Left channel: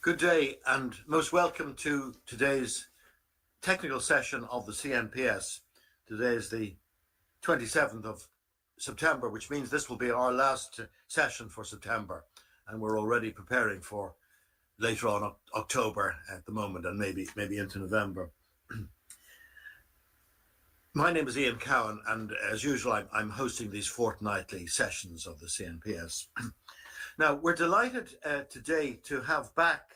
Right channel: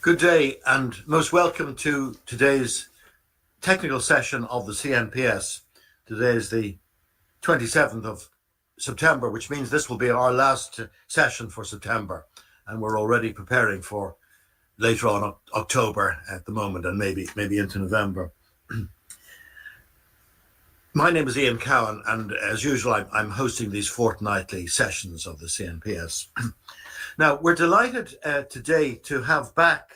Good day and most welcome to today's technical session of the CNPS. Today is the 27th of September, which means this will be our last session for September, and we're already preparing for later on October at the moment, and maybe into November. My name is Ian Cowan, and as usual I'm hosting these fortnightly sessions of the CNPS. Now, we're delighted today to have back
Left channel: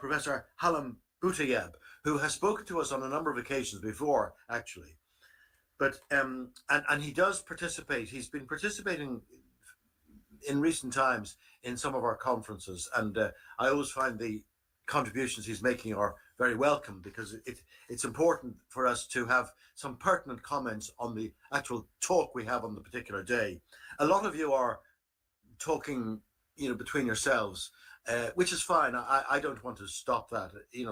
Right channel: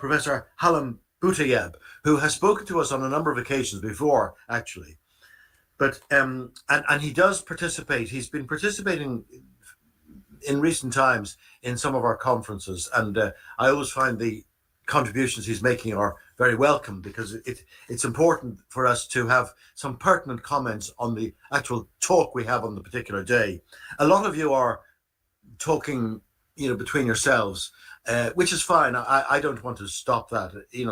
Professor Hallam Butayeb, who has spoken to us on a number of occasions before, actually. But and he does participate. He's been participating in recent times in some of our conferences, and I always find the contributions he's making are very welcome, because it's important for us to have some pertinent comments on the actual talk we have on the particular day. A lot of you are talking, between yourselves, which is fine. I don't want to stop that.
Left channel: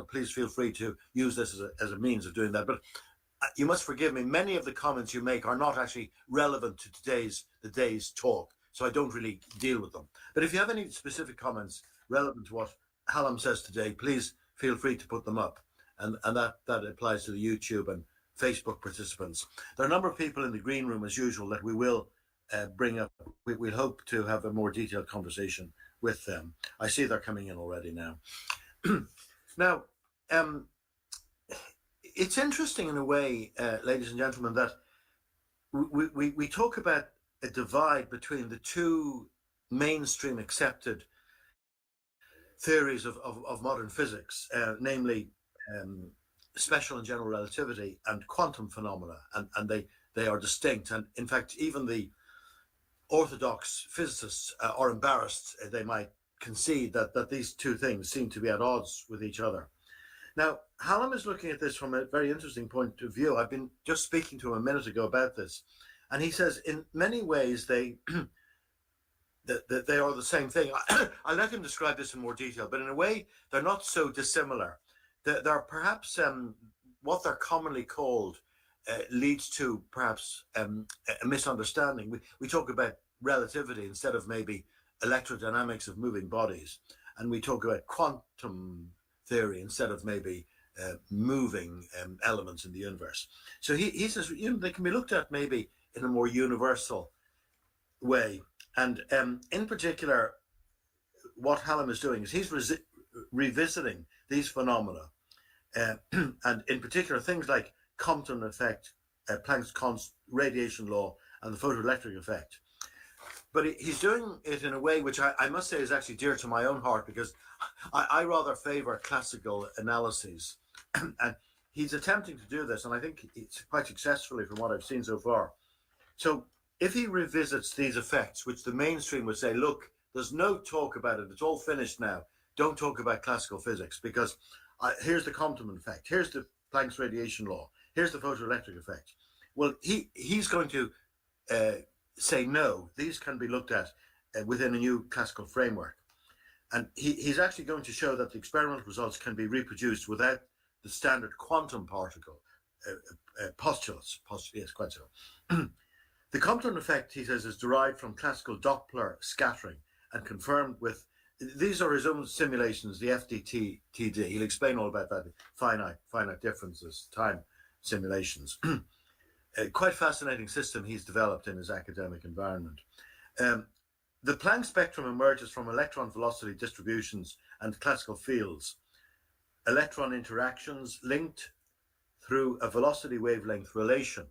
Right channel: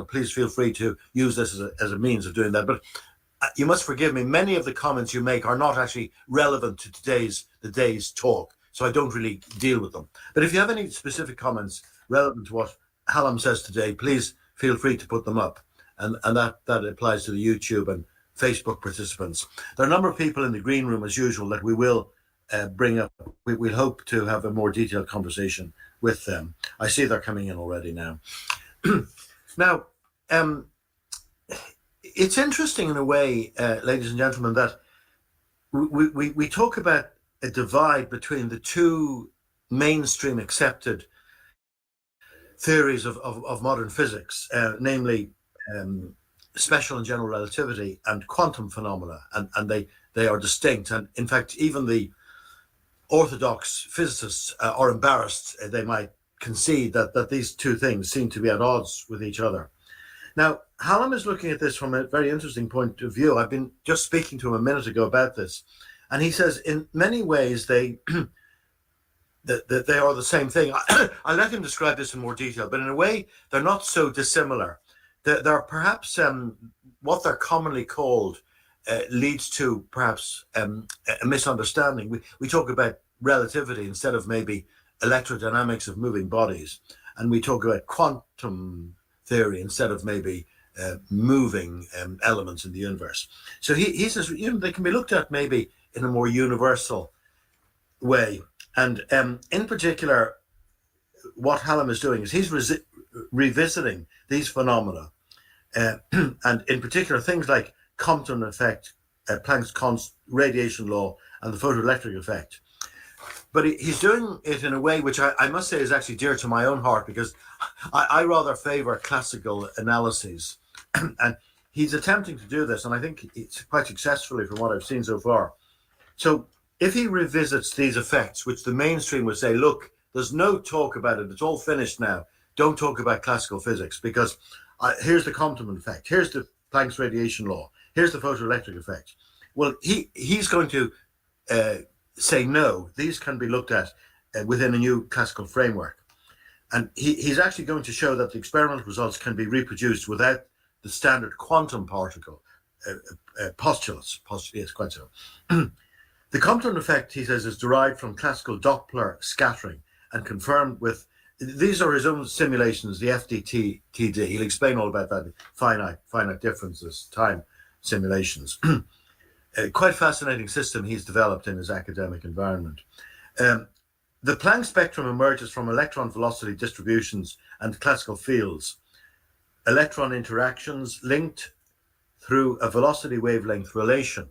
Please feel free to use this as a means of doing that. But you must forgive me. Many of the comments you make are not actually relevant to the day's talk, so I don't really deal with them. But if you have any specific comments relevant to what Hallam says today, please feel free to put them up. And that applies to the YouTube and Facebook participants. There are a number of people in the green room, as usual, that we will bring up. We'll hope to have a more detailed conversation with them. I see they're coming in already now. Now, it's interesting in a way, ladies and gentlemen, that we talk about a divide between the two mainstream accepted theories of modern physics, namely special and general relativity and quantum phenomena, and they are distinct. And in fact, even the orthodox physicists are embarrassed. They might concede that these two things seem to be at odds with each other. Now, Hallam is looking at this from a very interesting point of view. I've been just speaking to him a minute ago about this, and he says in many ways they that they are the same thing. I'll let him describe this in more detail, but in a way they're not so dissimilar. They're perhaps what they're commonly called leads to perhaps a misunderstanding. We talk about relativity instead of maybe electrodynamics of moving bodies, and we talk about quantum theory instead of maybe moving elements in the universe. So he says they can be looked at maybe in a more universal way. And in particular, what Hallam is doing is he's revisiting these phenomena, and in particular things like Compton effect, Planck's radiation law, and the photoelectric effect. But he's doing it in a way which I must say is actually dear to my own heart, because I rather favor classical analyses. And he's attempting to do this, and I think it's quite successfully from what I've seen so far. So if he revisits these effects, which the mainstream would say, look, there's no talk about it, it's all finished now, don't talk about classical physics, because here's the Compton effect, here's the Planck's radiation law, here's the photoelectric effect. Well, he's going to say no, these can be looked at within a new classical framework. And he's actually going to show that the experimental results can be reproduced without the standard quantum particle postulates. Yes, quite so. The Compton effect, he says, is derived from classical Doppler scattering and confirmed with, these are his own simulations, the FDTD. He'll explain all about that, finite differences, time simulations. Quite fascinating system he's developed in his academic environment. The Planck spectrum emerges from electron velocity distributions and classical fields. Electron interactions linked through a velocity wavelength relation.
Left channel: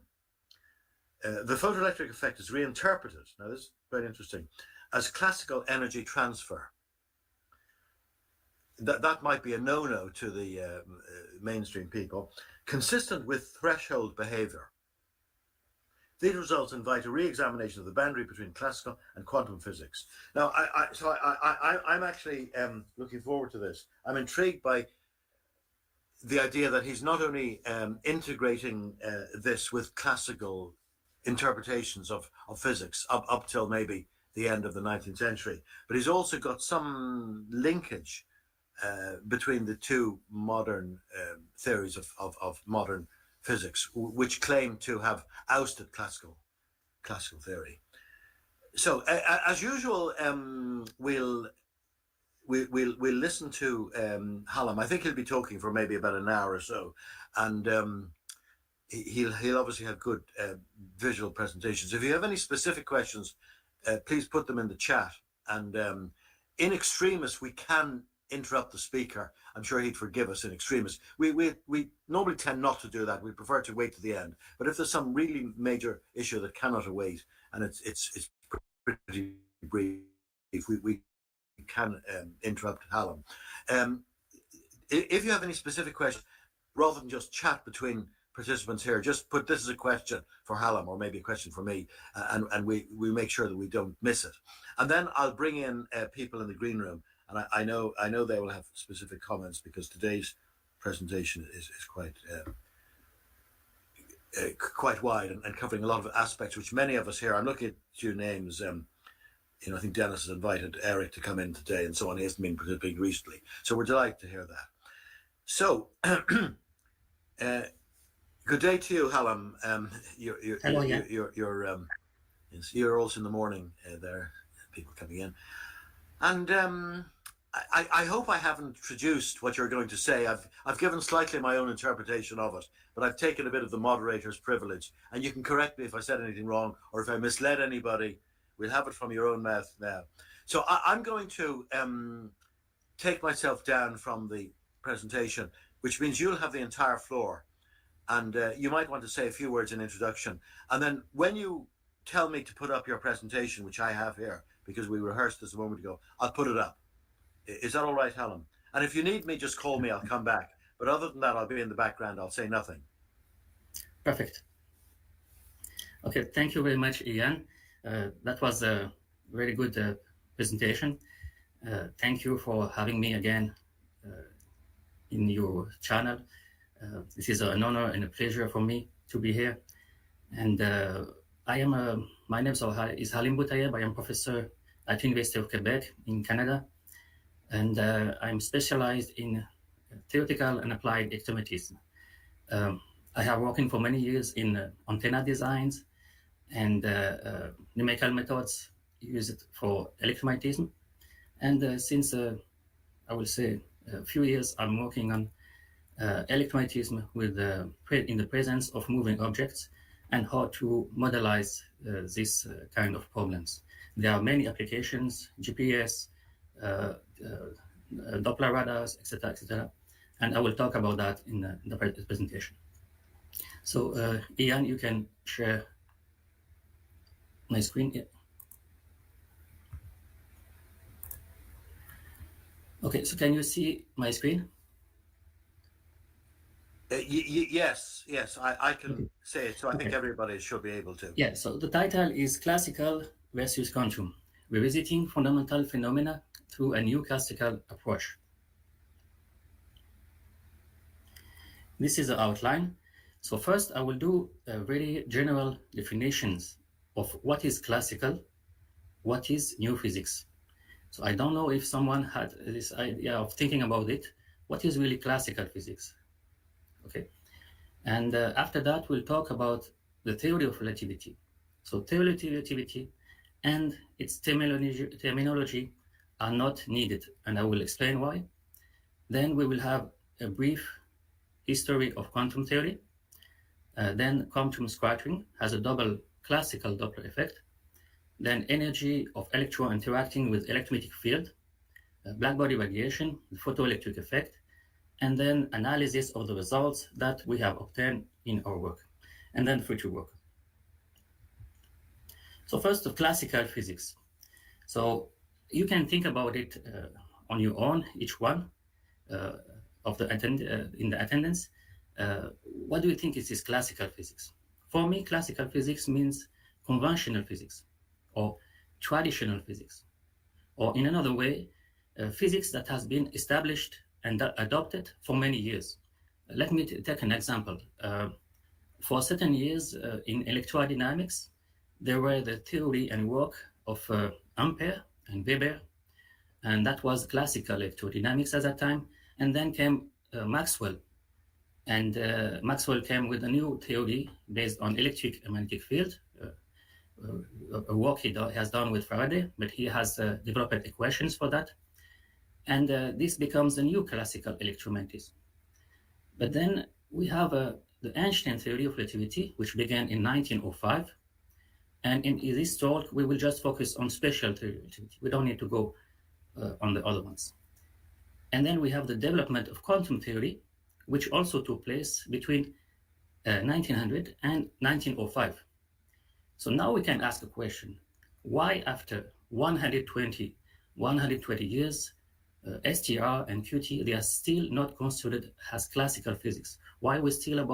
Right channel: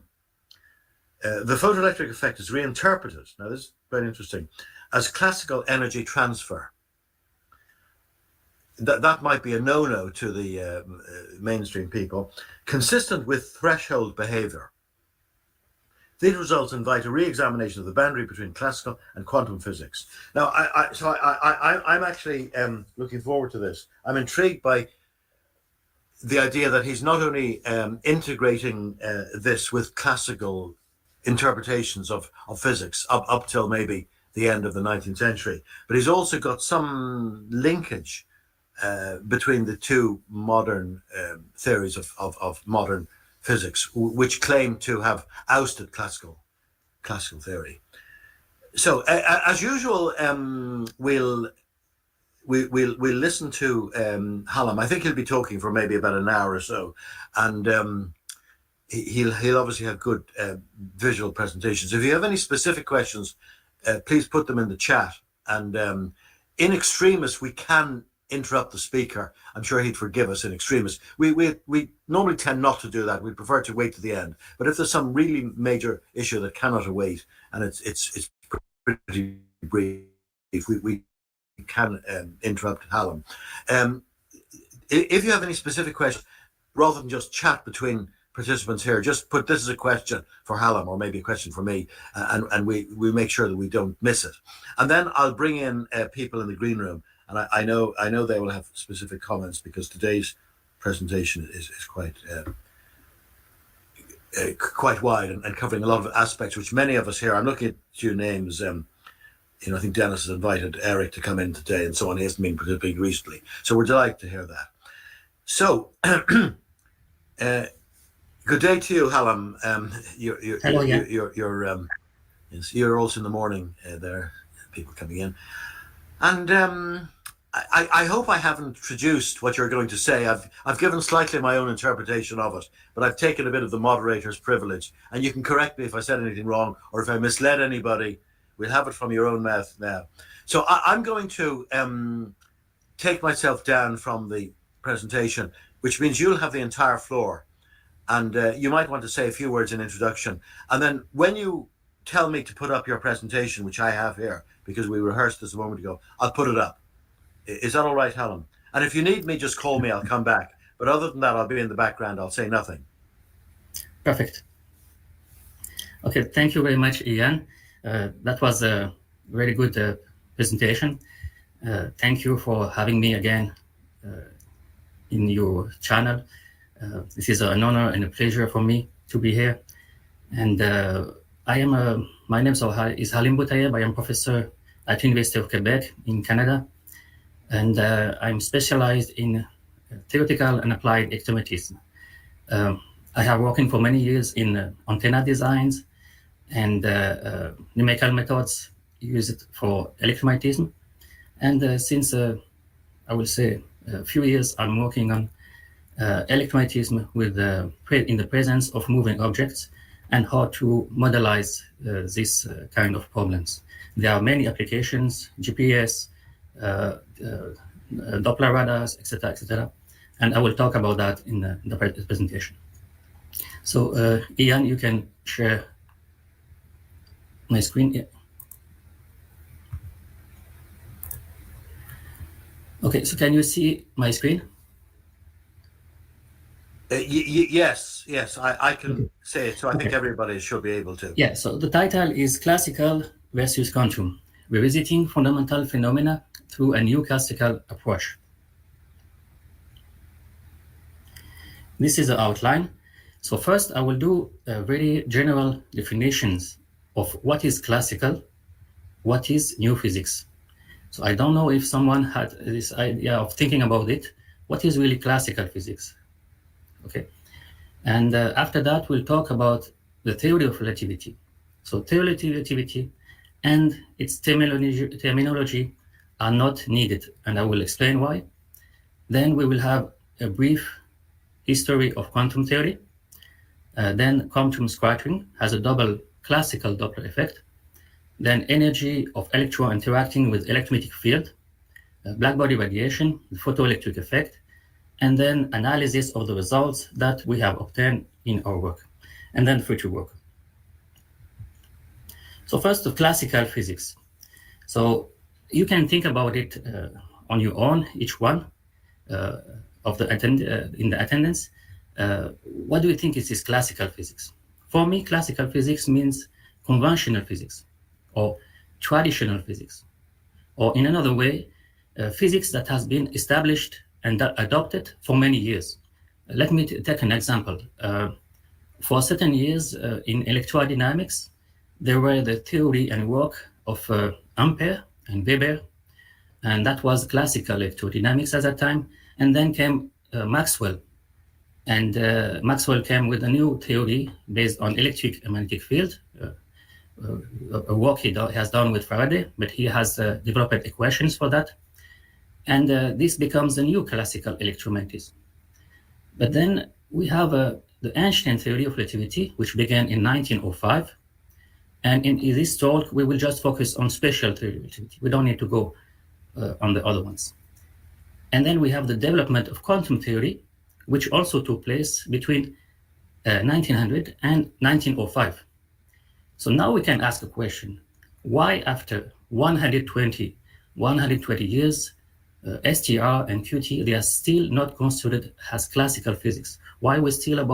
The photoelectric effect is reinterpreted, now this is very interesting, as classical energy transfer. That might be a no-no to the mainstream people, consistent with threshold behavior. These results invite a re-examination of the boundary between classical and quantum physics. Now, I'm actually looking forward to this. I'm intrigued by the idea that he's not only integrating this with classical interpretations of physics up till maybe the end of the 19th century, but he's also got some linkage between the two modern theories of modern physics, which claim to have ousted classical theory. So as usual, we'll we'll listen to Hallam. I think he'll be talking for maybe about an hour or so, and he'll obviously have good visual presentations. If you have any specific questions, please put them in the chat. And in extremis, we can interrupt the speaker. I'm sure he'd forgive us in extremis. We normally tend not to do that. We prefer to wait to the end. But if there's some really major issue that cannot await, and it's pretty brief, we can interrupt Hallam. If you have any specific questions, rather than just chat between participants here, just put this as a question for Hallam or maybe a question for me, and we make sure that we don't miss it. And then I'll bring in people in the green room, and I know they will have specific comments because today's presentation is quite wide and covering a lot of aspects which many of us here. I'm looking at a few names. I think Dennis has invited Eric to come in today and so on. He hasn't been participating recently, so we're delighted to hear that. So. Good day to you, Hallam. Hello, yeah. You're also in the morning there, people coming in. And I hope I haven't traduced what you're going to say. I've given slightly my own interpretation of it, but I've taken a bit of the moderator's privilege. And you can correct me if I said anything wrong or if I misled anybody. We'll have it from your own mouth now. So I'm going to take myself down from the presentation, which means you'll have the entire floor. And you might want to say a few words in introduction. And then when you tell me to put up your presentation, which I have here, because we rehearsed this a moment ago, I'll put it up. Is that all right, Hallam? And if you need me, just call me, I'll come back. But other than that, I'll be in the background, I'll say nothing. Perfect. Okay, thank you very much, Ian. That was a very good presentation. Thank you for having me again in your channel. This is an honor and a pleasure for me to be here. And my name is Halim Boutayeb. I am professor at University of Quebec in Canada. And I'm specialized in theoretical and applied electromagnetism. I have worked for many years in antenna designs and numerical methods used for electromagnetism. And since, I will say, a few years, I'm working on electromagnetism with in the presence of moving objects and how to modelize this kind of problems. There are many applications, GPS, Doppler radars, etc., and I will talk about that in the presentation. So Ian, you can share my screen. Yeah. Okay, so can you see my screen? Yes, I can say it, so I think everybody should be able to. Yeah, so the title is Classical versus Quantum, Revisiting Fundamental Phenomena Through a New Classical Approach. This is the outline. So first, I will do very general definitions of what is classical, what is new physics. So I don't know if someone had this idea of thinking about it. What is really classical physics? Okay, and after that, we'll talk about the theory of relativity. So theory of relativity and its terminology are not needed, and I will explain why. Then we will have a brief history of quantum theory. Then quantum scattering has a double classical Doppler effect. Then energy of electron interacting with electromagnetic field, Blackbody radiation, the photoelectric effect, and then analysis of the results that we have obtained in our work, and then future work. So first, the classical physics. So you can think about it on your own, each one of the in the attendance. What do you think is this classical physics? For me, classical physics means conventional physics or traditional physics, or in another way, physics that has been established and adopted for many years. Let me take an example. For certain years in electrodynamics, there were the theory and work of Ampere and Weber, and that was classical electrodynamics at that time. And then came Maxwell, and Maxwell came with a new theory based on electric and magnetic field, a work he has done with Faraday, but he has developed equations for that. And this becomes the new classical electromagnetism. But then we have the Einstein theory of relativity, which began in 1905. And in this talk, we will just focus on special theory of relativity. We don't need to go on the other ones. And then we have the development of quantum theory, which also took place between 1900 and 1905. So now we can ask a question. Why after 120 years, STR and QT, they are still not considered as classical physics? Why are we still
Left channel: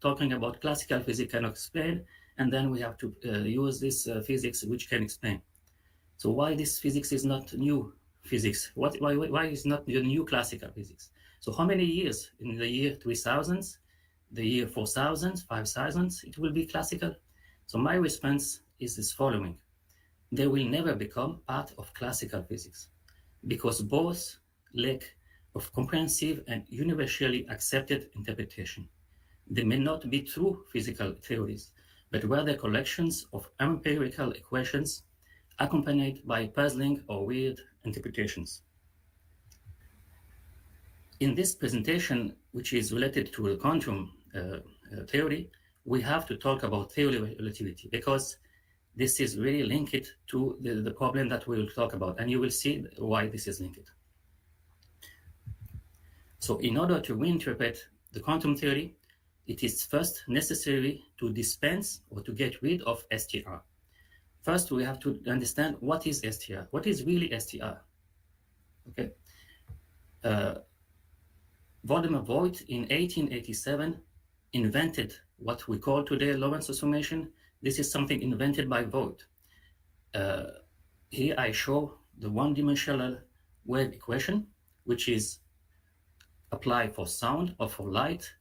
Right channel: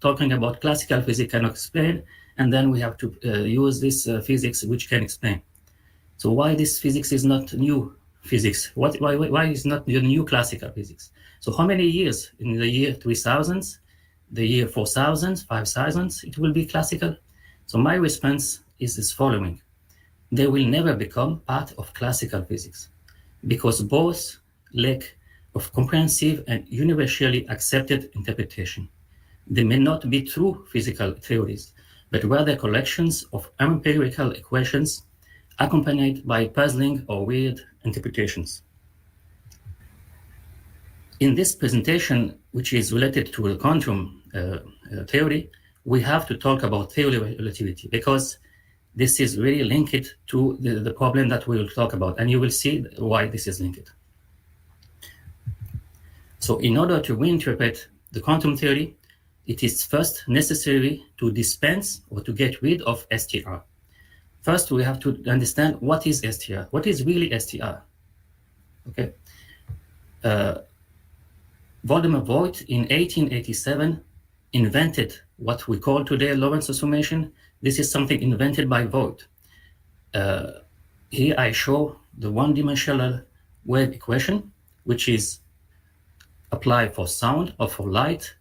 talking about classical physics cannot explain, and then we have to use this physics which can explain? So why this physics is not new physics? Why is not the new classical physics? So how many years in the year 3000, the year 4000, 5000, it will be classical? So my response is this following. They will never become part of classical physics because both lack of comprehensive and universally accepted interpretation. They may not be true physical theories, but rather collections of empirical equations accompanied by puzzling or weird interpretations. In this presentation, which is related to the quantum theory, we have to talk about theory of relativity because this is really linked to the problem that we will talk about, and you will see why this is linked. So in order to reinterpret the quantum theory, it is first necessary to dispense or to get rid of STR. First, we have to understand what is STR. What is really STR? Okay. Voldemar Voigt in 1887 invented what we call today Lorentz summation. This is something invented by Voigt. Here I show the one-dimensional wave equation, which is applied for sound or for light.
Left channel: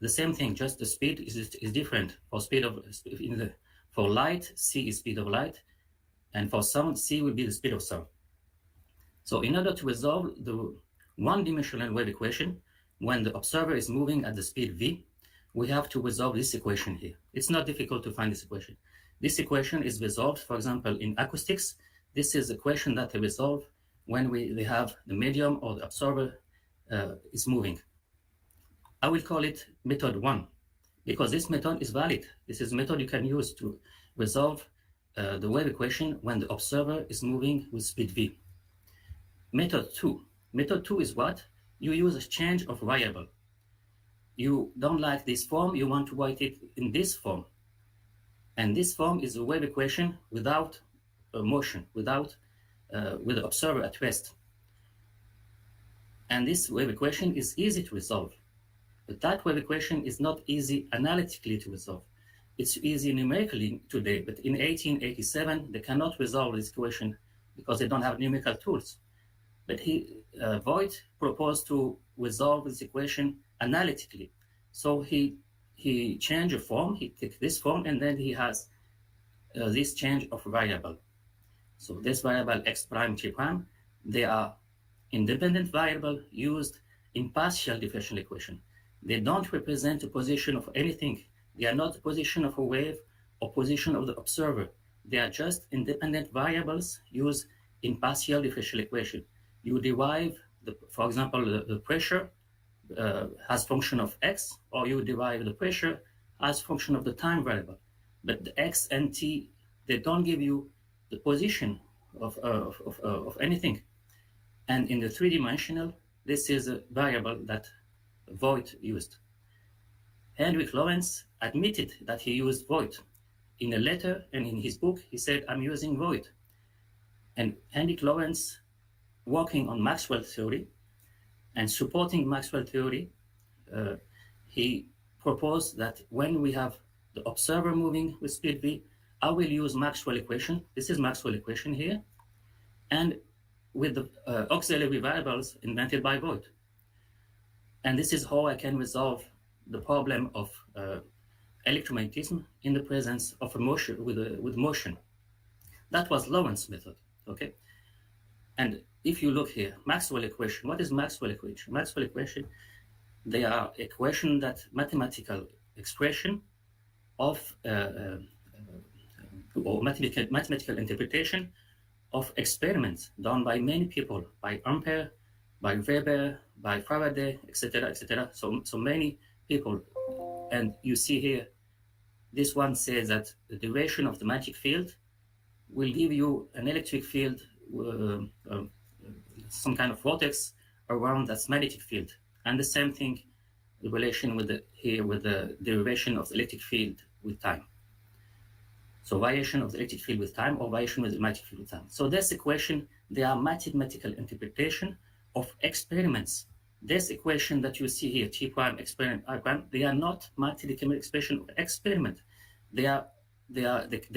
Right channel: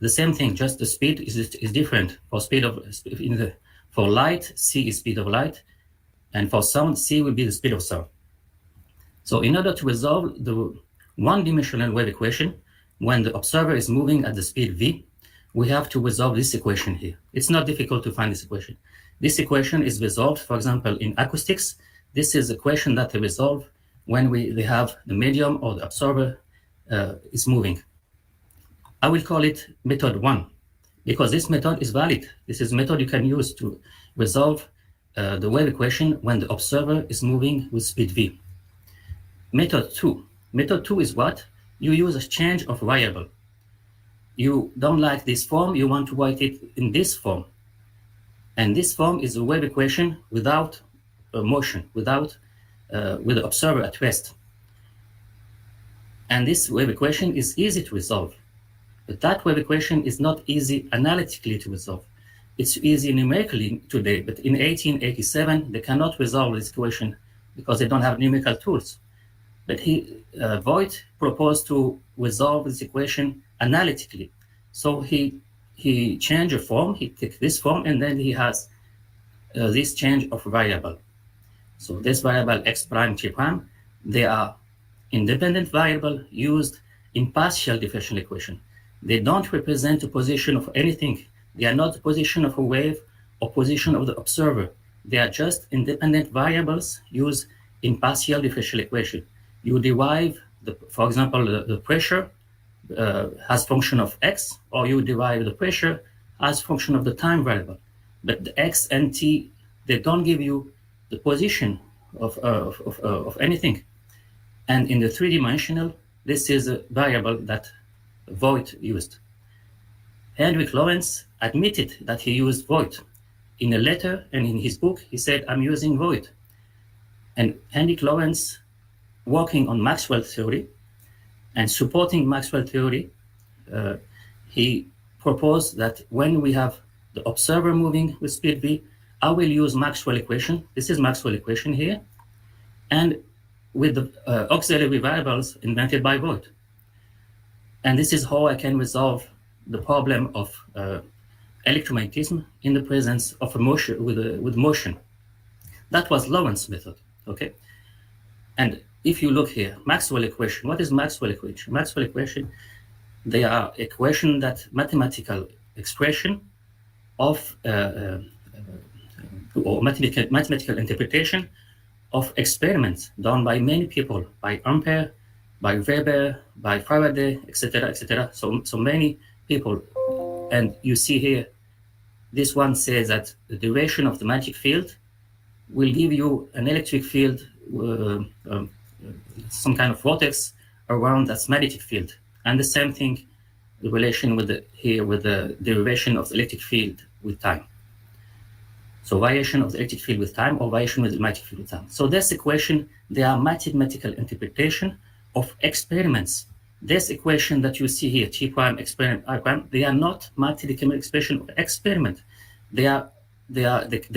The same thing, just the speed is different. For light, c is speed of light, and for sound, c will be the speed of sound. So in order to resolve the one-dimensional wave equation, when the observer is moving at the speed v, we have to resolve this equation here. It's not difficult to find this equation. This equation is resolved, for example, in acoustics. This is the equation that they resolve when they have the medium or the observer is moving. I will call it method 1 because this method is valid. This is a method you can use to resolve the wave equation when the observer is moving with speed v. Method 2. Method 2 is what? You use a change of variable. You don't like this form, you want to write it in this form. And this form is a wave equation without motion, with the observer at rest. And this wave equation is easy to resolve. But that wave equation is not easy analytically to resolve. It's easy numerically today, but in 1887, they cannot resolve this equation because they don't have numerical tools. But Voigt proposed to resolve this equation analytically. So he changed a form, he took this form, and then he has this change of variable. So this variable x prime, t prime, they are independent variable used in partial differential equation. They don't represent the position of anything. They are not the position of a wave or position of the observer. They are just independent variables used in partial differential equation. You derive, for example, the pressure as function of x, or you derive the pressure as function of the time variable. But the x and t, they don't give you the position of anything. And in the three-dimensional, this is a variable that Voigt used. Hendrik Lorentz admitted that he used Voigt. In a letter and in his book, he said, I'm using Voigt. And Hendrik Lorentz, working on Maxwell theory and supporting Maxwell theory, he proposed that when we have the observer moving with speed v, I will use Maxwell equation. This is Maxwell equation here. And with the auxiliary variables invented by Voigt. And this is how I can resolve the problem of electromagnetism in the presence of a motion with motion. That was Lorentz's method, okay? And if you look here, Maxwell equation, what is Maxwell equation? Maxwell equation, they are equation that mathematical expression of or mathematical interpretation of experiments done by many people, by Ampere, by Weber, by Faraday, etc., etc. So many people. And you see here, this one says that the duration of the magnetic field will give you an electric field, some kind of vortex around that magnetic field. And the same thing, the relation with the derivation of the electric field with time. So variation of the electric field with time or variation with the magnetic field with time. So this equation, they are mathematical interpretation of experiments. This equation that you see here, T prime, experiment, I prime, they are not mathematical expression of experiment. They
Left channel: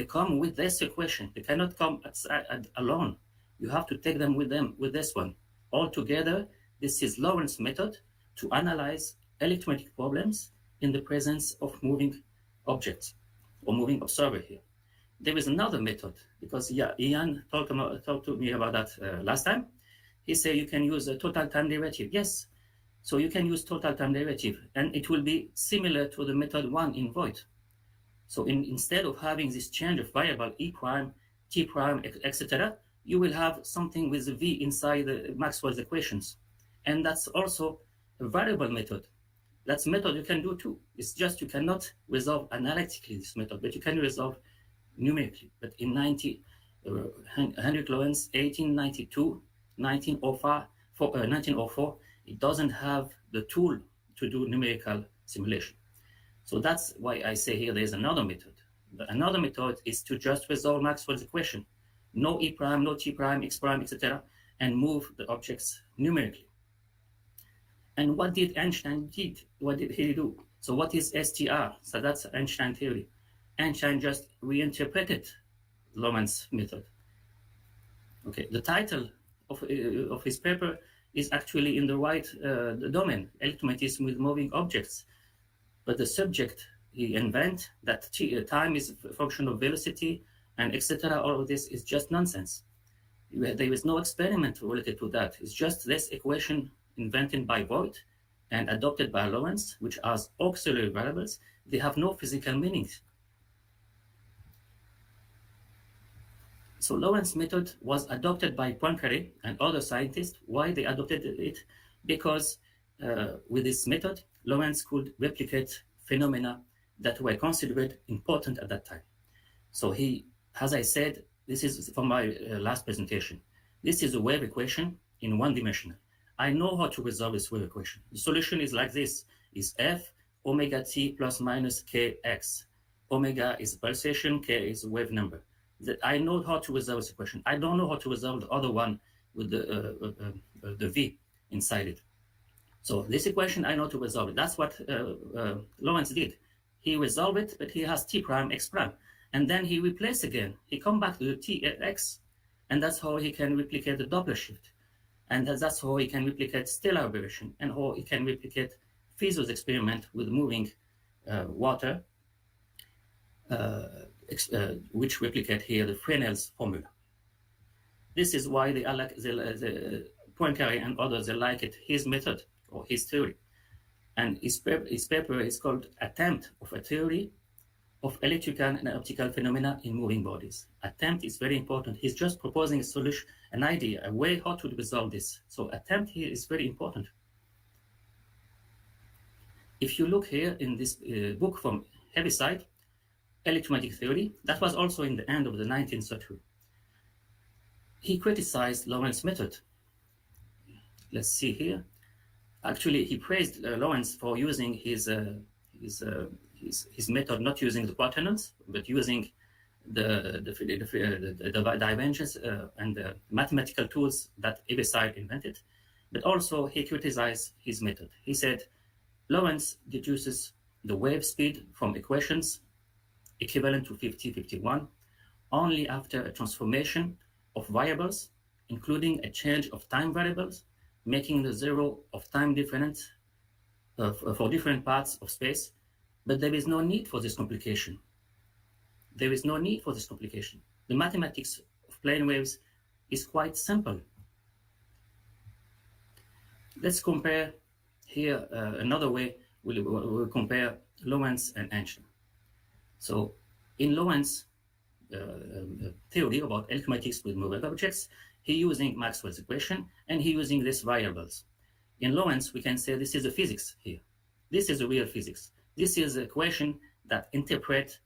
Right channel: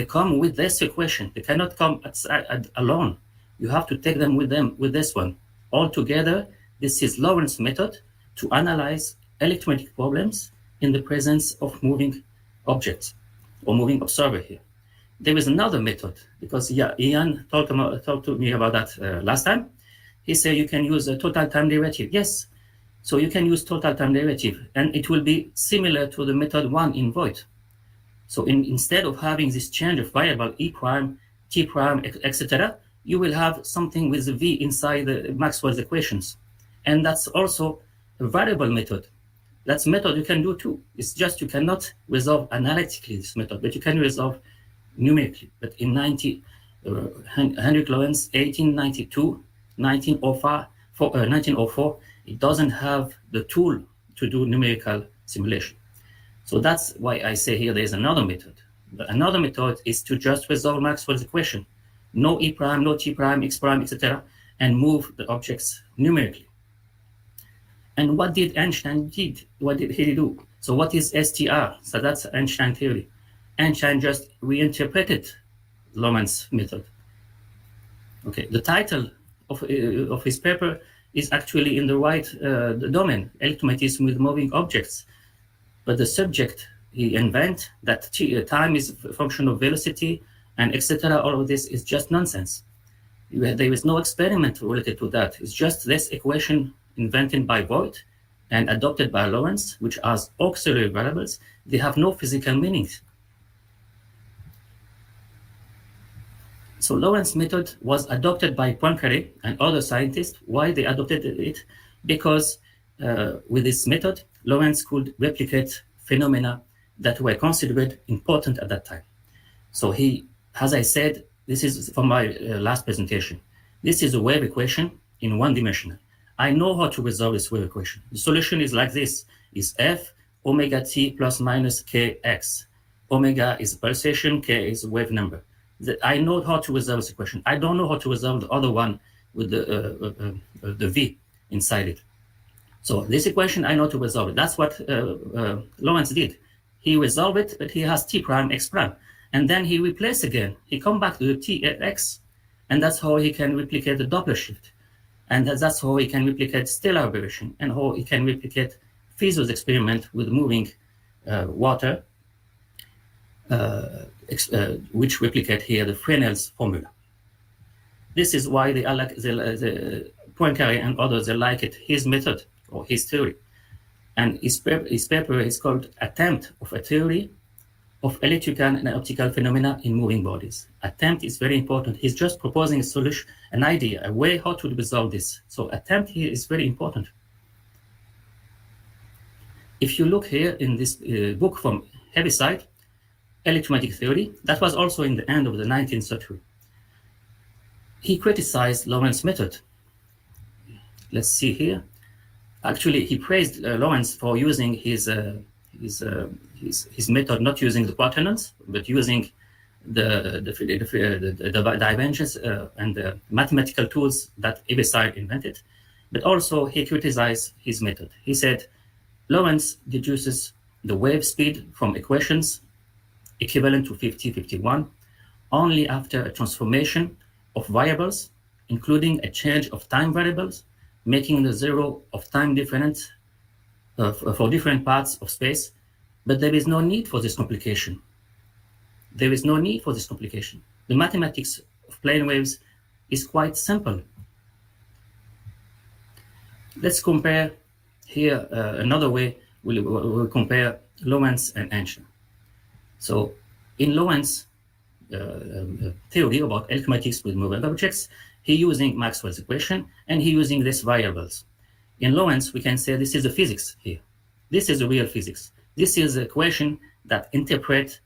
come with this equation. They cannot come alone. You have to take them with this one. Altogether, this is Lorentz method to analyze electromagnetic problems in the presence of moving objects or moving observer here. There is another method, because Ian talked to me about that last time. He said you can use a total time derivative. Yes, so you can use total time derivative, and it will be similar to the method 1 in Voigt. So instead of having this change of variable E prime, T prime, etc., you will have something with the V inside the Maxwell's equations. And that's also a variable method. That's a method you can do too. It's just you cannot resolve analytically this method, but you can resolve numerically. But in Henrik Lorentz, 1892, 1904, it doesn't have the tool to do numerical simulation. So that's why I say here there's another method. Another method is to just resolve Maxwell's equation. No E prime, no T prime, X prime, etc., and move the objects numerically. And what did Einstein did? What did he do? So what is STR? So that's Einstein theory. Einstein just reinterpreted Lorentz's method. Okay, the title of his paper is actually in the right domain, electromagnetism with moving objects. But the subject he invent that time is a function of velocity and etc. All of this is just nonsense. There is no experiment related to that. It's just this equation invented by Voigt and adopted by Lorentz, which are auxiliary variables. They have no physical meanings. So Lorentz's method was adopted by Poincaré and other scientists. Why they adopted it? Because with this method, Lorentz could replicate phenomena that were considered important at that time. So he, as I said, this is from my last presentation. This is a wave equation in one dimensional. I know how to resolve this wave equation. The solution is like this, is F omega t plus minus kx. Omega is pulsation, k is wave number. I know how to resolve this equation. I don't know how to resolve the other one with the V inside it. So this equation, I know to resolve it. That's what Lorentz did. He resolved it, but he has T prime, X prime. And then he replaced again. He come back to the T, X. And that's how he can replicate the Doppler shift. And that's how he can replicate stellar aberration and how he can replicate Fieso's experiment with moving water, which replicate here the Fresnel's formula. This is why the Poincaré and others, they like it, his method or his theory. And his paper is called Attempt of a Theory of Electrical and Optical Phenomena in Moving Bodies. Attempt is very important. He's just proposing a solution, an idea, a way how to resolve this. So attempt here is very important. If you look here in this book from Heaviside, Electromagnetic Theory, that was also in the end of the 19th century. He criticized Lorentz's method. Let's see here. Actually, he praised Lorentz for using his method, not using the quaternons, but using the divergence and the mathematical tools that Heaviside invented. But also he criticized his method. He said, Lorentz deduces the wave speed from equations equivalent to 50-51 only after a transformation of variables, including a change of time variables, making the zero of time difference for different parts of space. But there is no need for this complication. There is no need for this complication. The mathematics of plane waves is quite simple. Let's compare here another way. We'll compare Lorentz and Einstein. So in Lorentz's theory about electromagnetics with moving objects, he using Maxwell's equation, and he using these variables. In Lorentz, we can say this is the physics here. This is the real physics. This is the equation that interpret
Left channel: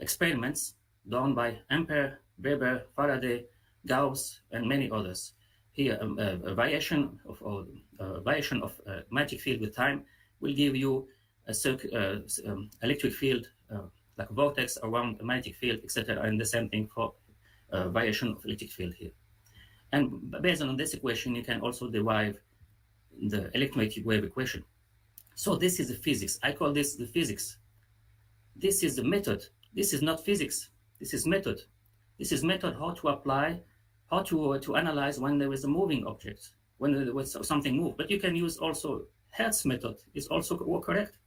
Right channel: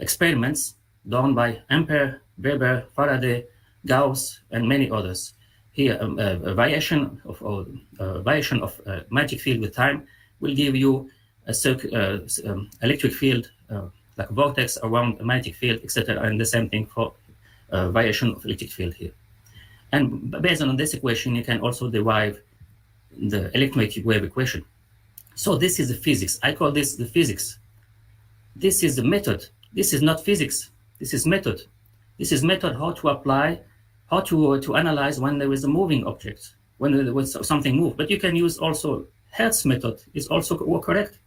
experiments done by Ampere, Weber, Faraday, Gauss, and many others. Here, a variation of magnetic field with time will give you a electric field, like a vortex around a magnetic field, etc. And the same thing for variation of electric field here. And based on this equation, you can also derive the electromagnetic wave equation. So this is the physics. I call this the physics. This is the method. This is not physics. This is method. This is method how to apply, how to analyze when there is a moving object, when there was something move. But you can use also Hertz method. It's also correct.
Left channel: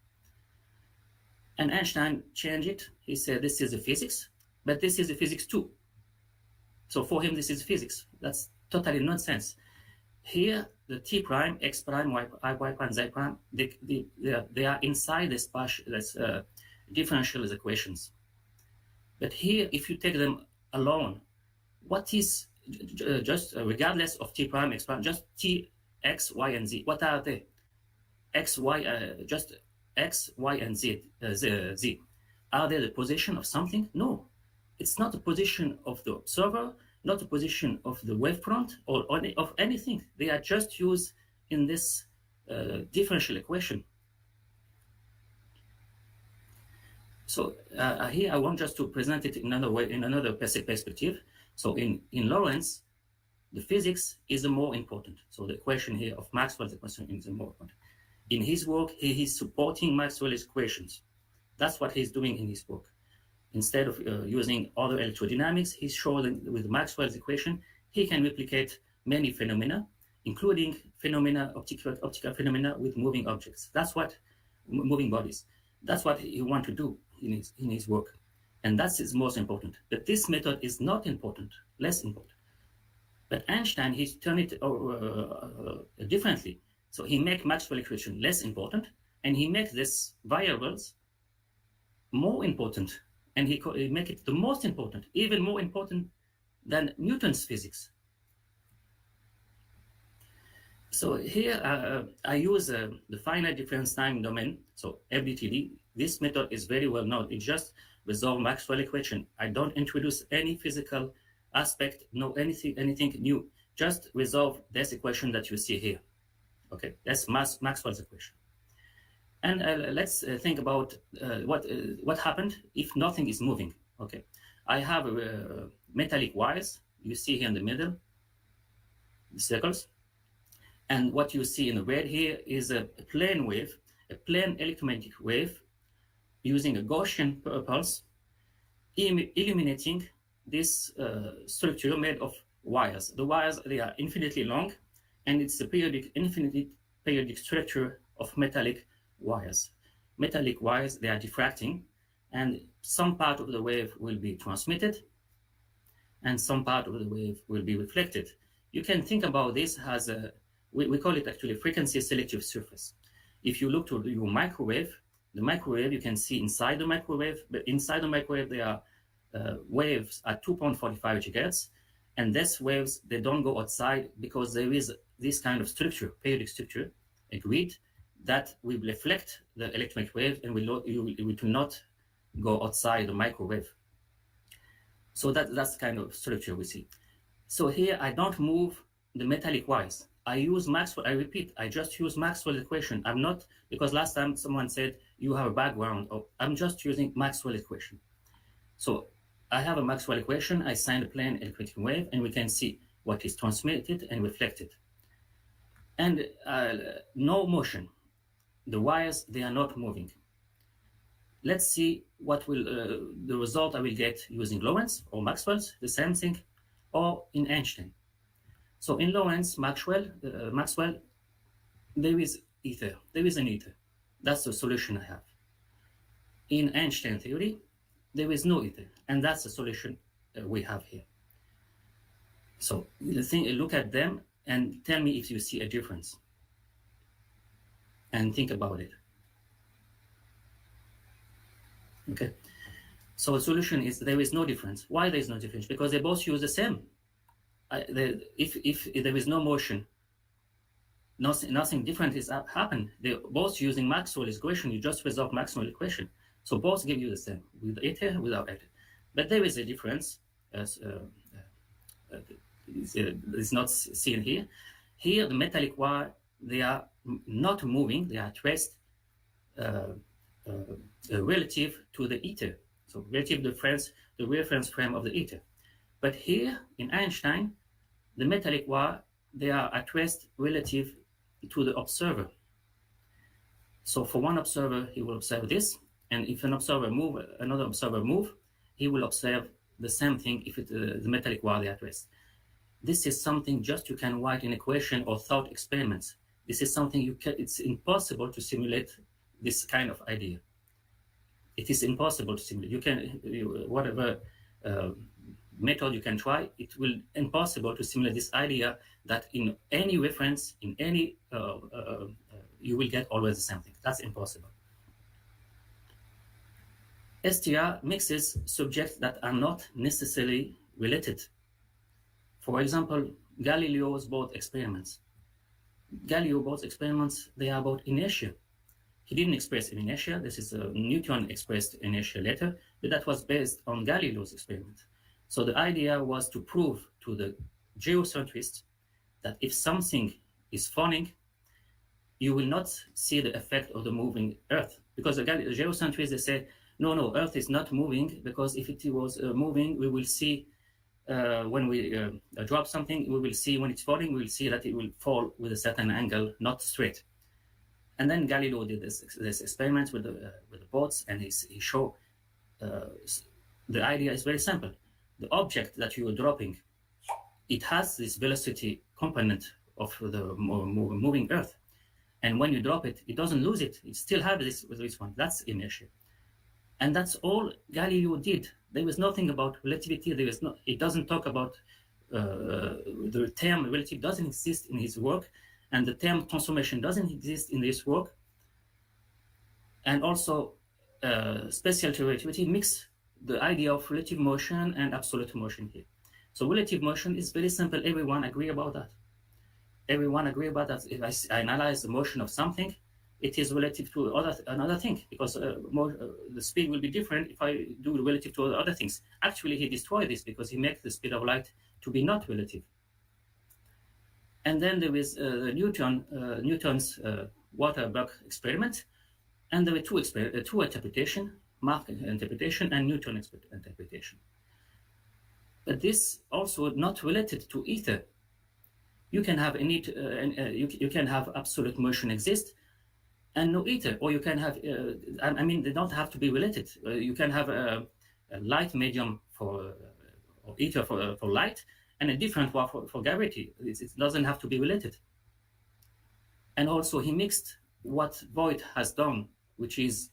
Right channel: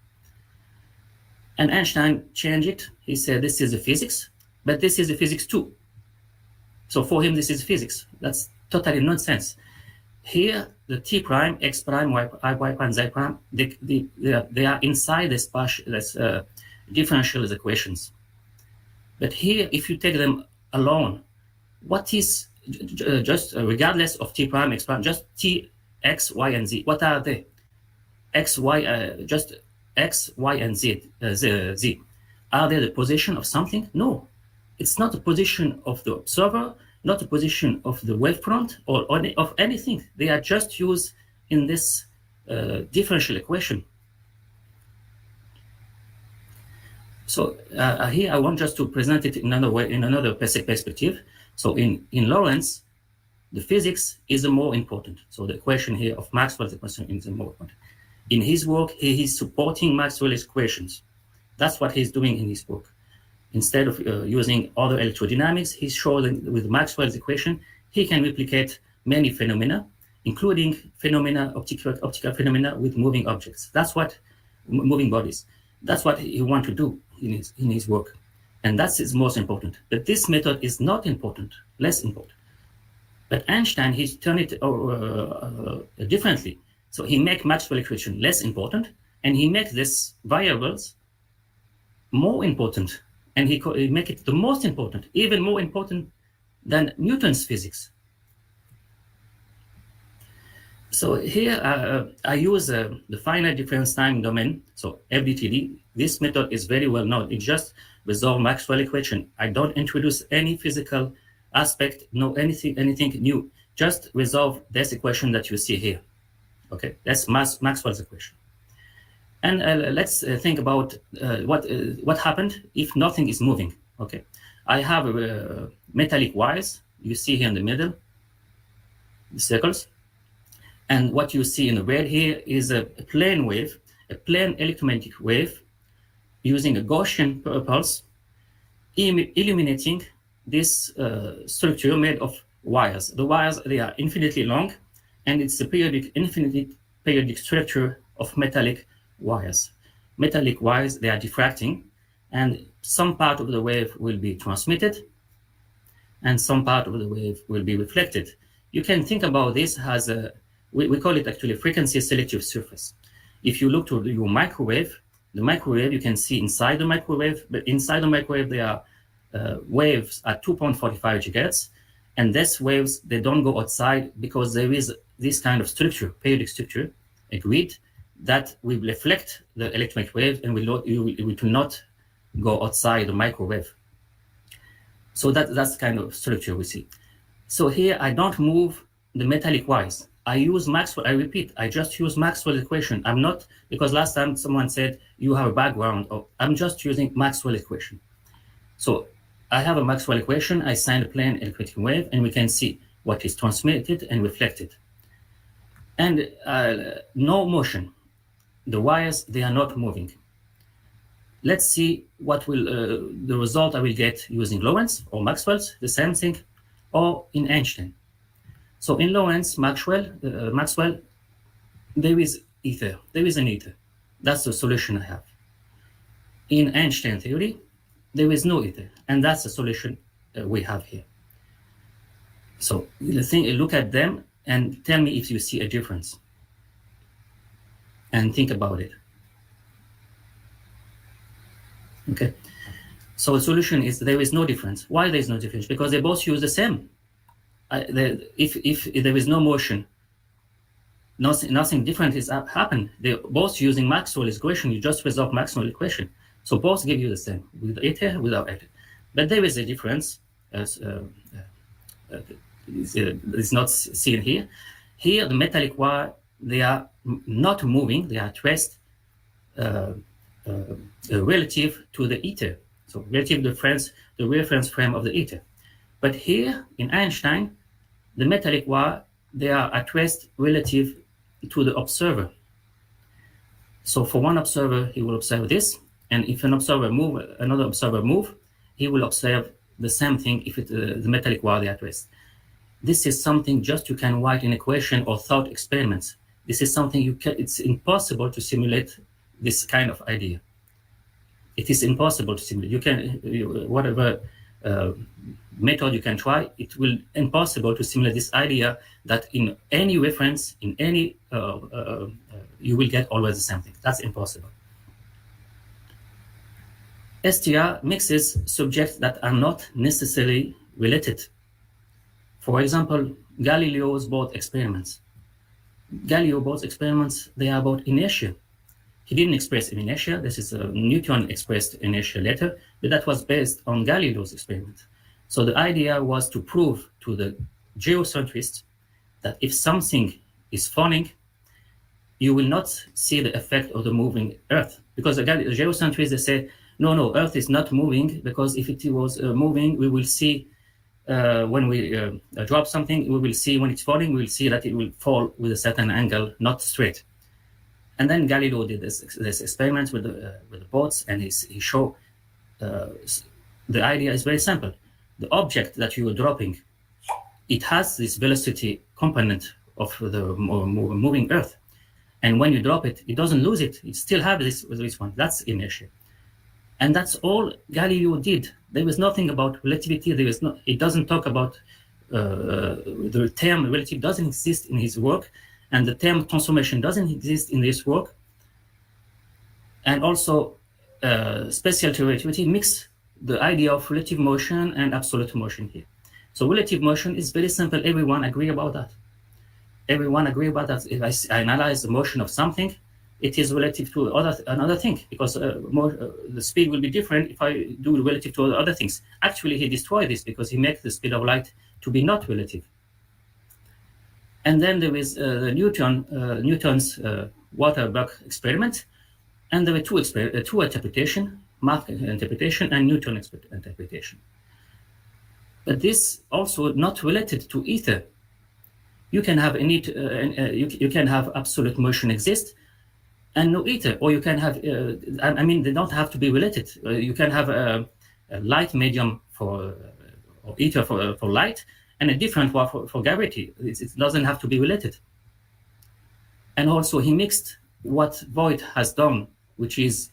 And Einstein changed it. He said this is the physics, but this is the physics too. So for him, this is physics. That's totally nonsense. Here, the t prime, x prime, y prime, z prime, they are inside this differential equations. But here, if you take them alone, what is just regardless of t prime, x prime, just t, x, y, and z? What are they? X, y, just x, y, and z. Are they the position of something? No, it's not the position of the observer, not the position of the wavefront or of anything. They are just used in this differential equation. So here I want just to present it in another way, in another perspective. So in Lorentz, the physics is the more important. So the equation here of Maxwell's equation is the more important. In his work, he is supporting Maxwell's equations. That's what he's doing in his work. Instead of using other electrodynamics, he's showing with Maxwell's equation, he can replicate many phenomena, including optical phenomena with moving objects. That's what moving bodies. That's what he wants to do in his work. And that's his most important. But this method is not important, less important. But Einstein, he's turned it differently. So he makes Maxwell equation less important, and he makes these variables more important, and he make it the most important, even more important than Newton's physics. So here I use the finite difference time domain, so FDTD. This method is very well known. It just resolves Maxwell equation. I don't introduce any physical aspect, no anything new. Just resolve this equation that you see here. Okay, that's Maxwell's equation. And let's think about what happened if nothing is moving. Okay, I have metallic wires. You see here in the middle, the circles. And what you see in the red here is a plane wave, a plane electromagnetic wave using a Gaussian pulse, illuminating this structure made of wires. The wires, they are infinitely long, and it's a infinitely periodic structure of metallic wires. Metallic wires, they are diffracting, and some part of the wave will be transmitted, and some part of the wave will be reflected. You can think about this as a, we call it actually frequency selective surface. If you look to your microwave, the microwave, you can see inside the microwave, but inside the microwave, there are waves at 2.45 gigahertz, and these waves, they don't go outside because there is this kind of structure, periodic structure, a grid, that will reflect the electromagnetic wave and will not go outside the microwave. So that's the kind of structure we see. So here I don't move the metallic wires. I use Maxwell, I repeat, I just use Maxwell's equation. I'm not, because last time someone said you have a background, I'm just using Maxwell equation. So I have a Maxwell equation, I send a plane electromagnetic wave, and we can see what is transmitted and reflected. And no motion. The wires, they are not moving. Let's see what will the result I will get using Lorentz or Maxwell's, the same thing, or in Einstein. So in Lorentz, Maxwell, there is ether. There is an ether. That's the solution I have. In Einstein theory, there is no ether, and that's the solution we have here. So look at them and tell me if you see a difference. And think about it. Okay. So the solution is there is no difference. Why there is no difference? Because they both use the same. if there is no motion, nothing different is happen. They're both using Maxwell's equation. You just resolve Maxwell's equation. So both give you the same, with ether, without ether. But there is a difference, as it's not seen here. Here, the metallic wire, they are not moving, they are at rest relative to the ether. So relative to the reference frame of the ether. But here, in Einstein, the metallic wire, they are at rest relative to the observer. So for one observer, he will observe this, and if another observer move, he will observe the same thing if the metallic wire is at rest. This is something just you can write in equation or thought experiments. This is something it's impossible to simulate this kind of idea. It is impossible to simulate. Whatever method you can try, it will impossible to simulate this idea that in any reference, in any, you will get always the same thing. That's impossible. STR mixes subjects that are not necessarily related. For example, Galileo's both experiments. Galileo's experiments, they are about inertia. He didn't express inertia. This is Newton expressed inertia later, but that was based on Galileo's experiment. So the idea was to prove to the geocentrists that if something is falling, you will not see the effect of the moving Earth. Because the geocentrists, they say, no, Earth is not moving, because if it was moving, we will see when we drop something, we will see when it's falling, we will see that it will fall with a certain angle, not straight. And then Galileo did this experiment with the boats, and he showed the idea is very simple. The object that you are dropping, it has this velocity component of the moving Earth. And when you drop it, it doesn't lose it. It still has this one. That's inertia. And that's all Galileo did. There was nothing about relativity. It doesn't talk about the term relativity doesn't exist in his work, and the term transformation doesn't exist in this work. And also, special relativity mix the idea of relative motion and absolute motion here. So relative motion is very simple. Everyone agree about that. Everyone agree about that. If I analyze the motion of something, it is relative to another thing, because the speed will be different if I do relative to other things. Actually, he destroyed this because he makes the speed of light to be not relative. And then there is Newton's water buck experiment, and there were two interpretations, Mach interpretation and Newton interpretation. But this also not related to ether. You can have you can have absolute motion exist and no ether, or you can have, they don't have to be related. You can have a light medium or ether for light, and a different one for gravity. It doesn't have to be related. And also he mixed what Voigt has done, which is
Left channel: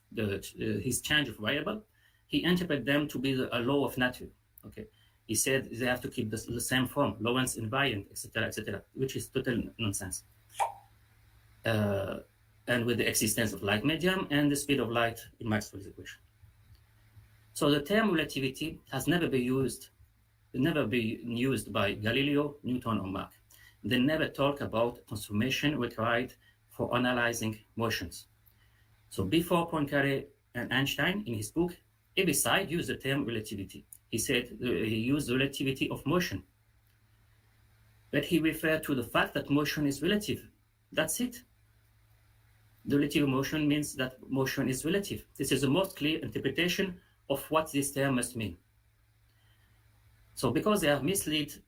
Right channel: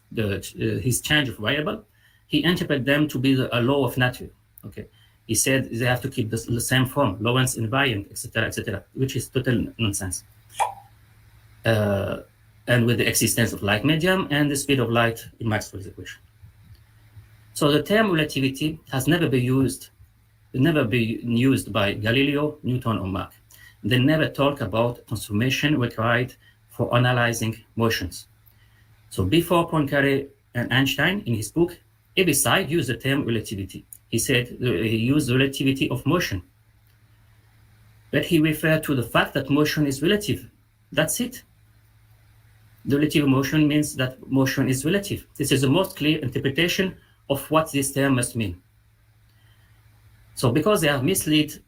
his change of variable. He interpreted them to be a law of nature. Okay, he said they have to keep the same form, Lorentz invariant, etc., which is total nonsense. And with the existence of light medium and the speed of light in Maxwell's equation. So the term relativity has never been used by Galileo, Newton, or Mach. They never talk about transformation required for analyzing motions. So before Poincaré and Einstein, in his book, Heaviside used the term relativity. He said he used the relativity of motion. But he referred to the fact that motion is relative. That's it. The relative motion means that motion is relative. This is the most clear interpretation of what this term must mean. So because they have misled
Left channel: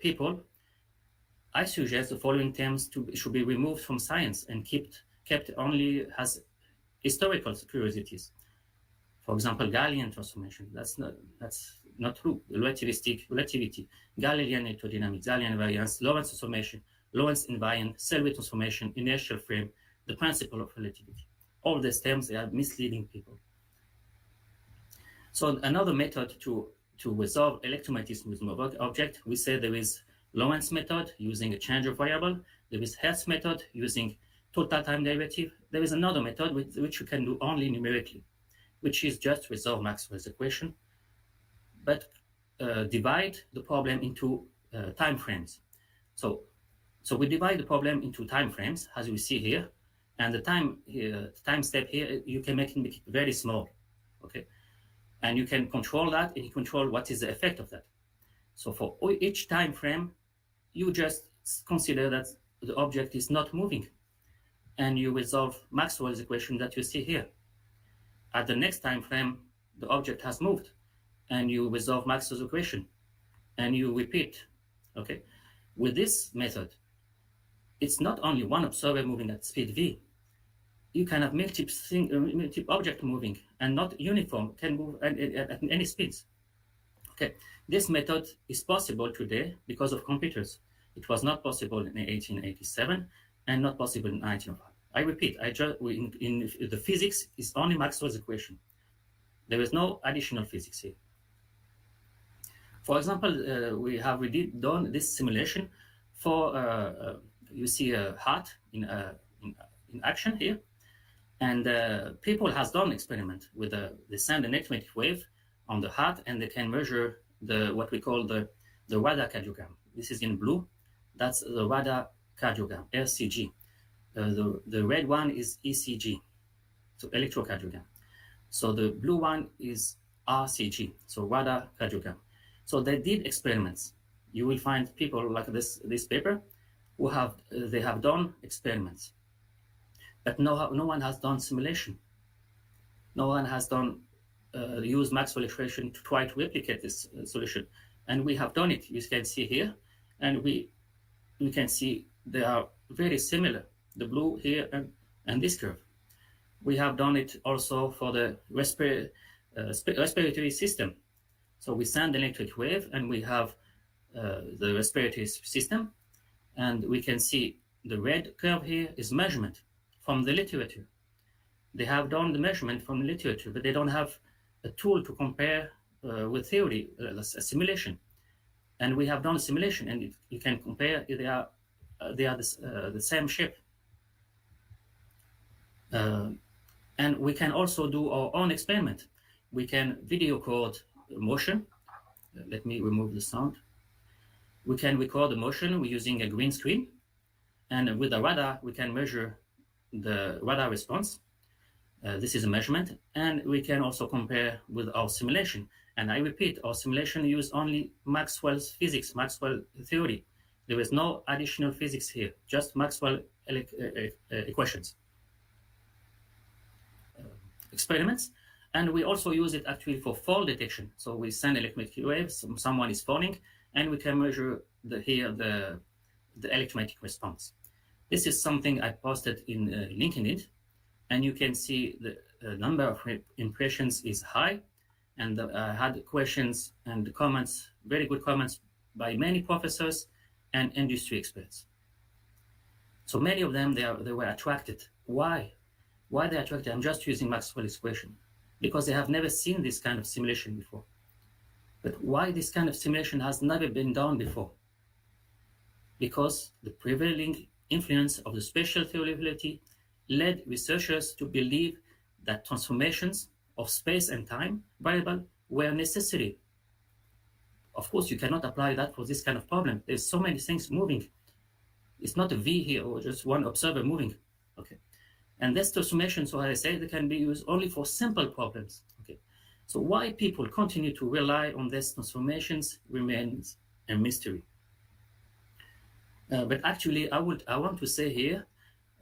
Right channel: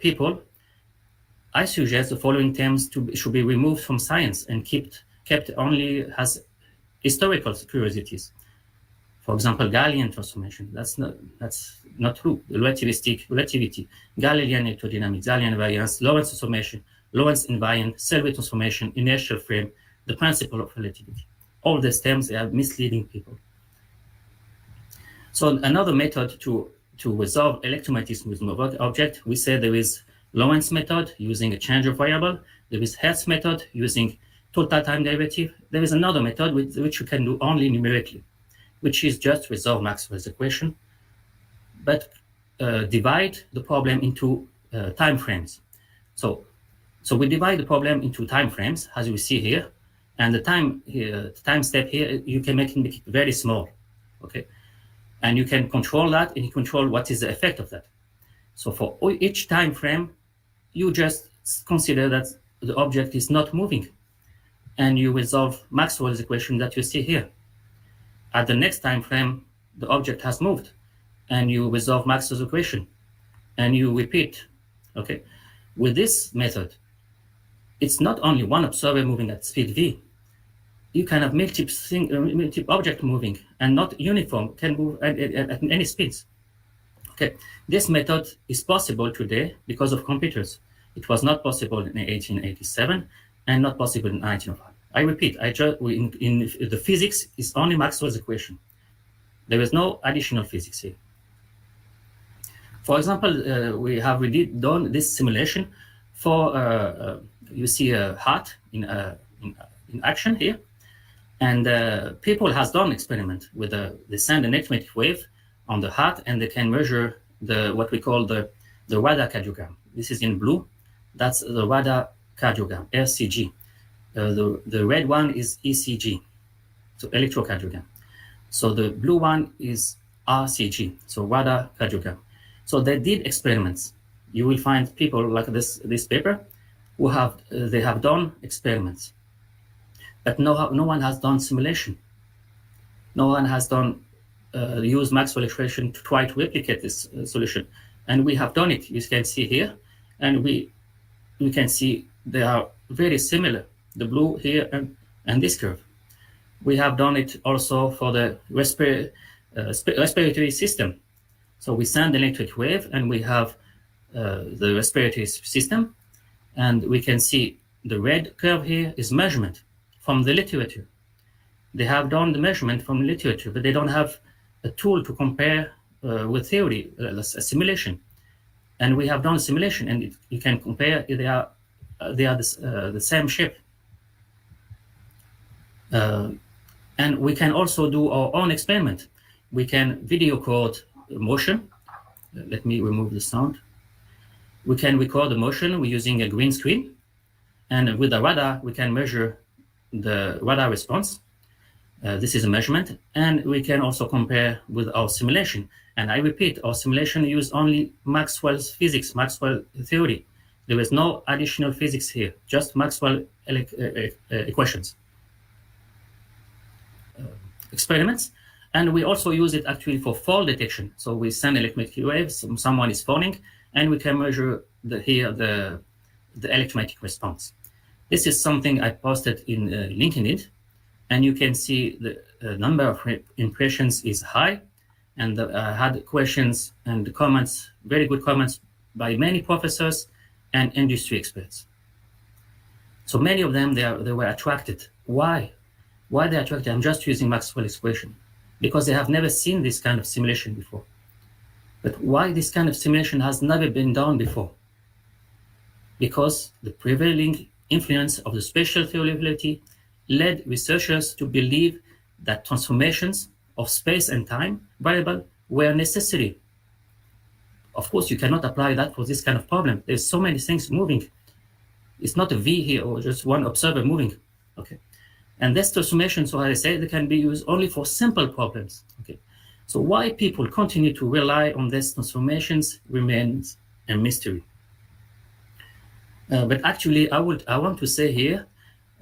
people, I suggest the following terms should be removed from science and kept only as historical curiosities. For example, Galilean transformation. That's not true. The relativity, Galilean electrodynamics, Galilean invariance, Lorentz transformation, Lorentz invariant, Selby transformation, inertial frame, the principle of relativity. All these terms are misleading people. So another method to resolve electromagnetism with an object, we say there is Lorentz method using a change of variable. There is Hertz method using total time derivative. There is another method which you can do only numerically, which is just resolve Maxwell's equation. But divide the problem into time frames. So we divide the problem into time frames, as we see here, and the time step here, you can make it very small, okay? And you can control that, and you control what is the effect of that. So for each time frame, you just consider that the object is not moving, and you resolve Maxwell's equation that you see here. At the next time frame, the object has moved, and you resolve Maxwell's equation, and you repeat, okay? With this method, it's not only one observer moving at speed v. You can have multiple object moving and not uniform, can move at any speeds. Okay, this method is possible today because of computers. It was not possible in 1887 and not possible in 1905. I repeat, in the physics is only Maxwell's equation. There is no additional physics here. For example, we have already done this simulation for, you see a heart in action here. And people has done experiment with they send an electromagnetic wave on the heart, and they can measure what we call the radar cardiogram. This is in blue. That's the radar cardiogram, RCG. The red one is ECG, so electrocardiogram. So the blue one is RCG, so radar cardiogram. So they did experiments. You will find people like this paper who they have done experiments. But no one has done simulation. No one has done use Maxwell equation to try to replicate this solution. And we have done it, you can see here. And we can see they are very similar, the blue here and this curve. We have done it also for the respiratory system. So we send an electric wave, and we have the respiratory system. And we can see the red curve here is measurement from the literature. They have done the measurement from literature, but they don't have a tool to compare with theory, a simulation. And we have done a simulation, and you can compare. They are the same shape. And we can also do our own experiment. We can video record motion. Let me remove the sound. We can record the motion using a green screen, and with the radar, we can measure the radar response. This is a measurement, and we can also compare with our simulation. And I repeat, our simulation use only Maxwell's physics, Maxwell theory. There is no additional physics here, just Maxwell equations. Experiments, and we also use it actually for fall detection. So we send electromagnetic waves, someone is falling, and we can measure the electromagnetic response. This is something I posted in LinkedIn, and you can see the number of impressions is high, and I had questions and comments, very good comments by many professors and industry experts. So many of them, they were attracted. Why? Why they attracted? I'm just using Maxwell's equation, because they have never seen this kind of simulation before. But why this kind of simulation has never been done before? Because the prevailing influence of the spatial theory of relativity led researchers to believe that transformations of space and time variable were necessary. Of course, you cannot apply that for this kind of problem. There's so many things moving. It's not a V here or just one observer moving. Okay, and this transformation, so as I say, they can be used only for simple problems. Okay, so why people continue to rely on these transformations remains a mystery. But actually, I want to say here,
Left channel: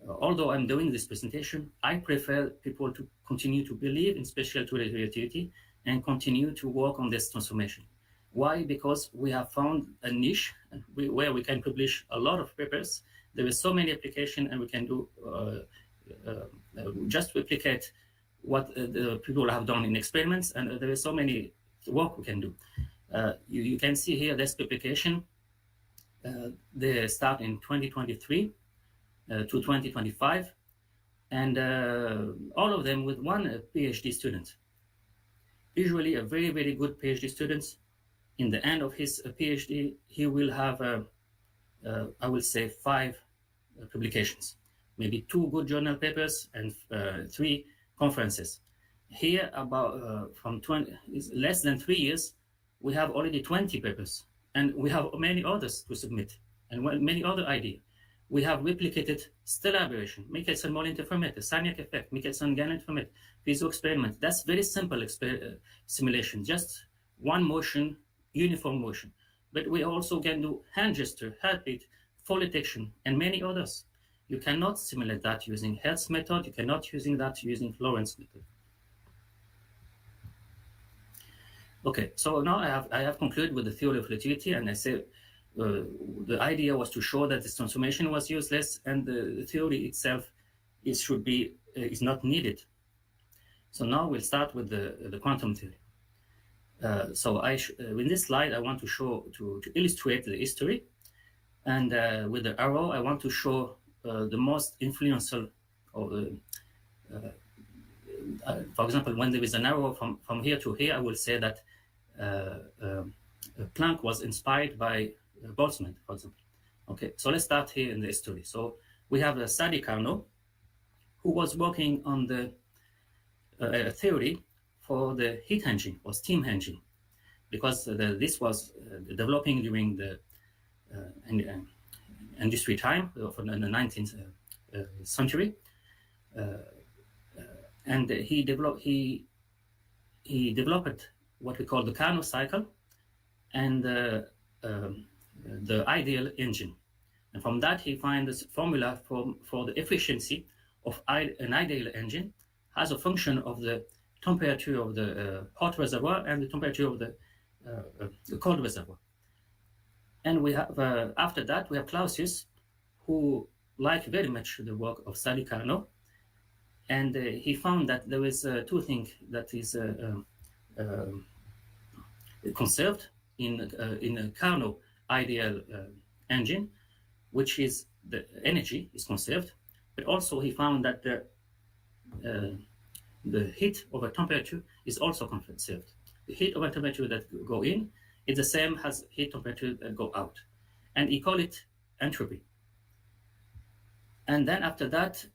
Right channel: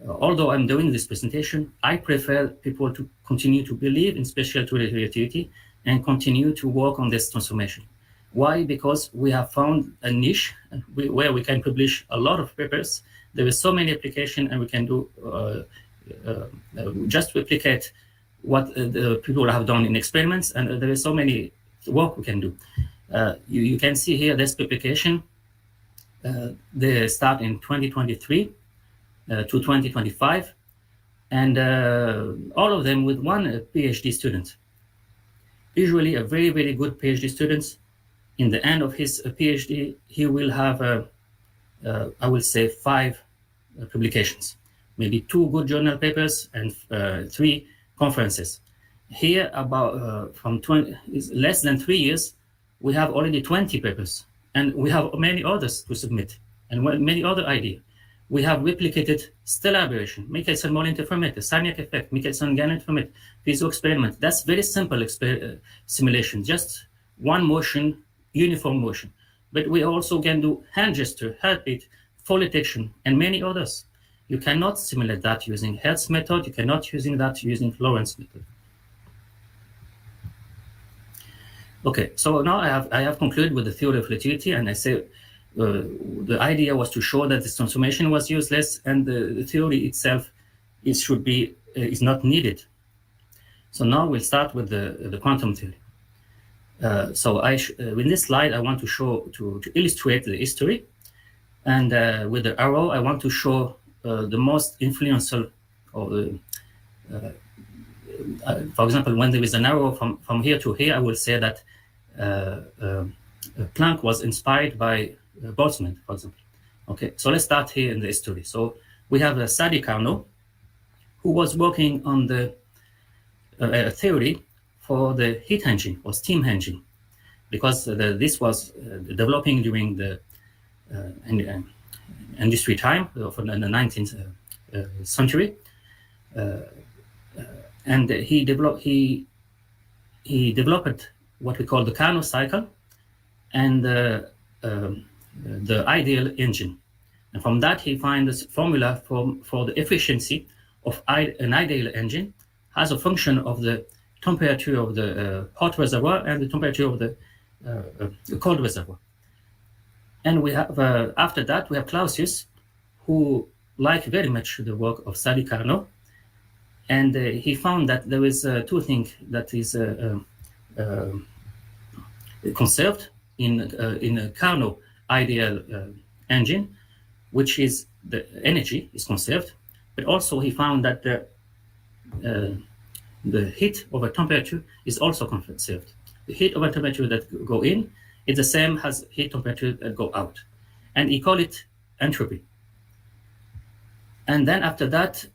although I'm doing this presentation, I prefer people to continue to believe in spatial relativity and continue to work on this transformation. Why? Because we have found a niche where we can publish a lot of papers. There is so many applications, and we can do just replicate what the people have done in experiments, and there is so many work we can do. You can see here this publication. They start in 2023 to 2025, and all of them with one PhD student. Usually a very, very good PhD student, in the end of his PhD, he will have, I will say, 5 publications, maybe 2 good journal papers and 3 conferences. Here, about from 20, is less than 3 years, we have already 20 papers, and we have many others to submit, and many other ideas. We have replicated stellar aberration, Michelson-Morley interferometer, Sarniak effect, Michelson-Gannon interferometer, piezo experiment. That's very simple simulation, just one motion, uniform motion. But we also can do hand gesture, heartbeat, fall detection, and many others. You cannot simulate that using Hertz method. You cannot using that using Lorentz method. Okay, so now I have concluded with the theory of relativity, and I say the idea was to show that this transformation was useless, and the theory itself is not needed. So now we'll start with the quantum theory. So in this slide I want to illustrate the history, and with the arrow I want to show the most influential, or for example, when there is an arrow from here to here, I will say that Planck was inspired by Boltzmann, for example. Okay, so let's start here in the history. So we have Sadi Carnot, who was working on the theory for the heat engine or steam engine, because this was developing during the industry time of the 19th century, and he developed what we call the Carnot cycle and the ideal engine. And from that, he finds this formula for the efficiency of an ideal engine as a function of the temperature of the hot reservoir and the temperature of the cold reservoir. And we have, after that, we have Clausius, who liked very much the work of Sadi Carnot. And he found that there is two things that is conserved in a Carnot ideal engine, which is the energy is conserved, but also he found that the heat over temperature is also conserved. The heat over temperature that go in is the same as heat temperature that go out, and he called it entropy. And then after that,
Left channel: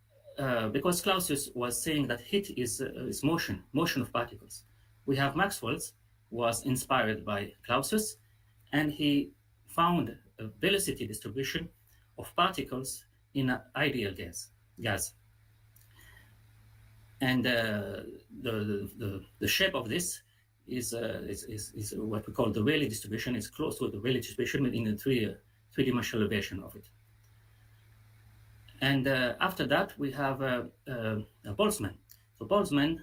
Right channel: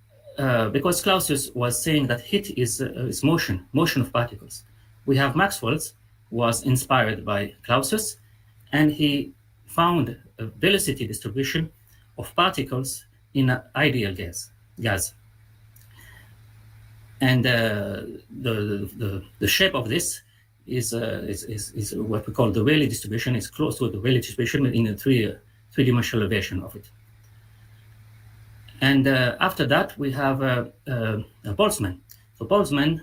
because Clausius was saying that heat is motion of particles, we have Maxwell's was inspired by Clausius, and he found a velocity distribution of particles in an ideal gas. And the shape of this is what we call the Rayleigh distribution. It's close to the Rayleigh distribution in a three-dimensional version of it. And after that, we have Boltzmann. So Boltzmann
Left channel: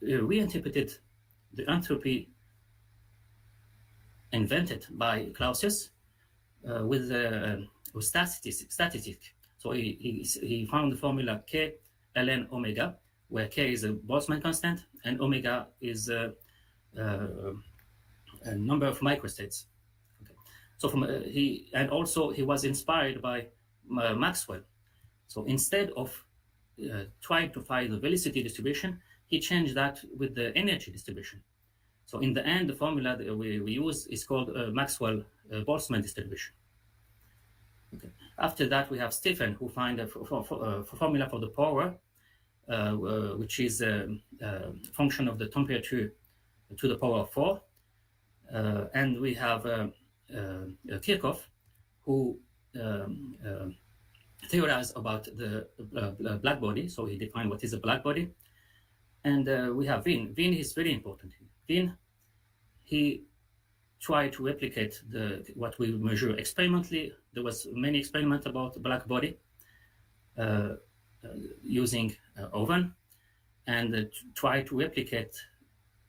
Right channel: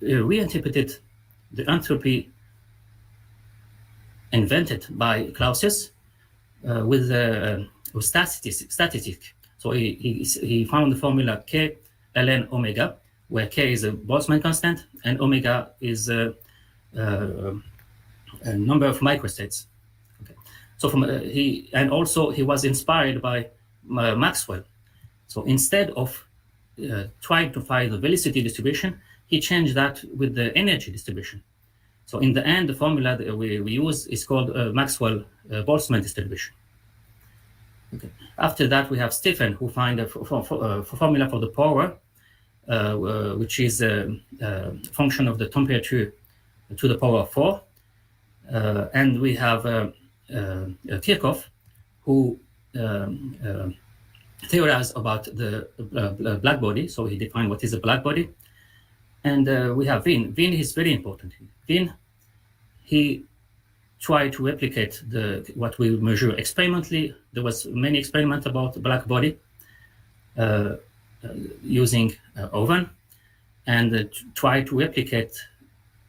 reinterpreted the entropy invented by Clausius with statistic. So he found the formula K ln omega, where K is a Boltzmann constant and omega is a number of microstates. Okay. So he was inspired by Maxwell. So instead of trying to find the velocity distribution, he changed that with the energy distribution. So in the end, the formula that we use is called Maxwell-Boltzmann distribution. Okay. After that, we have Stephen, who find a formula for the power, which is a function of the temperature to the power of 4. And we have Kirchhoff, who theorized about the black body. So he defined what is a black body. And we have Wien. Wien is very important. Wien, he tried to replicate what we measure experimentally. There was many experiments about the black body using oven, and try to replicate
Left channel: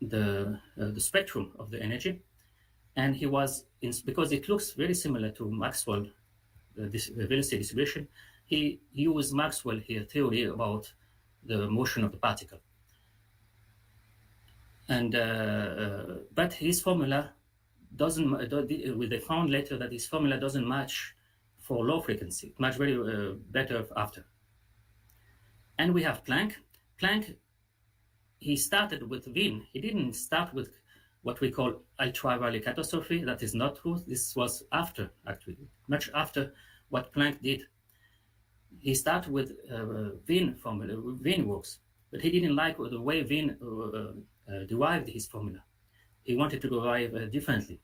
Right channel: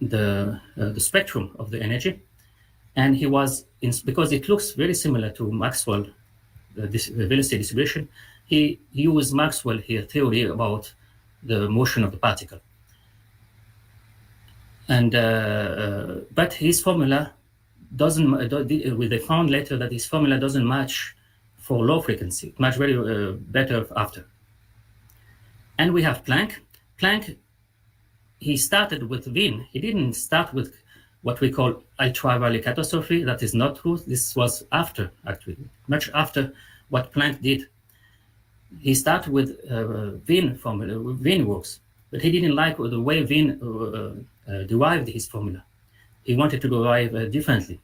the spectrum of the energy. And he was, because it looks very similar to Maxwell, this velocity distribution, he used Maxwell here theory about the motion of the particle. And but his formula doesn't. They found later that his formula doesn't match for low frequency. It matches very better after. And we have Planck. Planck, he started with Wien. He didn't start with what we call ultra-Rayleigh catastrophe. That is not true. This was after, actually, much after what Planck did. He started with Wien formula, Wien works, but he didn't like the way Wien derived his formula. he wanted to derive differently.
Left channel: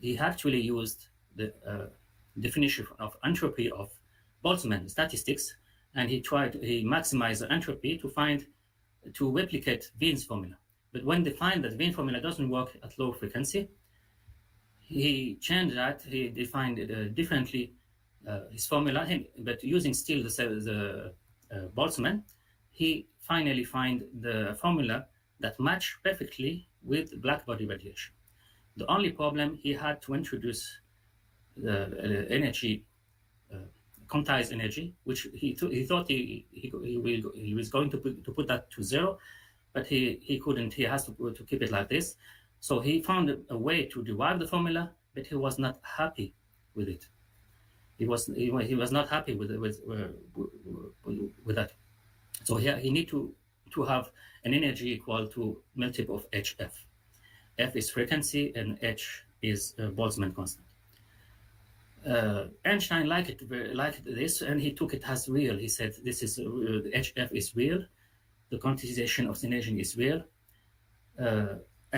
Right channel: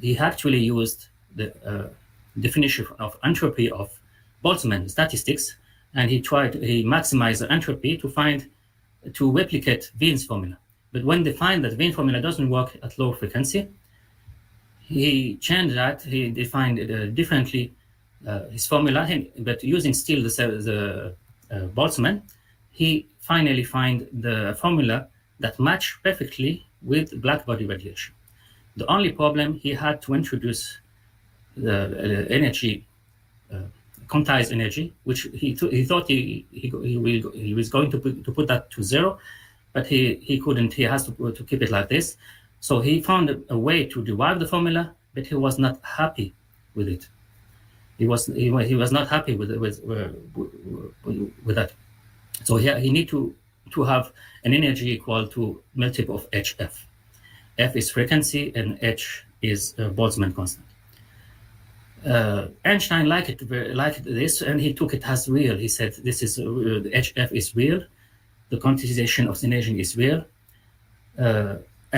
He actually used the definition of entropy of Boltzmann statistics, and he maximized the entropy to replicate Wien's formula. But when they find that Wien formula doesn't work at low frequency, he changed that. He defined it differently, his formula, but using still the Boltzmann. He finally find the formula that matched perfectly with Blackbody radiation. The only problem, he had to introduce the energy, quantized energy, which he thought he was going to put that to zero, but he couldn't. He has to keep it like this. So he found a way to derive the formula, but he was not happy with it. He was not happy with that. So he need to have an energy equal to multiple of hf. F is frequency and h is Boltzmann constant. Einstein liked this, and he took it as real. He said, "This is the hf is real, the quantization of the energy is real,"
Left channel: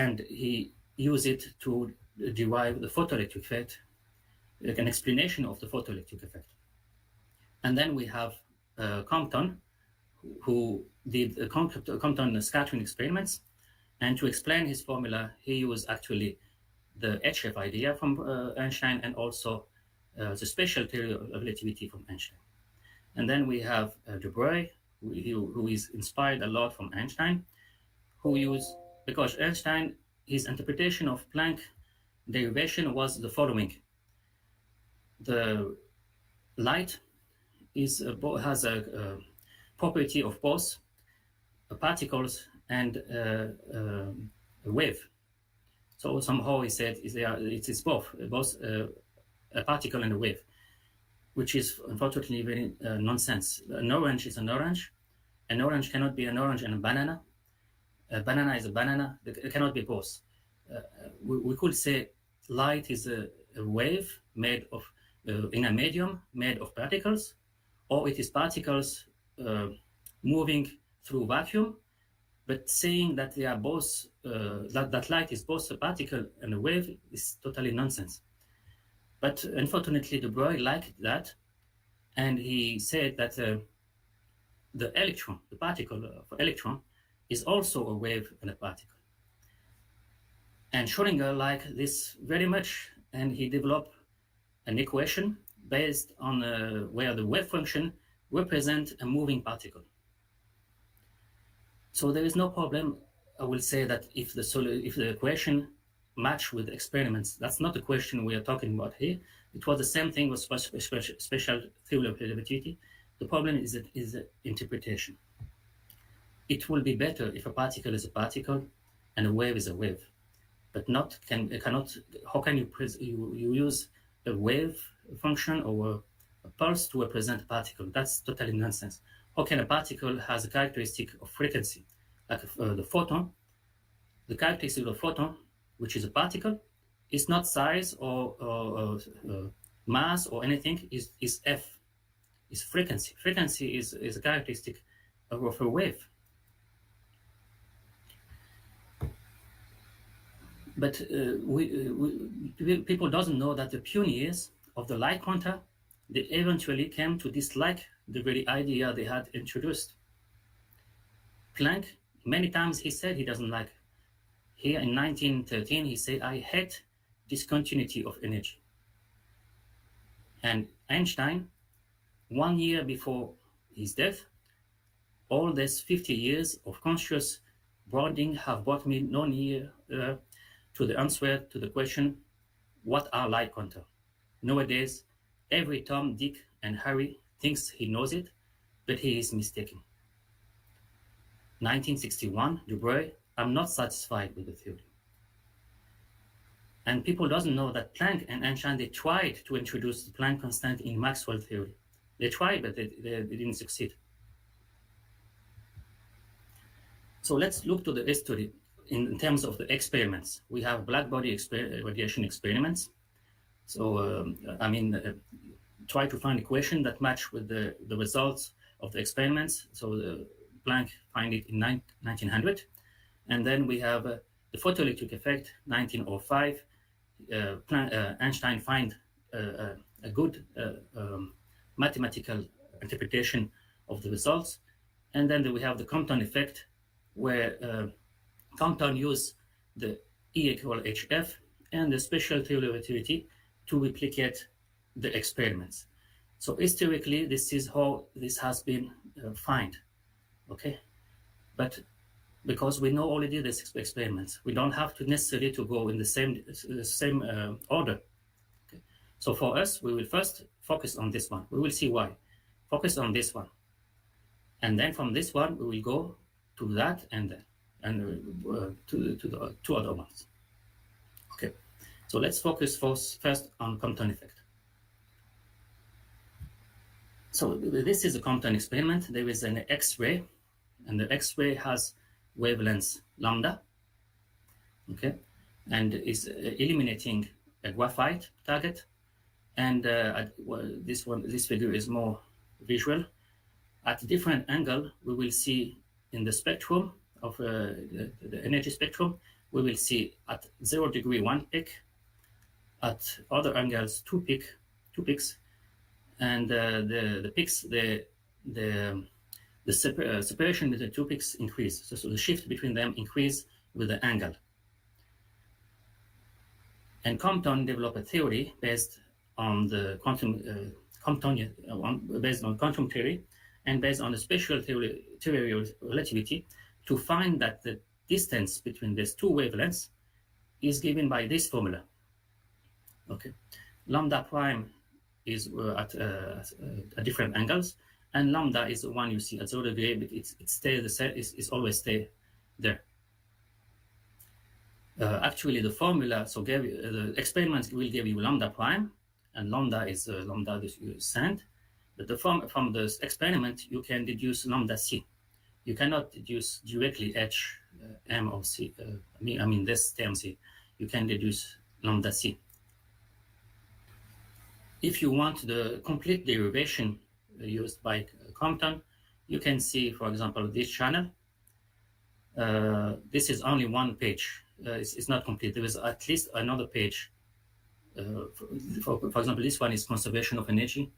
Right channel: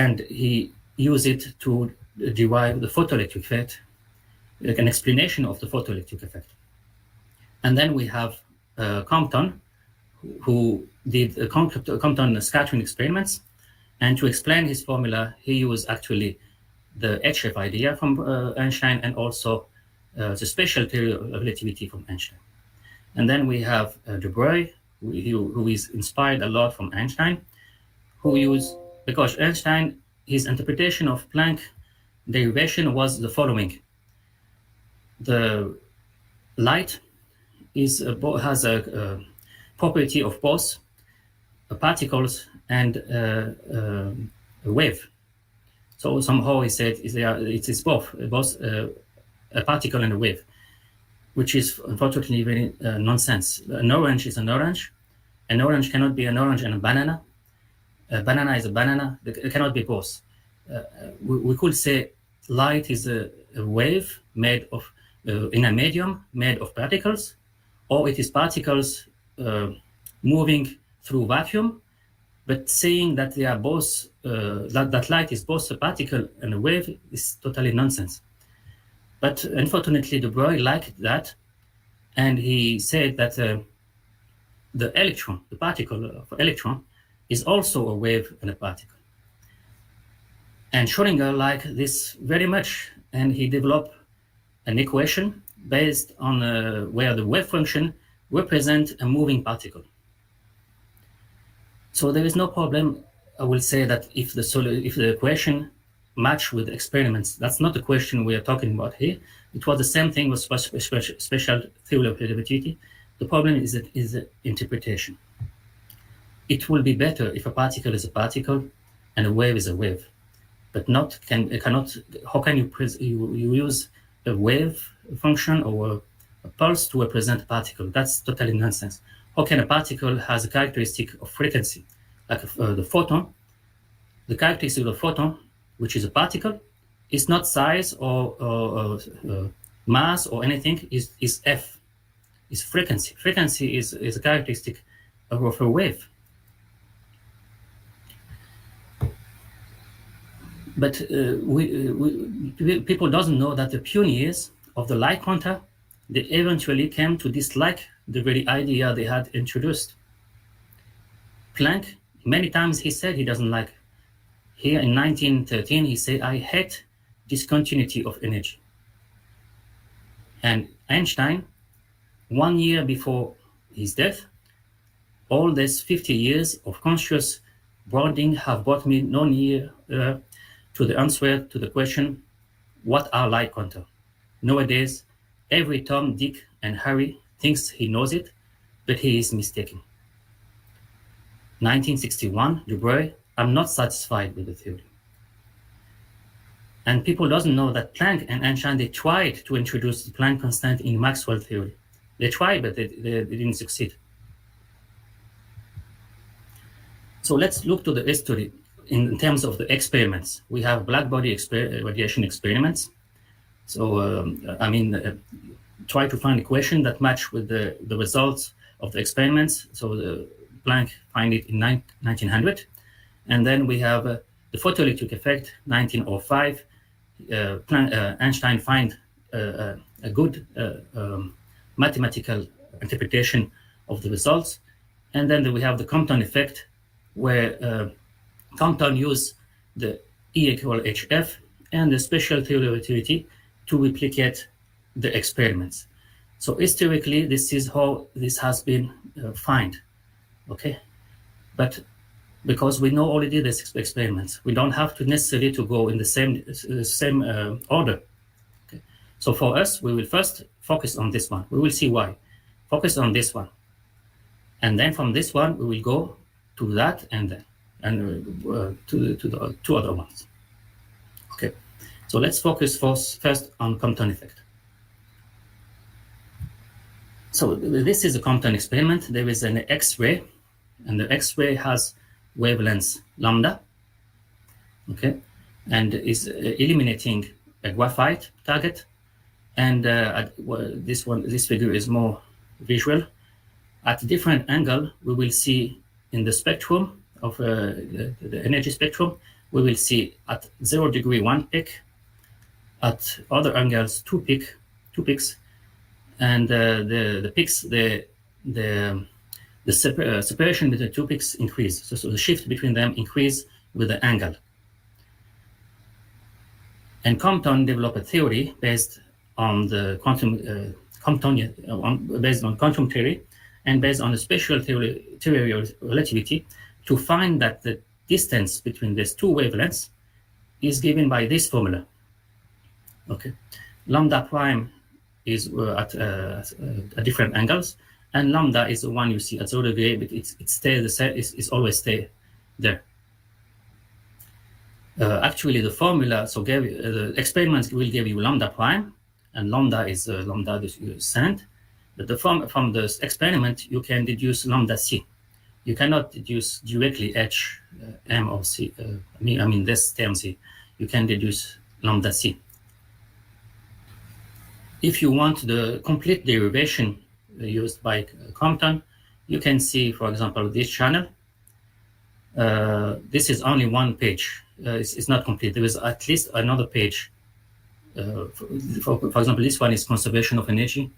and he used it to derive the photoelectric effect, like an explanation of the photoelectric effect. And then we have Compton, who did Compton scattering experiments, and to explain his formula, he used actually the HF idea from Einstein and also the special theory of relativity from Einstein. And then we have De Broglie, who is inspired a lot from Einstein, because Einstein, his interpretation of Planck derivation was the following. The light has a property of both particles and a wave. So somehow he said it is both a particle and a wave, which is unfortunately very nonsense. An orange is an orange. An orange cannot be an orange and a banana. A banana is a banana. It cannot be both. We could say light is a wave made of in a medium made of particles, or it is particles moving through vacuum, but saying that they are both that light is both a particle and a wave is totally nonsense. But unfortunately, De Broglie liked that, and he said that the electron, the particle of electron, is also a wave and a particle. And Schrödinger liked this very much, and he developed an equation based on where the wave function represents a moving particle. So there is no problem. I will say that if the equation match with experiments, that's not the question we are talking about here. It was the same thing with special theory of relativity. The problem is the interpretation. It will be better if a particle is a particle and a wave is a wave, but how can you use a wave function or a pulse to represent a particle? That's totally nonsense. How can a particle has a characteristic of frequency, like the photon? The characteristic of the photon, which is a particle, is not size or mass or anything, is F, is frequency. Frequency is a characteristic of a wave. But people doesn't know that the pioneers of the light quanta, they eventually came to dislike the very idea they had introduced. Planck, many times he said he doesn't like. Here in 1913, he said, "I hate discontinuity of energy." And Einstein, 1 year before his death, all these 50 years of conscious bonding have brought me no near to the answer to the question, what are light quanta? Nowadays, every Tom, Dick, and Harry thinks he knows it, but he is mistaken. 1961, De Broglie, I'm not satisfied with the theory. And people doesn't know that Planck and Einstein, they tried to introduce the Planck constant in Maxwell theory. They tried, but they didn't succeed. So let's look to the history in terms of the experiments. We have Blackbody radiation experiments. So, try to find a equation that match with the results of the experiments. So Planck find it in 1900. And then we have the the photoelectric effect, 1905, Einstein find a good mathematical interpretation of the results. And then we have the Compton effect, where Compton used the E equal HF and the special theory of relativity to replicate the experiments. So historically, this is how this has been found, okay? But because we know already this experiments, we don't have to necessarily to go in the same order. Okay? So for us, we will first focus on this one. We will see why. Focus on this one. And then from this one, we will go to that and then, and to the two other ones. Okay, so let's focus first on Compton effect. So this is a Compton experiment. There is an X-ray, and the X-ray has wavelength lambda, okay, and is eliminating a graphite target. And this figure is more visual. At different angle, we will see in the spectrum of the energy spectrum, we will see at 0 degree 1 peak, at other angles 2 peaks, and the peaks, the separation between 2 peaks increase. So the shift between them increase with the angle. And Compton developed a theory based on the based on quantum theory and based on the special theory of relativity to find that the distance between these two wavelengths is given by this formula. Okay, lambda prime is at different angles, and lambda is the one you see at 0 degree, but it stays the same. It's always stay there. Actually, the formula the experiments will give you lambda prime, and lambda is lambda that you send. But from the experiment, you can deduce lambda c. You cannot deduce directly h, m or c. I mean this term c. You can deduce lambda c. If you want the complete derivation used by Compton, you can see, for example, this channel. This is only one page. It's not complete. There is at least another page. For example, this one is conservation of energy.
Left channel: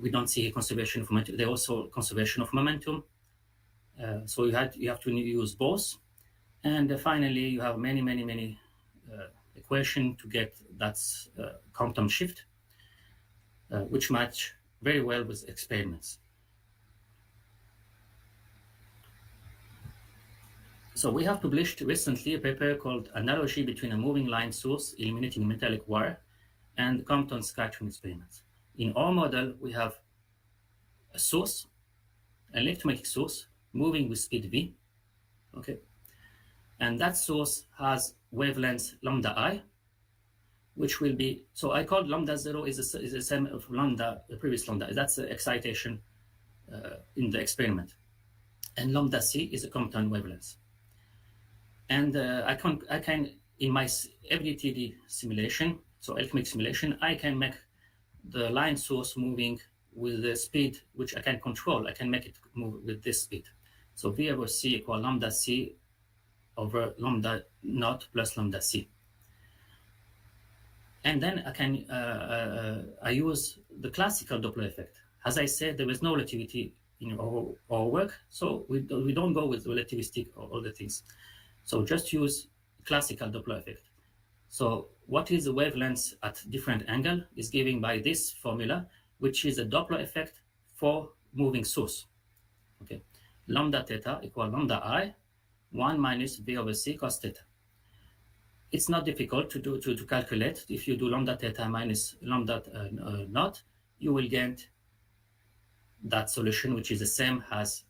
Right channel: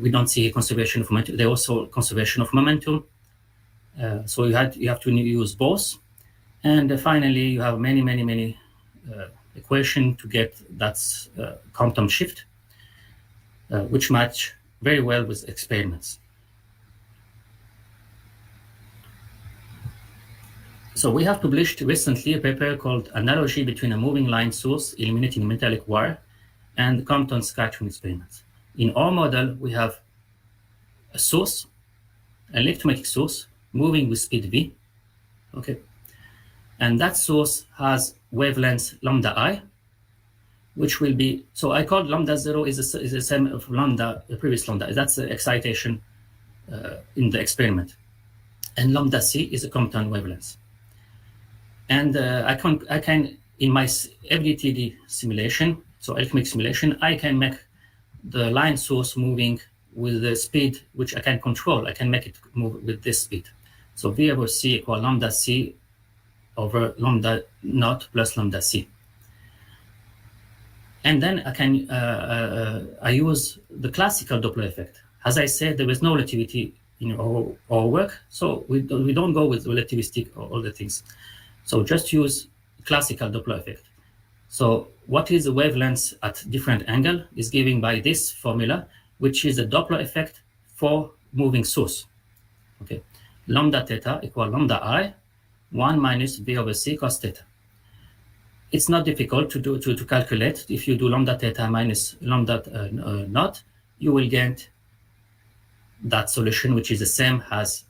We don't see conservation of momentum. There's also conservation of momentum. So you have to use both. And finally, you have many equations to get that Compton shift, which match very well with experiments. So we have published recently a paper called Analogy between a moving line source eliminating a metallic wire and Compton scattering experiments. In our model, we have a source, an electromagnetic source, moving with speed v, okay? And that source has wavelength lambda I, which will be, so I called lambda 0 is the same of lambda, the previous lambda. That's the excitation in the experiment. And lambda c is a Compton wavelength. And I can in my FDTD simulation, so electromagnetic simulation, I can make the line source moving with the speed which I can control. I can make it move with this speed. So V over C equal lambda C over lambda naught plus lambda C. And then I can I use the classical Doppler effect. As I said, there is no relativity in our work, so we don't go with relativistic or all the things. So just use classical Doppler effect. So what is the wavelength at different angle is given by this formula, which is a Doppler effect for moving source. Okay, lambda theta equal lambda I, 1 minus V over C cos theta. It's not difficult to calculate. If you do lambda theta minus lambda naught, you will get that solution, which is the same as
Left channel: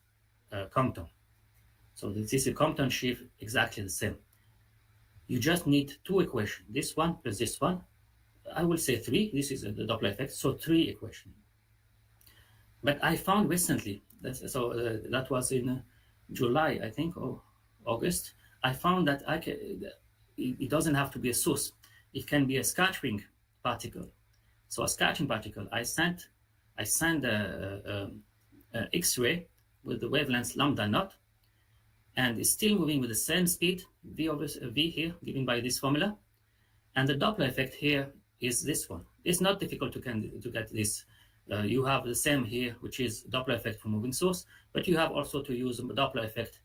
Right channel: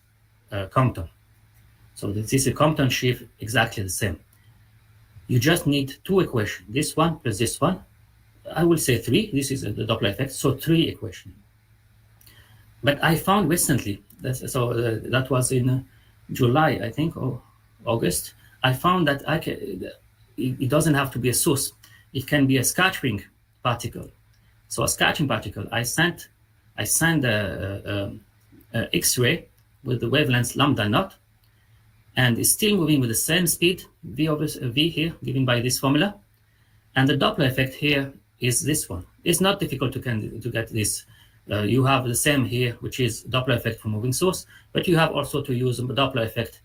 Compton. So this is a Compton shift exactly the same. You just need two equations, this one plus this one. I will say 3, this is the Doppler effect, so 3 equations. But I found recently, that was in July, I think, or August, I found that it doesn't have to be a source. It can be a scattering particle. So a scattering particle, I sent a X-ray with the wavelength lambda naught, and is still moving with the same speed, v here, given by this formula. And the Doppler effect here is this one. It's not difficult to get this. You have the same here, which is Doppler effect for moving source, but you have also to use a Doppler effect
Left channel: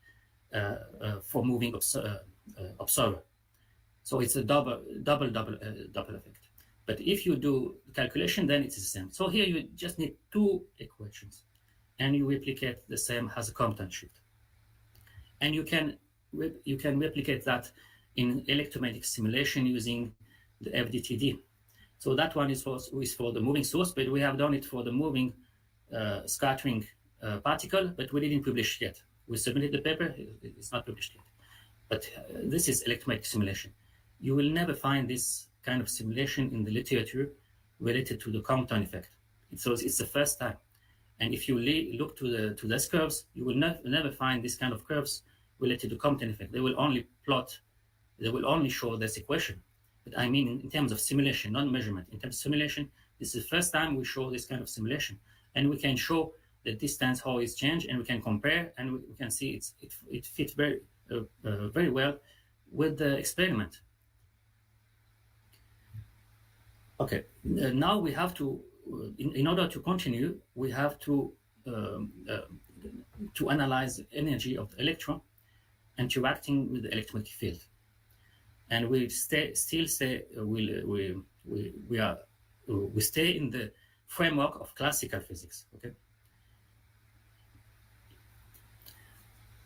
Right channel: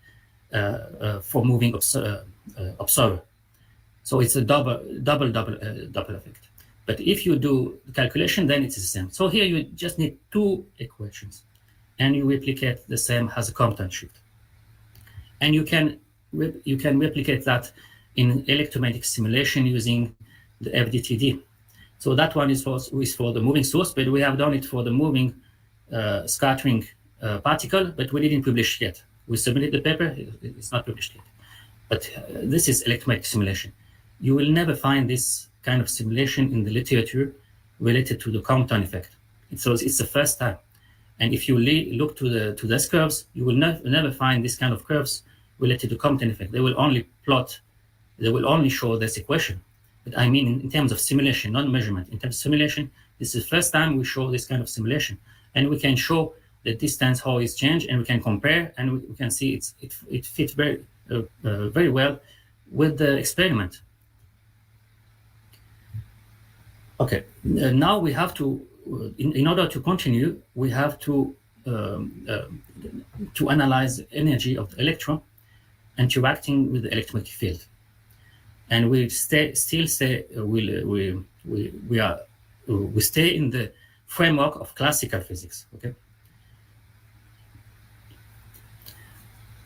for moving observer. So it's a double Doppler effect. But if you do the calculation, then it's the same. So here you just need two equations, and you replicate the same as a Compton shift. And you can replicate that in electromagnetic simulation using the FDTD. So that one is for the moving source, but we have done it for the moving scattering particle, but we didn't publish yet. We submitted the paper, it's not published yet. But this is electromagnetic simulation. You will never find this kind of simulation in the literature related to the Compton effect. So it's the first time. And if you look to those curves, you will never find this kind of curves related to Compton effect. They will only show this equation. But I mean, in terms of simulation, not measurement. In terms of simulation, this is the first time we show this kind of simulation. And we can show the distance, how it's changed, and we can compare, and we can see it fits very well with the experiment. Okay, now we have to, in order to continue, we have to analyze the energy of the electron interacting with the electromagnetic field. And we stay in the framework of classical physics. Okay.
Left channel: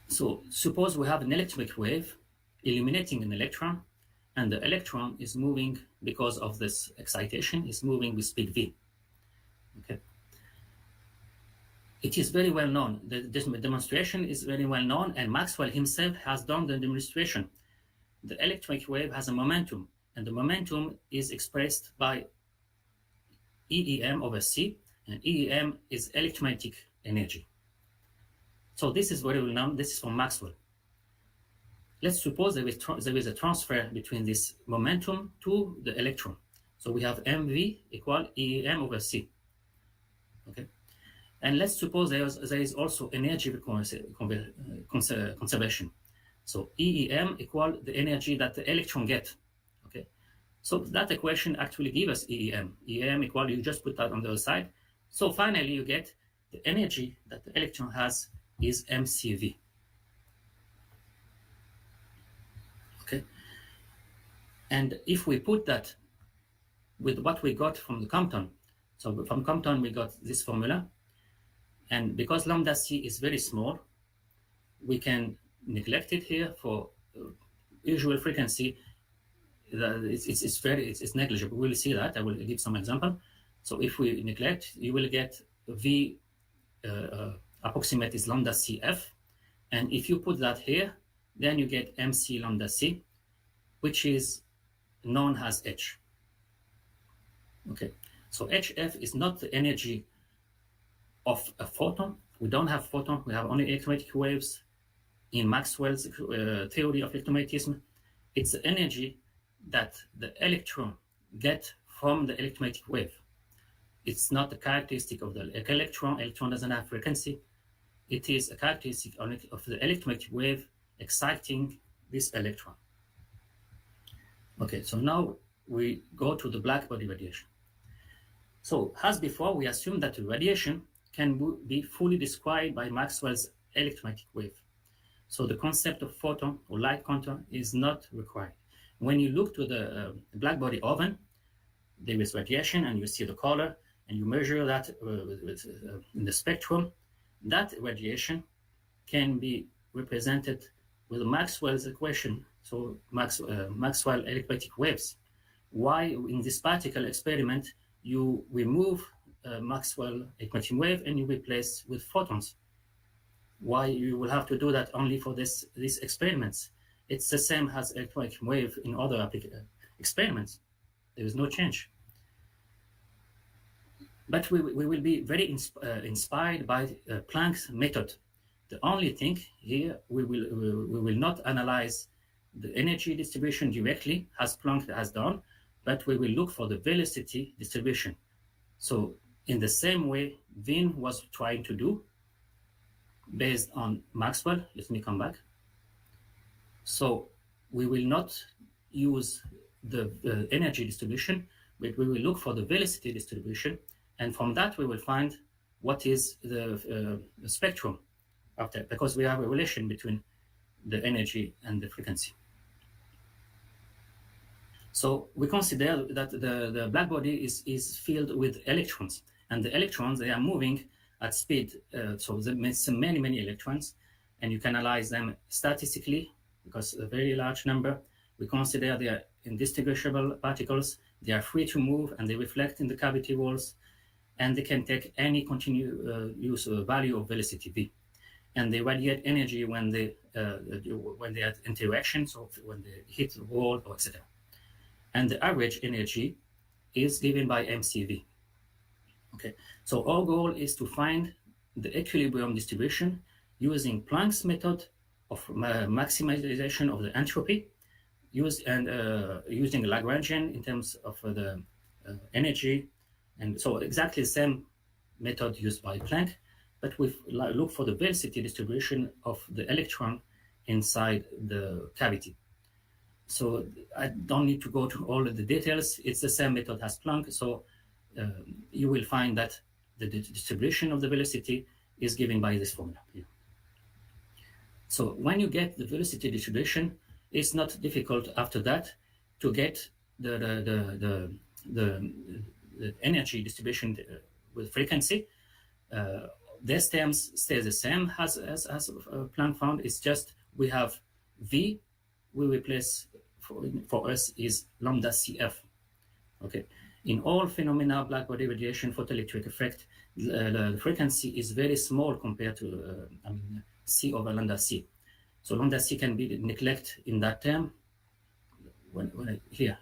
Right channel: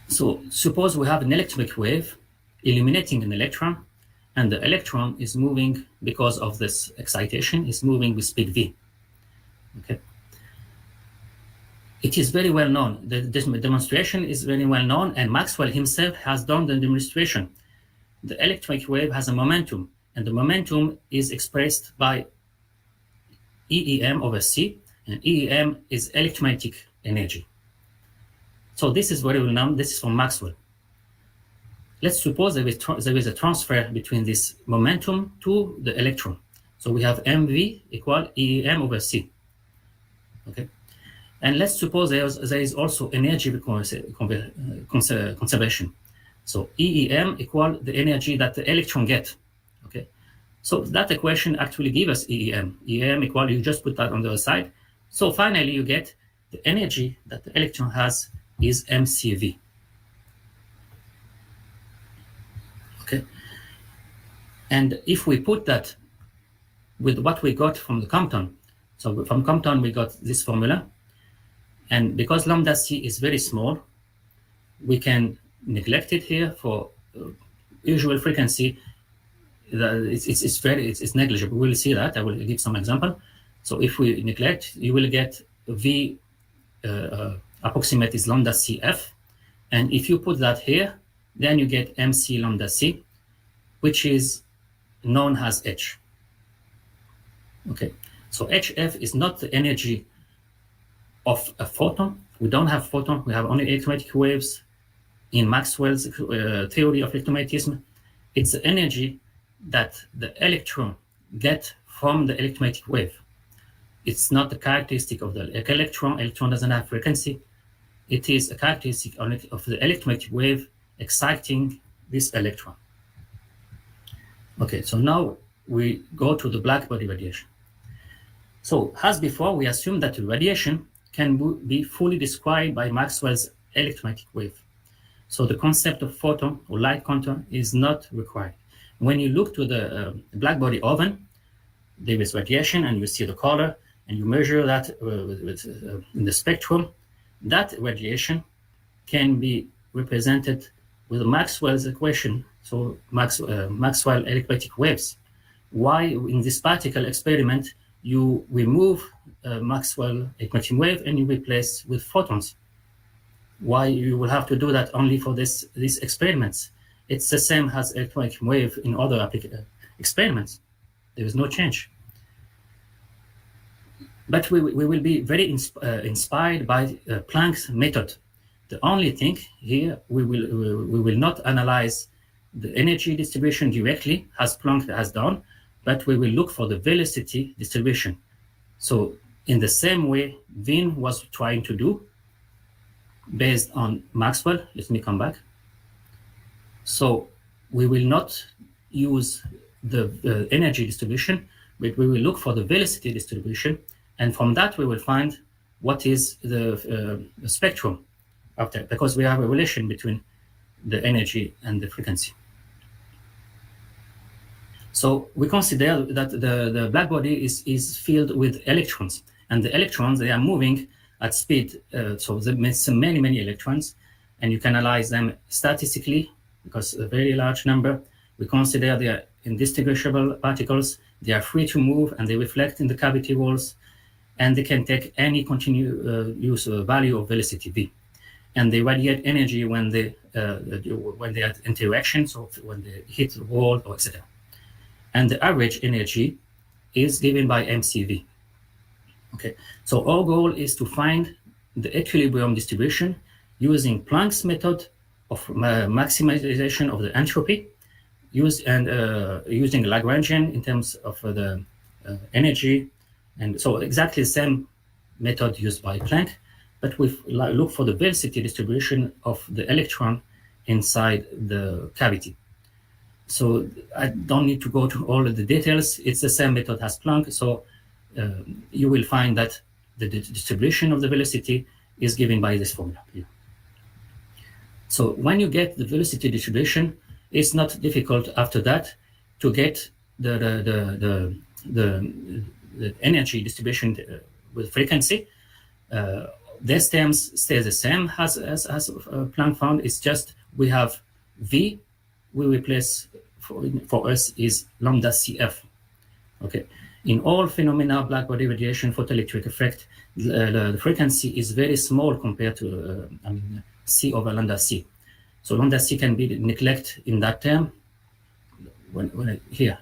So suppose we have an electromagnetic wave illuminating an electron, and the electron is moving because of this excitation, is moving with speed v. Okay. It is very well known. The demonstration is very well known, and Maxwell himself has done the demonstration. The electromagnetic wave has a momentum, and the momentum is expressed by EEM over C, and EEM is electromagnetic energy. So this is very well known. This is from Maxwell. Let's suppose there is a transfer between this momentum to the electron. So we have MV equal EEM over C. Okay, and let's suppose there is also energy conservation. So EEM equal the energy that the electron gets. Okay, so that equation actually gives us EEM. EEM equal, you just put that on the other side. So finally you get the energy that the electron has is MCV. Okay, and if we put that with what we got from the Compton, so from Compton we got this formula, and because lambda c is very small, we can neglect it here for usual frequency. It's negligible. We'll see that. I will give some example. So if we neglect, you will get V approximate is lambda CF, and if you put that here, then you get MC lambda C, which is known as H. Okay, so HF is not the energy of a photon. We don't have photon. We have only electromagnetic waves. In Maxwell's theory of electromagnetism, it's the energy that the electron gets from the electromagnetic wave. It's not the characteristic of the electron. Electron doesn't have frequency. It is a characteristic of the electromagnetic wave exciting this electron. Okay, so now we go to the blackbody radiation. So as before, we assume that the radiation can be fully described by Maxwell's electromagnetic wave. So the concept of photon or light quantum is not required. When you look to the blackbody oven, there is radiation, and you see the color, and you measure that in the spectrum. That radiation can be represented with Maxwell's equation, so Maxwell electromagnetic waves. Why in this particle experiment you remove Maxwell electromagnetic wave and you replace with photons? Why you will have to do that only for these experiments? It's the same as electromagnetic wave in other experiments. There is no change. But we will be very inspired by Planck's method. The only thing here, we will not analyze the energy distribution directly as Planck has done, but we will look for the velocity distribution. So in the same way Wien was trying to do, based on Maxwell, let me come back. So we will not use the energy distribution, but we will look for the velocity distribution, and from that we will find what is the spectrum of that, because we have a relation between the energy and the frequency. So we consider that the black body is filled with electrons, and the electrons, they are moving at speed. So there are many electrons, and you can analyze them statistically because a very large number. We consider they are indistinguishable particles. They are free to move, and they reflect in the cavity walls, and they can take any continuous value of velocity v. And they radiate energy when they are interaction, so when they hit the wall or etc. And the average energy is given by MCV. Okay, so our goal is to find the equilibrium distribution using Planck's method of maximization of the entropy, using Lagrangian in terms of the energy, and so exactly the same method used by Planck, but we look for the velocity distribution of the electron inside the cavity. So I don't need to go to all of the details. It's the same method as Planck. So you will find that the distribution of the velocity is given by this formula here. So when you get the velocity distribution, it's not difficult after that to get the energy distribution with frequency. These terms stay the same as Planck found. It's just we have V, we replace for us is lambda CF. Okay. In all phenomena, blackbody radiation, photoelectric effect, the frequency is very small compared to C over lambda C. So lambda C can be neglected in that term. Here.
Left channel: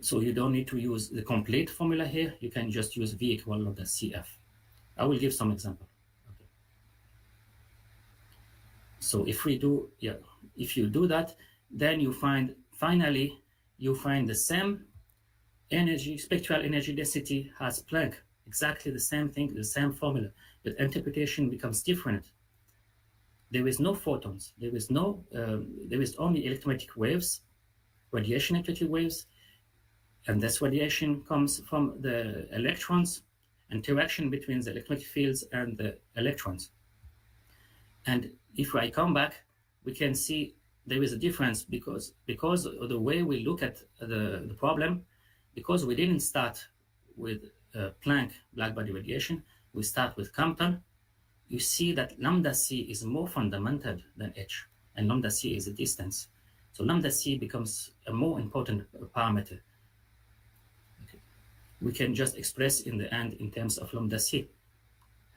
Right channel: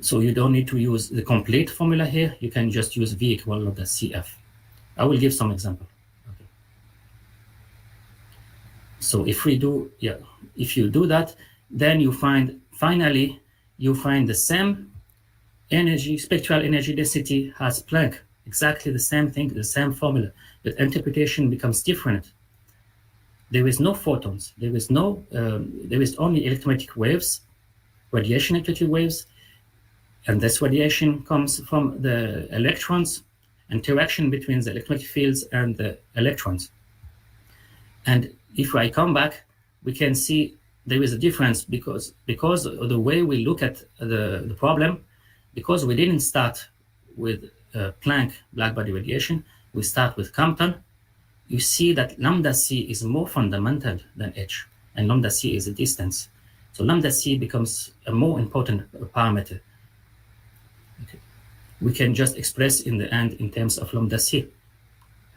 So you don't need to use the complete formula here. You can just use V equal lambda CF. I will give some example. Okay. So if we do, if you do that, then you find, finally, you find the same energy, spectral energy density as Planck, exactly the same thing, the same formula, but interpretation becomes different. There is no photons, there is only electromagnetic waves, radiation electromagnetic waves, and this radiation comes from the electrons, interaction between the electromagnetic fields and the electrons. And if I come back, we can see there is a difference because of the way we look at the problem, because we didn't start with Planck blackbody radiation, we start with Compton. You see that lambda C is more fundamental than H, and lambda C is a distance. So lambda C becomes a more important parameter. Okay. We can just express in the end in terms of lambda C,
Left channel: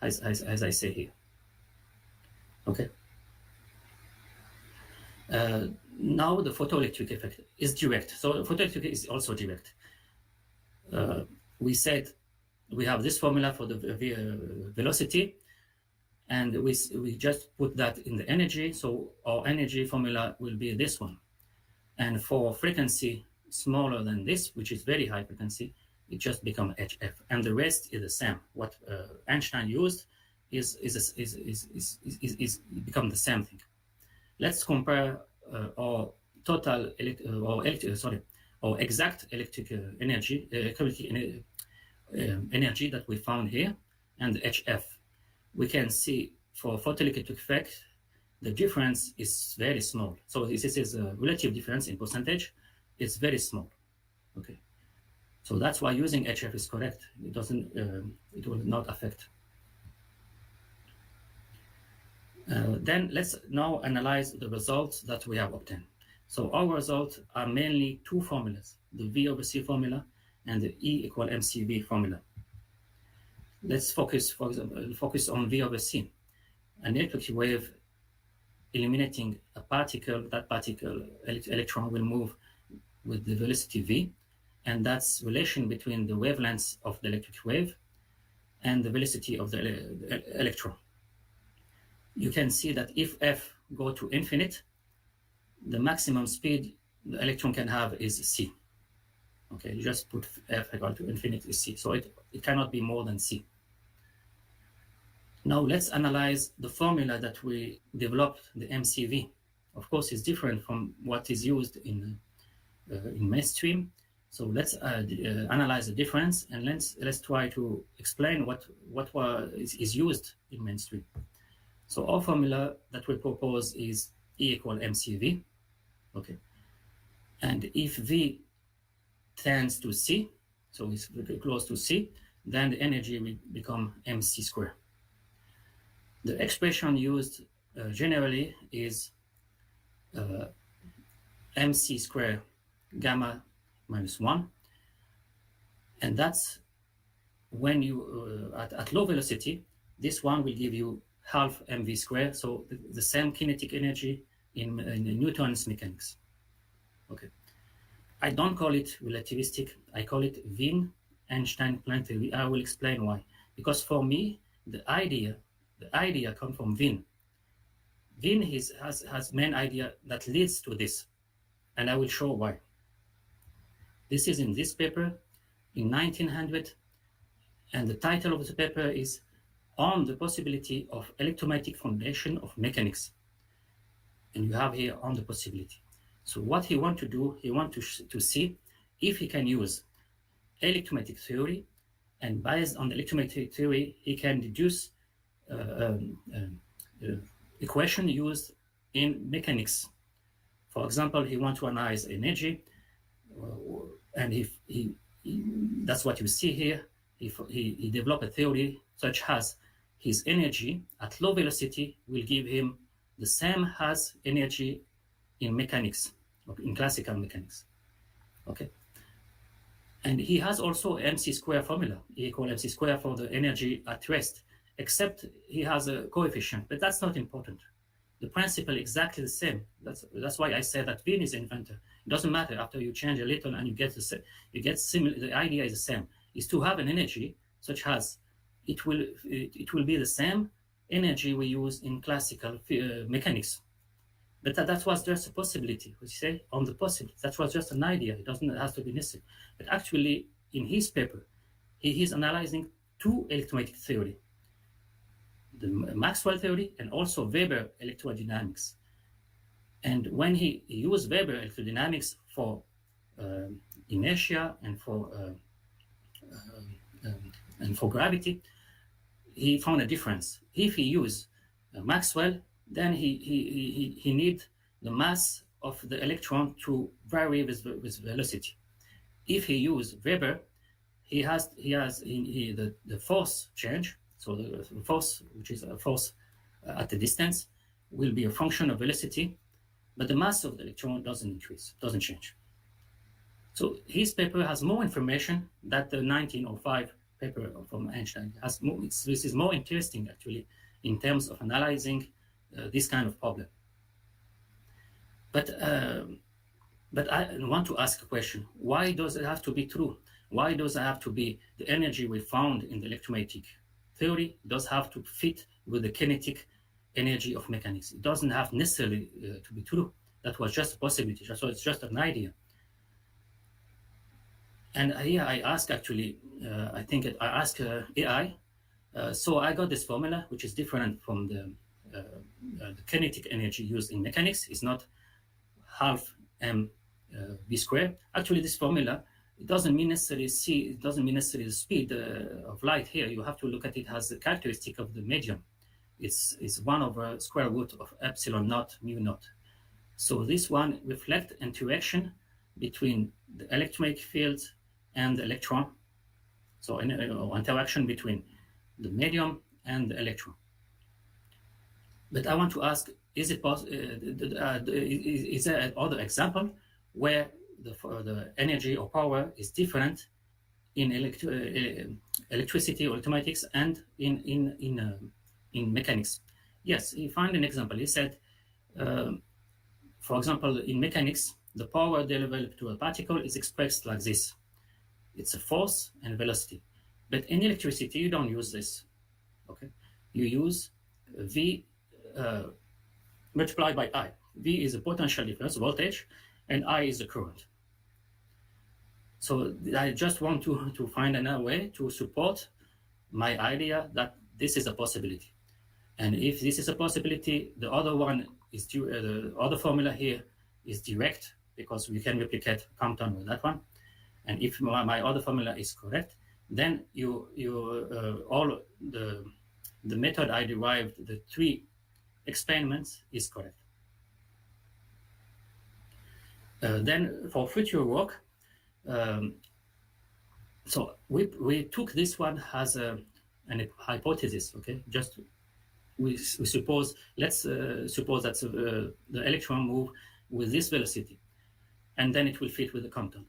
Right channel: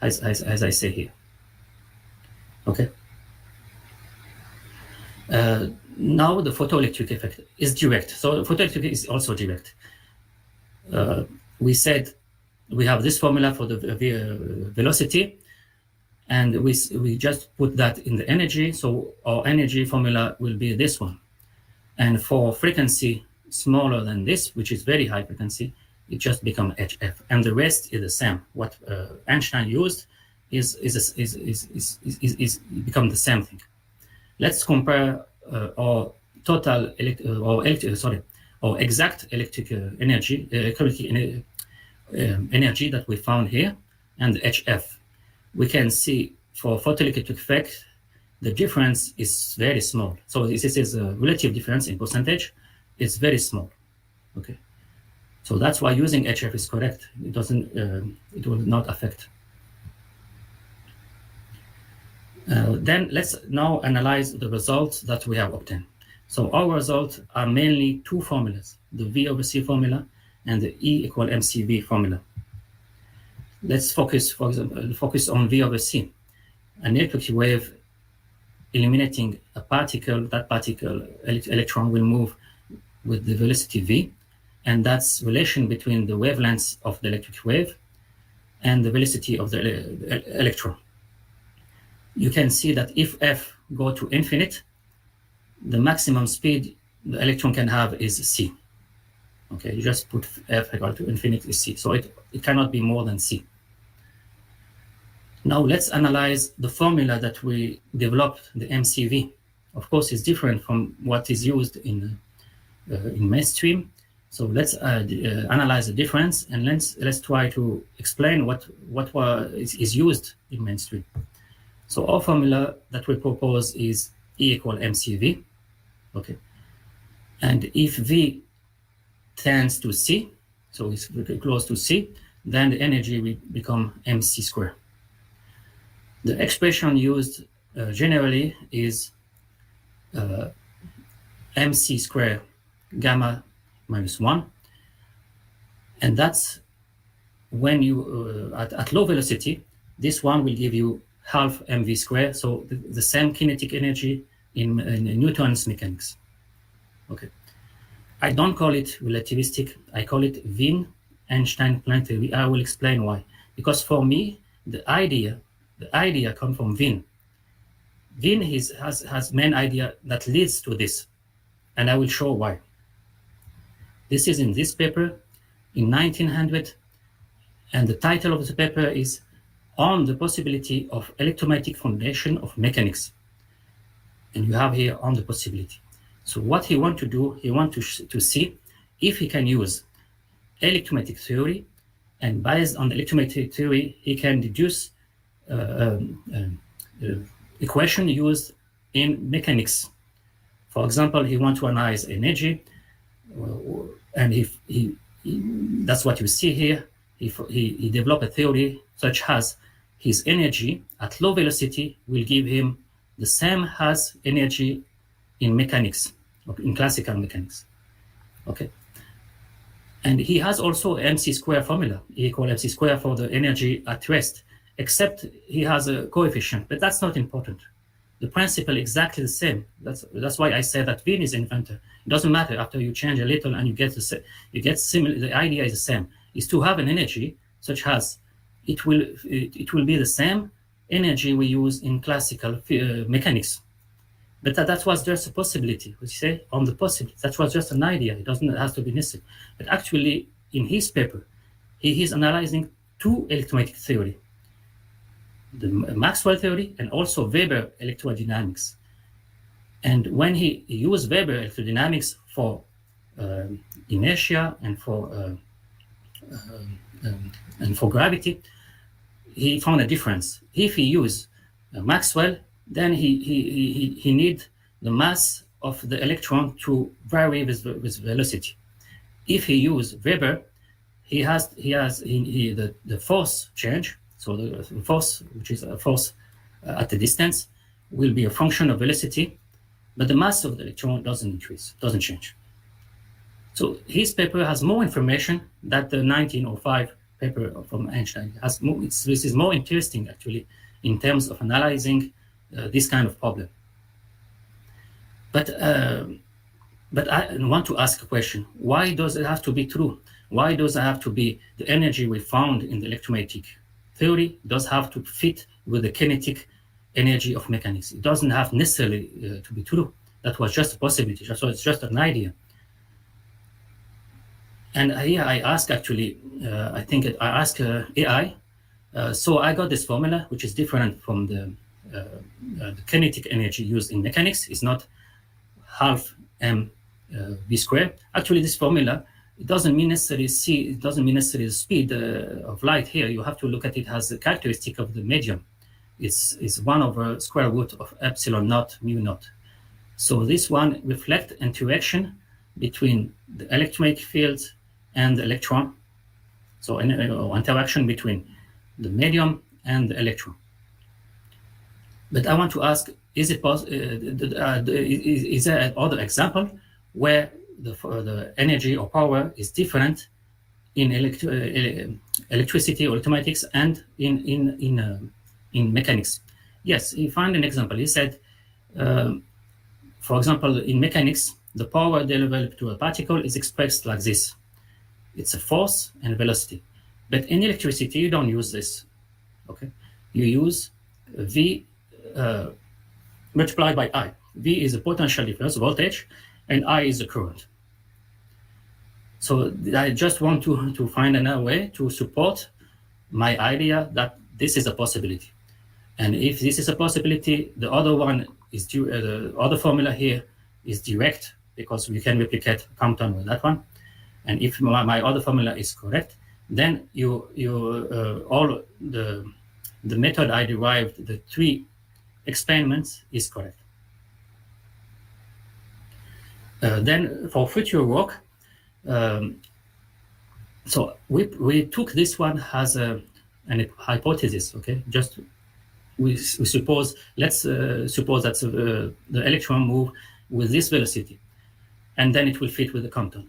as I say here. Okay. Now the photoelectric effect is direct. So photoelectric is also direct. We said we have this formula for the velocity, and we just put that in the energy. So our energy formula will be this one. And for frequency smaller than this, which is very high frequency, it just becomes HF. And the rest is the same. What Einstein used is become the same thing. Let's compare our total our exact electric energy, energy that we found here, and HF. We can see for photoelectric effect, the difference is very small. So this is a relative difference in percentage. It's very small. Okay. So that's why using HF is correct. It doesn't. It will not affect. Then let's now analyze the results that we have obtained. So our results are mainly two formulas, the V over C formula and the E equal MCV formula. Let's focus, for example, on V over C. An electric wave illuminating a particle, that particle, electron, will move with the velocity V, and that's relation between the wavelengths of the electric wave and the velocity of the electron. You can see that if F go to infinite, the maximum speed the electron can have is C. Okay, you just put F equal to infinite is C. So it cannot be more than C. Now let's analyze the formula that we developed, the MCV. of course, is different from what is used in mainstream. So let's analyze the difference, and let's try to explain what is used in mainstream. So our formula that we propose is E equal mcV. Okay, and if V tends to C, so it's very close to C, then the energy will become mc squared. The expression used generally is mc squared gamma minus 1, and that's when you at low velocity, this one will give you half mv squared, so the same kinetic energy in Newton's mechanics. Okay, I don't call it relativistic, I call it Wien-Einstein-Planck theory. I will explain why. Because for me, the idea comes from Wien. Wien has main idea that leads to this, and I will show why. This is in this paper in 1900, and the title of the paper is On the Possibility of Electromagnetic Foundation of Mechanics. And you have here on the possibility. So what he wants to do, he wants to see if he can use electromagnetic theory, and based on electromagnetic theory, he can deduce equation used in mechanics. For example, he wants to analyze energy, and if that's what you see here. He developed a theory such as his energy at low velocity will give him the same as energy in mechanics, in classical mechanics. Okay. And he has also mc square formula, E equal mc square for the energy at rest, except he has a coefficient, but that's not important. The principle exactly the same. That's why I say that Wien is inventor. It doesn't matter after you change a little and you get similar. The idea is the same. Is to have an energy such as it will be the same energy we use in classical mechanics. But that was just a possibility. We say on the possibility. That was just an idea. It has to be necessary. But actually, in his paper, he is analyzing two electromagnetic theory: the Maxwell theory and also Weber electrodynamics. And when he used Weber electrodynamics for inertia and for gravity, he found a difference. If he used Maxwell, then he need the mass of the electron to vary with velocity. If he use Weber, he has the force change. So the force, which is a force at a distance, will be a function of velocity, but the mass of the electron doesn't increase, doesn't change. So his paper has more information than the 1905 paper from Einstein. This is more interesting actually in terms of analyzing this kind of problem. But I want to ask a question: why does it have to be true? Why does it have to be the energy we found in the electromagnetic theory does have to fit with the kinetic energy of mechanics? It doesn't have necessarily to be true. That was just a possibility. So it's just an idea. And here I ask actually, I ask AI. So I got this formula, which is different from the kinetic energy used in mechanics. It's not half m v squared. Actually, this formula, it doesn't mean necessarily it doesn't mean necessarily the speed of light here. You have to look at it as a characteristic of the medium. It's 1 over square root of epsilon naught mu naught. So this one reflects interaction between the electromagnetic field and the electron. So interaction between the medium and the electron. But I want to ask: is it possible? Is there other example where the energy or power is different in electricity or electromagnetics and in mechanics? Yes, he found an example. He said, for example, in mechanics, the power delivered to a particle is expressed like this. It's a force and velocity. But in electricity, you don't use this. Okay, you use V multiplied by I. V is a potential difference, voltage, and I is the current. So I just want to find another way to support my idea that this is a possibility. And if this is a possibility, the other one is the other formula here is direct because we can replicate Compton with that one. And if my other formula is correct, then all the method I derived, the 3 experiments, is correct. Then for future work, so we took this one as an hypothesis, okay? Just we suppose, let's suppose that the electron move with this velocity, and then it will fit with the Compton.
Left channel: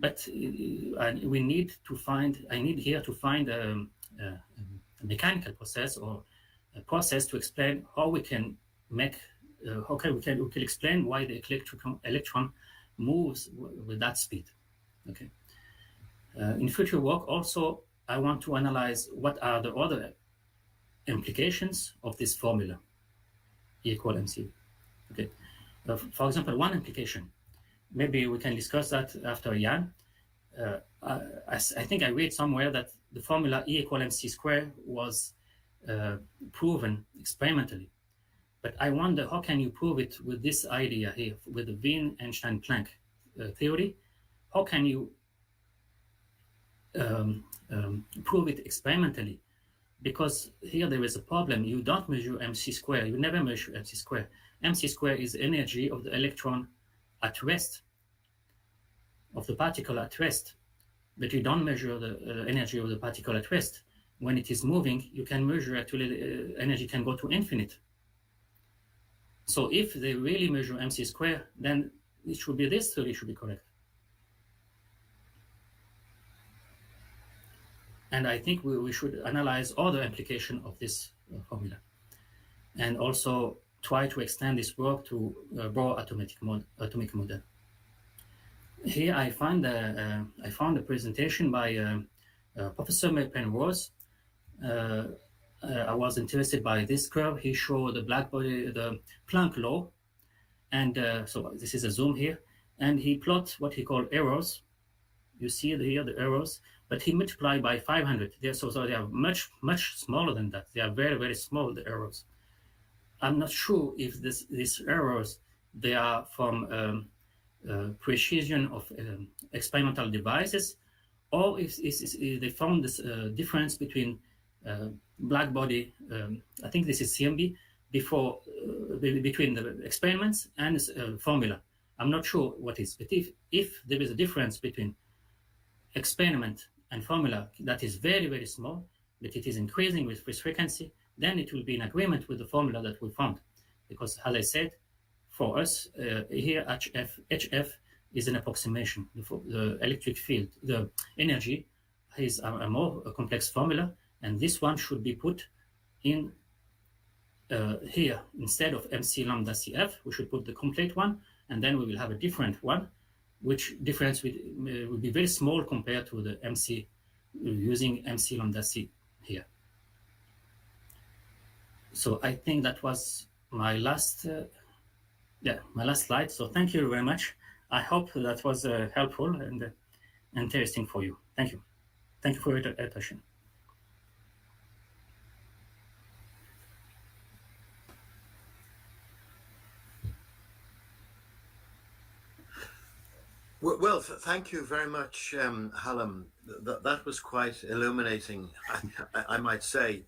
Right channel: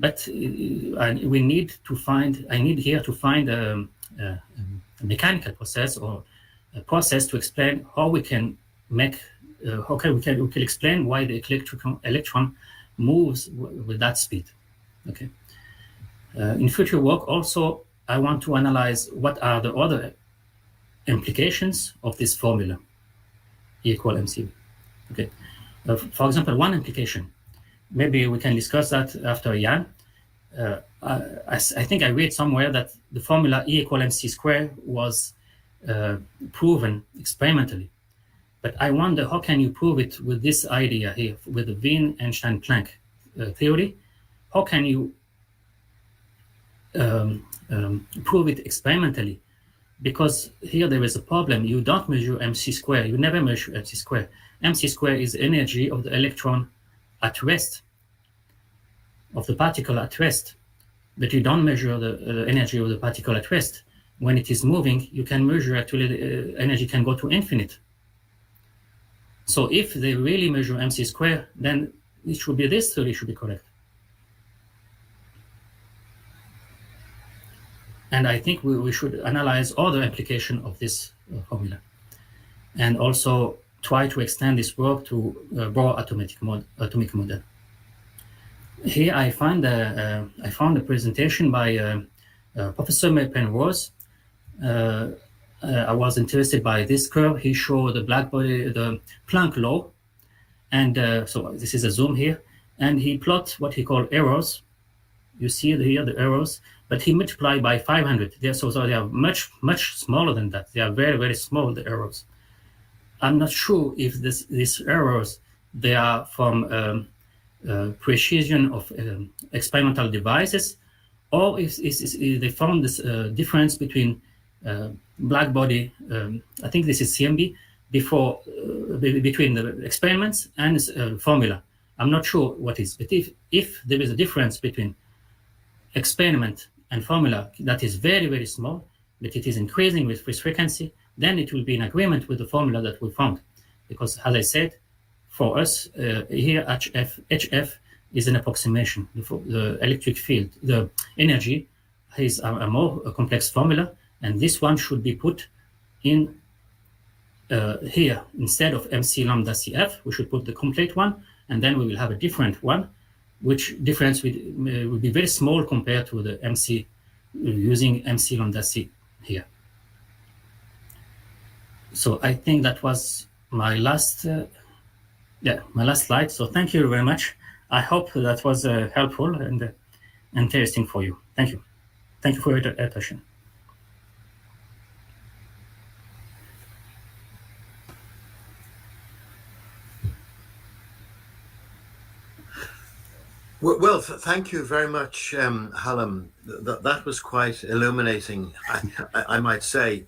But we need to find, I need here to find a mechanical process or a process to explain how we can make, we can explain why the electron moves with that speed, okay? In future work also, I want to analyze what are the other implications of this formula, E equal mc. Okay. For example, one implication, maybe we can discuss that after Jan. I think I read somewhere that the formula E equal mc squared was proven experimentally. But I wonder, how can you prove it with this idea here, with the Wien-Einstein-Planck theory? How can you prove it experimentally? Because here there is a problem. You don't measure mc squared. You never measure mc squared. Mc squared is energy of the electron at rest, of the particle at rest. But you don't measure the energy of the particle at rest. When it is moving, you can measure, actually the energy can go to infinite. So if they really measure mc squared, then it should be, this theory should be correct. And I think we should analyze other application of this formula, and also try to extend this work to Bohr atomic model. Here I found a presentation by Professor Penrose. I was interested by this curve. He showed the Blackbody, the Planck law, and so this is a zoom here, and he plots what he called errors. You see here the errors, but he multiplied by 500. So they are much smaller than that. They are very small, the errors. I'm not sure if these errors, they are from precision of experimental devices, or if they found this difference between Blackbody, I think this is CMB, before between the experiments and formula. I'm not sure what is, but if there is a difference between experiment and formula that is very small, but it is increasing with frequency, then it will be in agreement with the formula that we found. Because as I said, for us here HF is an approximation. The electric field, the energy is a more complex formula, and this one should be put in here instead of MC lambda CF. We should put the complete one, and then we will have a different one, which difference will be very small compared to the MC using MC lambda C here. So I think that was my last, my last slide. So thank you very much. I hope that was helpful and interesting for you. Thank you. Thank you for your attention. Well, thank you very much, Hallam. That was quite illuminating, I might say.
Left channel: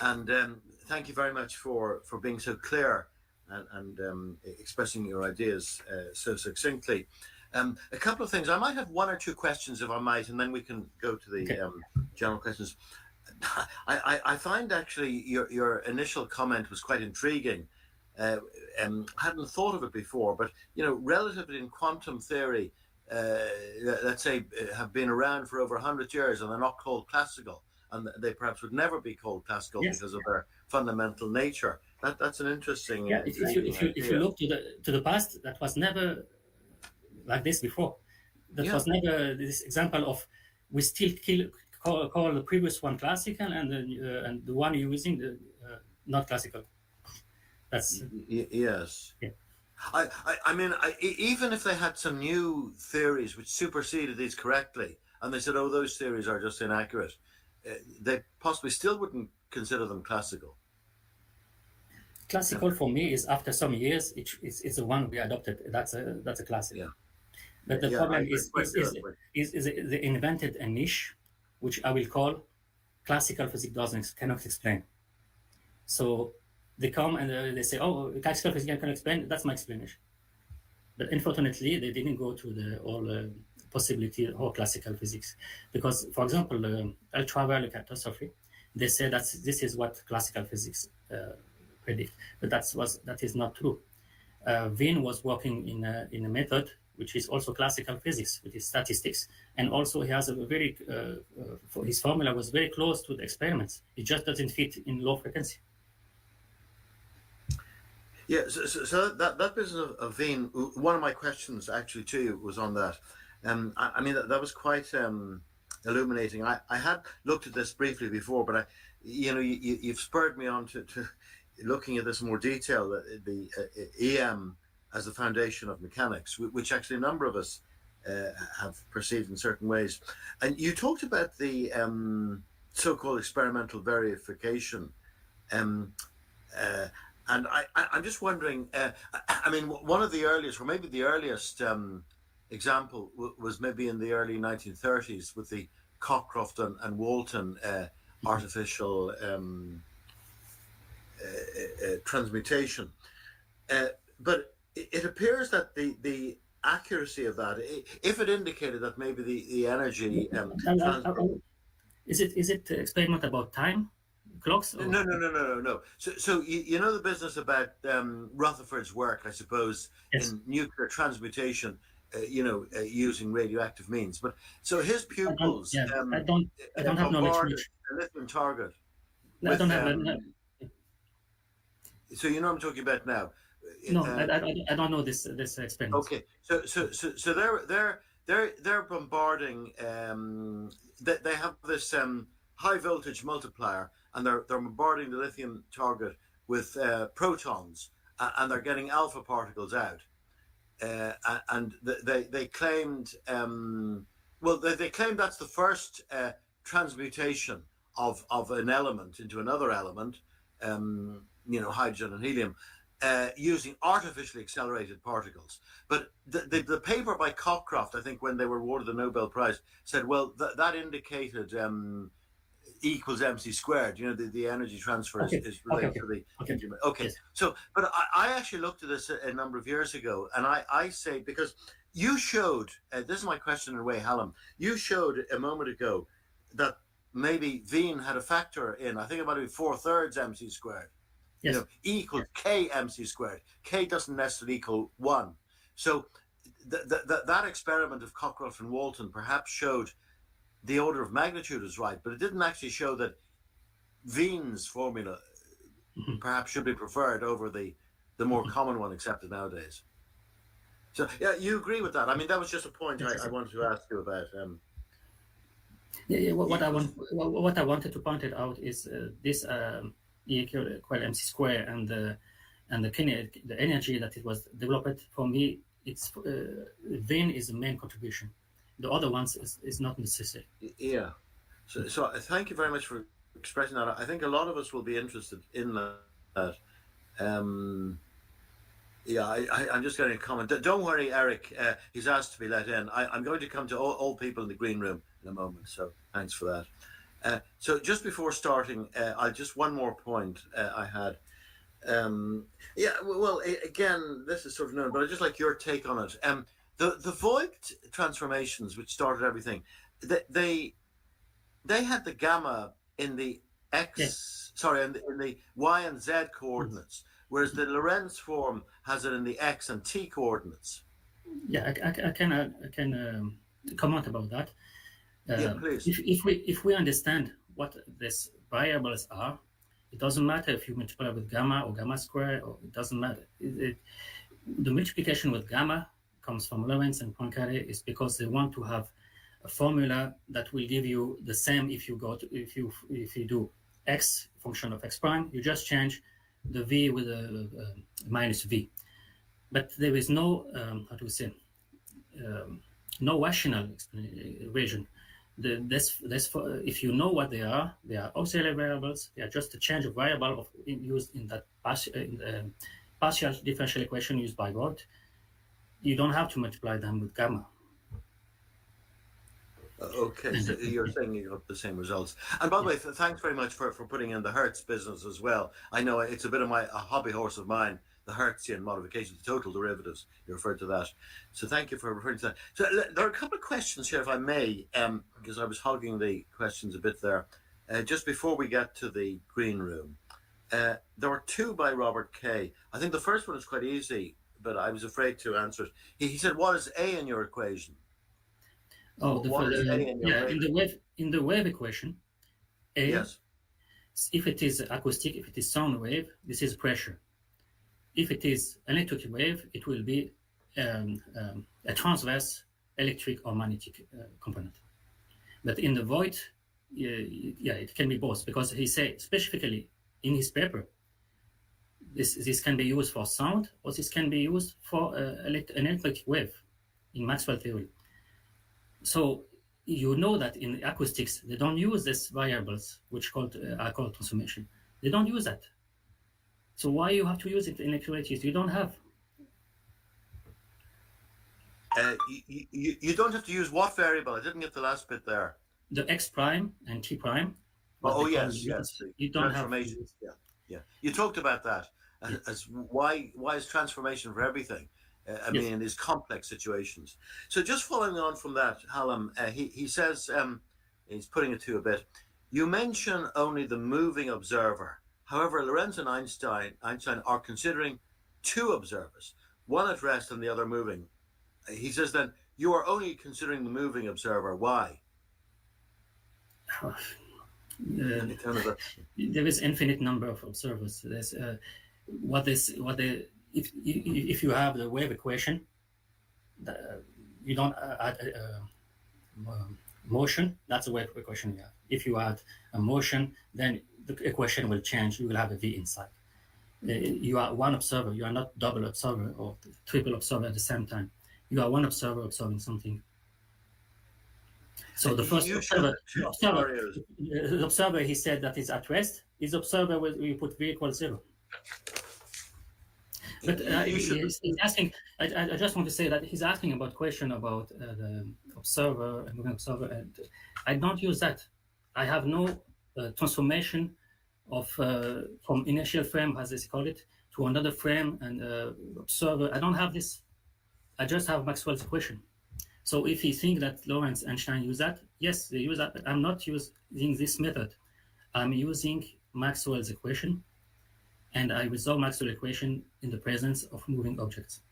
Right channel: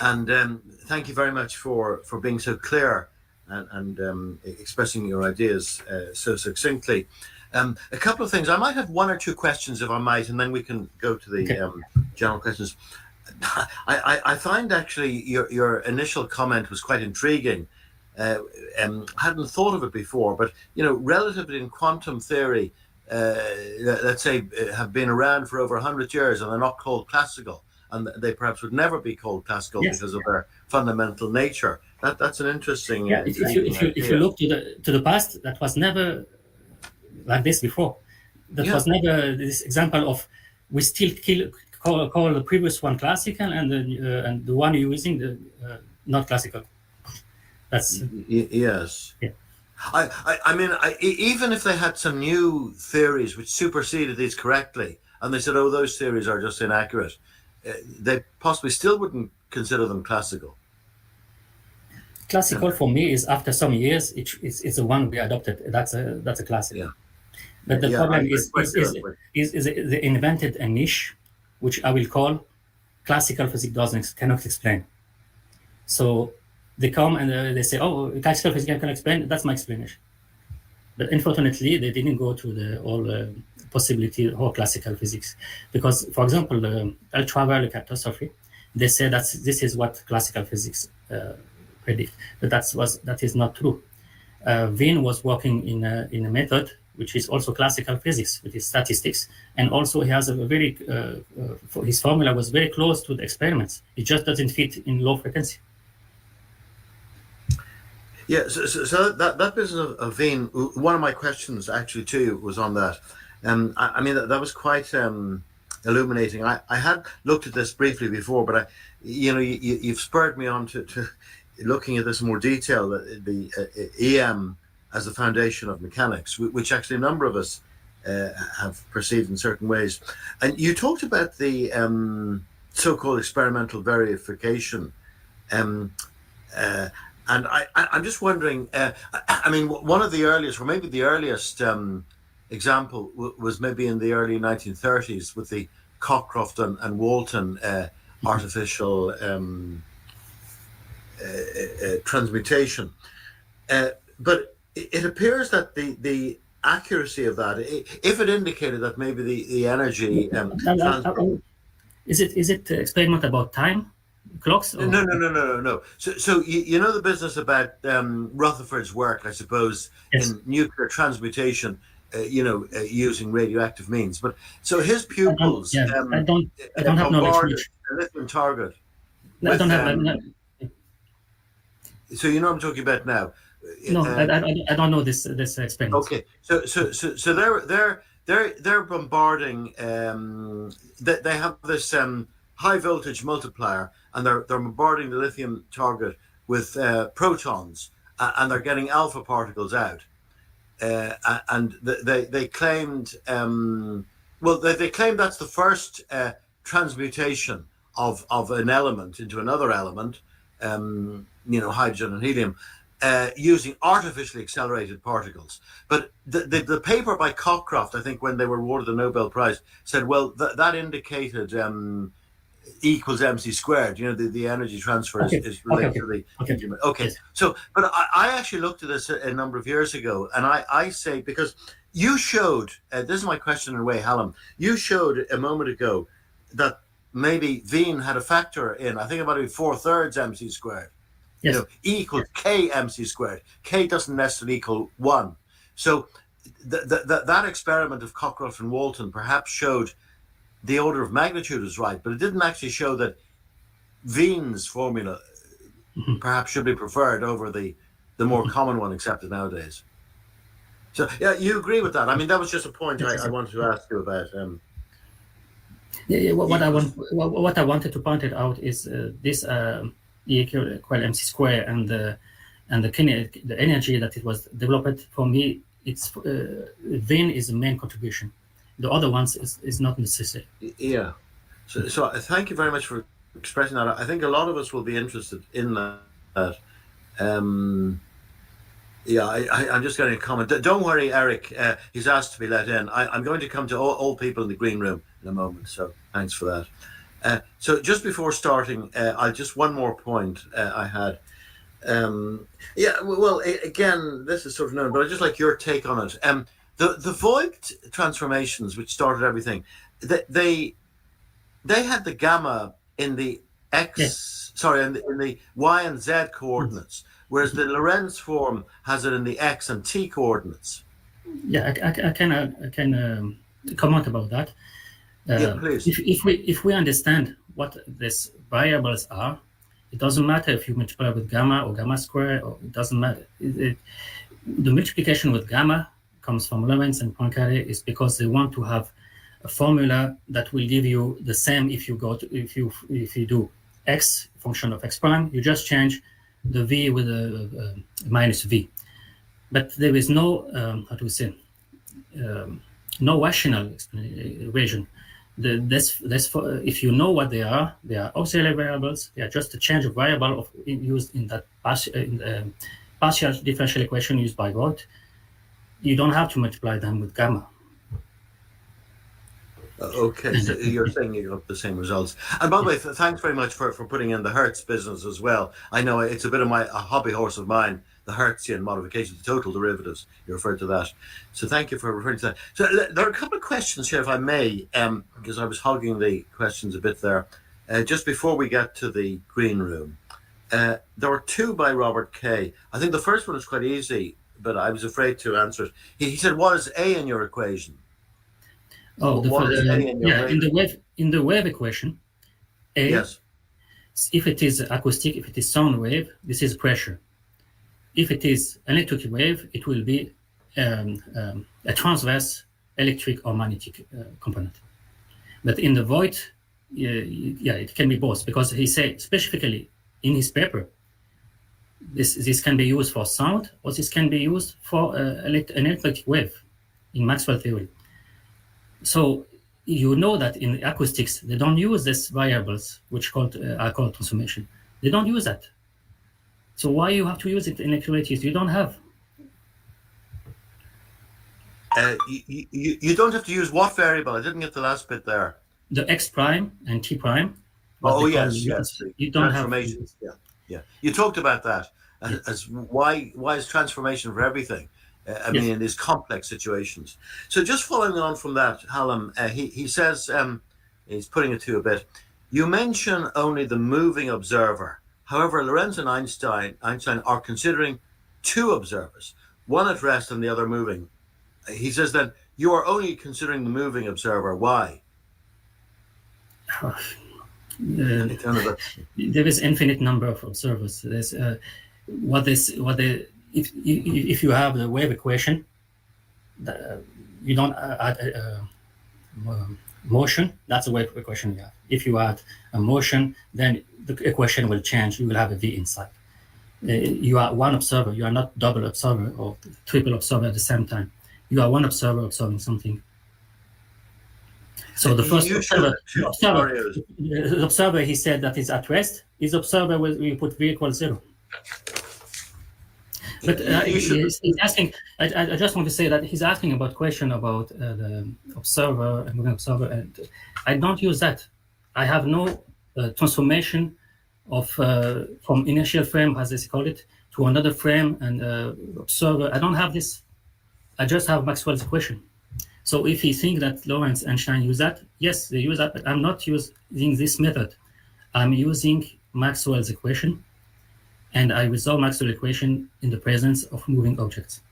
And thank you very much for being so clear and expressing your ideas so succinctly. A couple of things. I might have one or two questions, if I might, and then we can go to the general questions. I find actually your initial comment was quite intriguing. Hadn't thought of it before, but relativity and quantum theory, let's say, have been around for over 100 years, and they're not called classical, and they perhaps would never be called classical because of their fundamental nature. That's an interesting. Yeah, if you look to the past, that was never like this before. That was never this example of we still call the previous one classical and the one you're using the not classical. That's yes. Yeah. I mean, even if they had some new theories which superseded these correctly, and they said, "Oh, those theories are just inaccurate," they possibly still wouldn't consider them classical. Classical for me is after some years, it's the one we adopted. That's a classic. Yeah. But the Yeah, problem I quite do. is they invented a niche, which I will call classical physics cannot explain. So they come and they say, oh, classical physics can explain. That's my explanation. But unfortunately, they didn't go to the all possibility of classical physics, because, for example, ultraviolet catastrophe, they say that this is what classical physics predict, but that is not true. Wien was working in a method which is also classical physics, which is statistics, and also he has a very his formula was very close to the experiments. It just doesn't fit in low frequency. Yeah, so that business of Wien, one of my questions actually to you was on that. I mean, that was quite illuminating. I had looked at this briefly before, but you've spurred me on to looking at this in more detail, the EM as the foundation of mechanics, which actually a number of us have perceived in certain ways. And you talked about the so-called experimental verification. And I'm just wondering, I mean, one of the earliest, or maybe the earliest example was maybe in the early 1930s with the Cockcroft and Walton artificial transmutation. But it appears that the accuracy of that, if it indicated that maybe the energy transfer. Is it experiment about time clocks? Or? No. So you know the business about Rutherford's work, I suppose, yes. in nuclear transmutation, using radioactive means. But so his pupils, I don't have knowledge. A lithium target. I don't have. So you know what I'm talking about now. No, I don't know this experiment. Okay, so they're bombarding. They have this high voltage multiplier, and they're bombarding the lithium target with protons, and they're getting alpha particles out. And they claimed, they claimed that's the first transmutation of an element into another element, hydrogen and helium, using artificially accelerated particles. But the paper by Cockcroft, I think, when they were awarded the Nobel Prize, said, well, that indicated equals mc squared. The energy transfer is related to the. Okay. Yes. So, but I actually looked at this a number of years ago, and I say, because you showed, this is my question in a way, Hallam, you showed a moment ago that maybe Wien had a factor in, I think about 4/3 mc squared. Yes. E equals k mc squared. K doesn't necessarily equal 1. So that experiment of Cockcroft and Walton perhaps showed the order of magnitude is right, but it didn't actually show that Wien's formula perhaps should be preferred over the more common one accepted nowadays. So yeah, you agree with that? I mean, that was just a point I wanted to ask you about. What I wanted to point it out is this E equal mc square and the energy that it was developed. For me, it's Wien is the main contribution. The other ones is not necessary. Yeah. So thank you very much for expressing that. I think a lot of us will be interested in that. I'm just getting a comment. Don't worry, Eric. He's asked to be let in. I'm going to come to all people in the green room in a moment. So thanks for that. So just before starting, just one more point I had. Again, this is sort of known, but I'd just like your take on it. The Voigt transformations, which started everything, they had the gamma in the x, in the y and z coordinates, whereas the Lorentz form has it in the x and t coordinates. Yeah, I can comment about that. Please. If we understand what these variables are, it doesn't matter if you multiply with gamma or gamma square, or it doesn't matter. The multiplication with gamma comes from Lorentz and Poincaré is because they want to have a formula that will give you the same if you do x function of x prime, you just change the v with a minus v. But there is no no rational equation. if you know what they are auxiliary variables. They are just a change of variable used in that partial differential equation used by Voigt. You don't have to multiply them with gamma. Okay, so you're saying you got the same results. And by the way, thanks very much for putting in the Hertz business as well. I know it's a bit of a hobby horse of mine, the Hertzian modification, the total derivatives. You referred to that. So thank you for referring to that. So there are a couple of questions here, if I may, because I was hogging the questions a bit there. Just before we get to the green room, there were two by Robert K. I think the first one is quite easy, but I was afraid to answer it. He said, what is A in your equation? Oh, in the wave equation, A, yes. If it is acoustic, if it is sound wave, this is pressure. If it is electric wave, it will be a transverse electric or magnetic component. But in the Voigt, it can be both, because he said specifically in his paper, this can be used for sound, or this can be used for an electric wave in Maxwell theory. So you know that in acoustics, they don't use these variables, which are called transformation. They don't use that. So why you have to use it in electromagnetism? You don't have. You don't have to use what variable? I didn't get the last bit there. The X prime and T prime. Oh, yes. You don't have. Yeah. You talked about that as why is transformation for everything? I mean, in these complex situations. So just following on from that, Hallam, he says, he's putting it to you a bit, you mention only the moving observer. However, Lorentz and Einstein are considering two observers, one at rest and the other moving. He says then, you are only considering the moving observer. Why? There is infinite number of observers. There's if you have the wave equation, you don't add motion. That's a wave equation. Yeah. If you add a motion, then the equation will change. You will have a V inside. You are one observer. You are not double observer or triple observer at the same time. You are one observer observing something. So the first observer, he said that is at rest. His observer we put V equals 0. But he's asking. I just want to say that he's asking about question about the observer and moving observer, and I don't use that. I have no transformation of from inertial frame, as they call it, to another frame and observer. I don't have this. I just have Maxwell's equation. So if you think that Lorentz and Einstein use that, yes, they use that. But I'm not using this method. I'm using Maxwell's equation. And I resolve Maxwell equation in the presence of moving objects.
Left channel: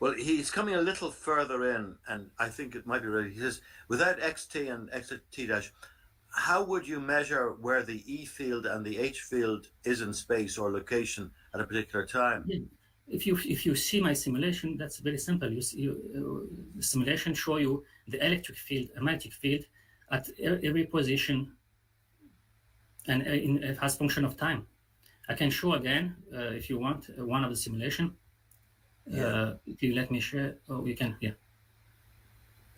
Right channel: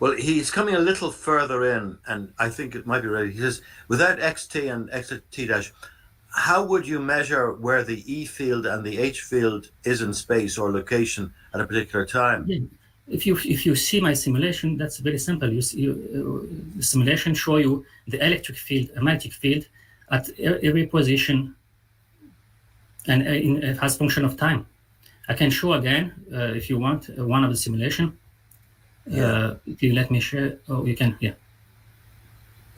Well, he's coming a little further in, and I think it might be right. He says, without xt and xt dash, how would you measure where the E field and the H field is in space or location at a particular time? Yeah. If you see my simulation, that's very simple. The simulation show you the electric field, a magnetic field, at every position, and as function of time. I can show again, if you want, one of the simulation. If you let me share, you can, yeah.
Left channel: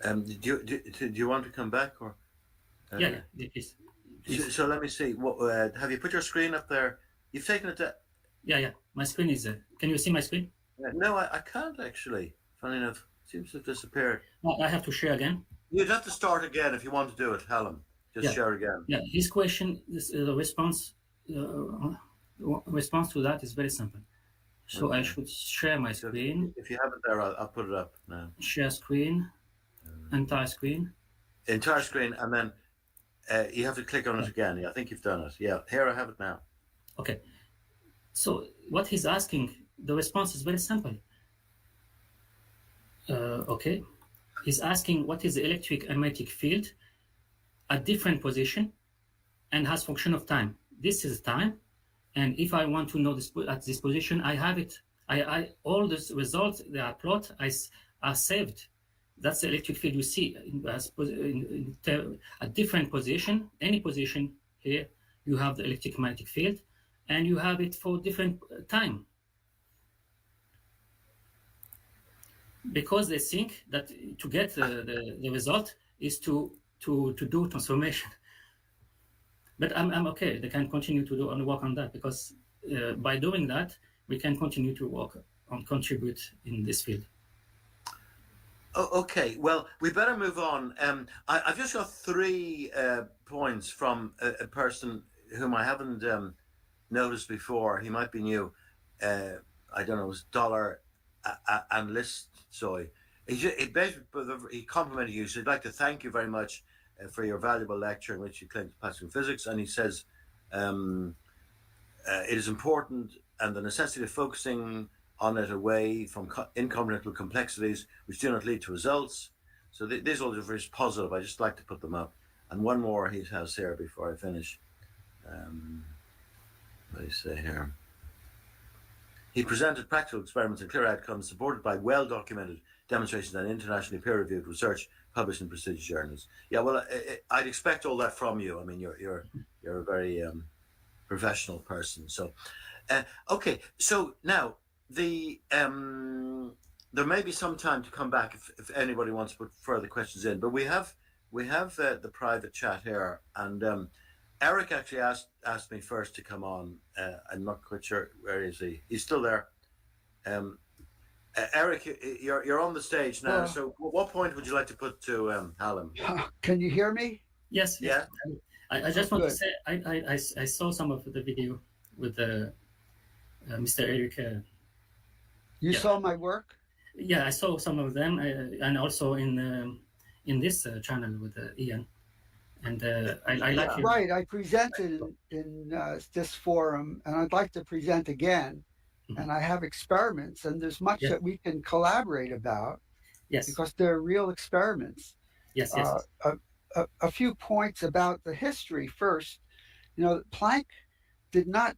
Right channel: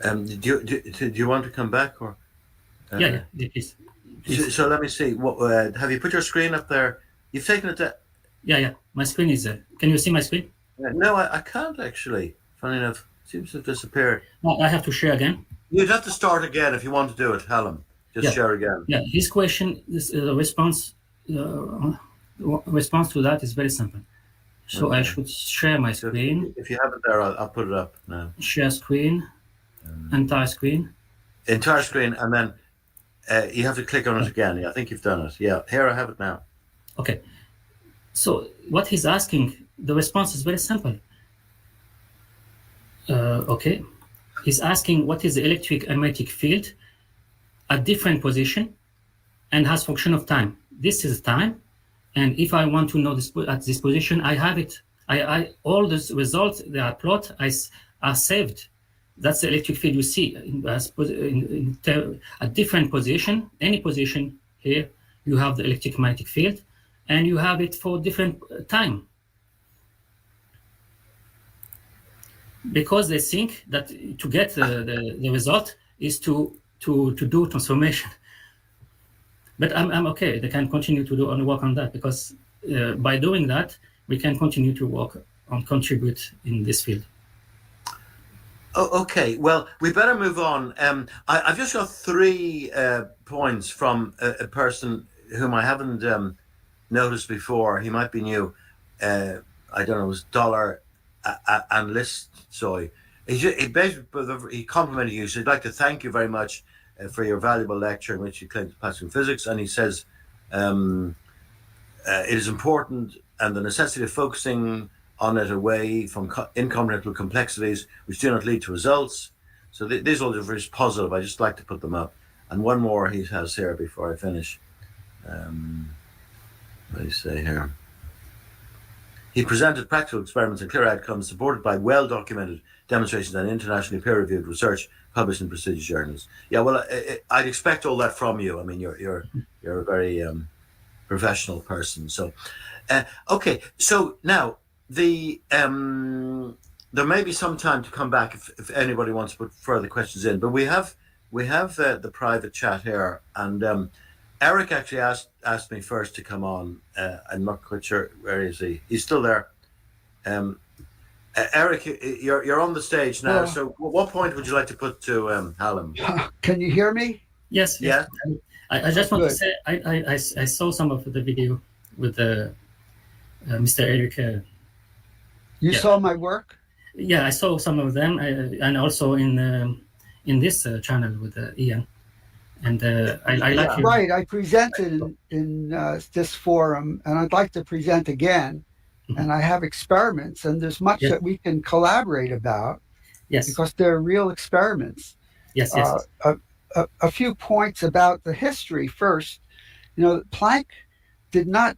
Do you want to come back? Or? Yeah, please. So let me see. Have you put your screen up there? You've taken it to... Yeah. My screen is there. Can you see my screen? No, I can't actually. Funny enough, it seems to have disappeared. No, I have to share again. You'd have to start again if you want to do it, Hallam. Just share again. Yeah, his question, the response to that is very simple. So okay. I should share my screen. If you have it there, I'll put it up now. Share screen, entire screen. Entire screen, and then you have to click on it again. Yeah, I think you've done it. Yeah, here I have it now. Okay. So what he's asking, the response is very simple. Okay. He's asking what is the electric and magnetic field at different position and has function of time. This is time. And if I want to know this at this position, I have it. All the results they are plot are saved. That's the electric field you see at different position. Any position here, you have the electric magnetic field, and you have it for different time. Because they think that to get the result, is to do transformation. But I'm okay. They can continue to do work on that, because by doing that, we can continue to work on contribute in this field. Oh, okay. Well, we better move on. I've just got 3 points from a person whom I haven't noticed before. He might be new. I don't know. It was Dollar and List Soy. He complimented you. So he'd like to thank you very much for your valuable lecture in which you claimed classical physics. And he says it is important, and the necessity of focusing on it away from incomprehensible complexities which do not lead to results. So these all are very positive. I just like to put them up. And one more he has here before I finish. What do you say here? He presented practical experiments and clear outcomes supported by well-documented demonstrations and internationally peer-reviewed research published in prestigious journals. Yeah, well, I'd expect all that from you. I mean, you're a very professional person. So, okay. So now there may be some time to come back if anybody wants to put further questions in. But we have the private chat here, and Eric actually asked me first to come on. I'm not quite sure, where is he? He's still there. Eric, you're on the stage now. So what point would you like to put to Hallam? Can you hear me? Yes. Yeah. I just want to say I saw some of the video with Mr. Eric. You saw my work? Yeah, I saw some of them, and also in this channel with Ian. And I like you. Right, I presented in this forum, and I'd like to present again. And I have experiments, and there's much that we can collaborate about. Yes. Because they're real experiments. Yes. A few points about the history first. Planck did not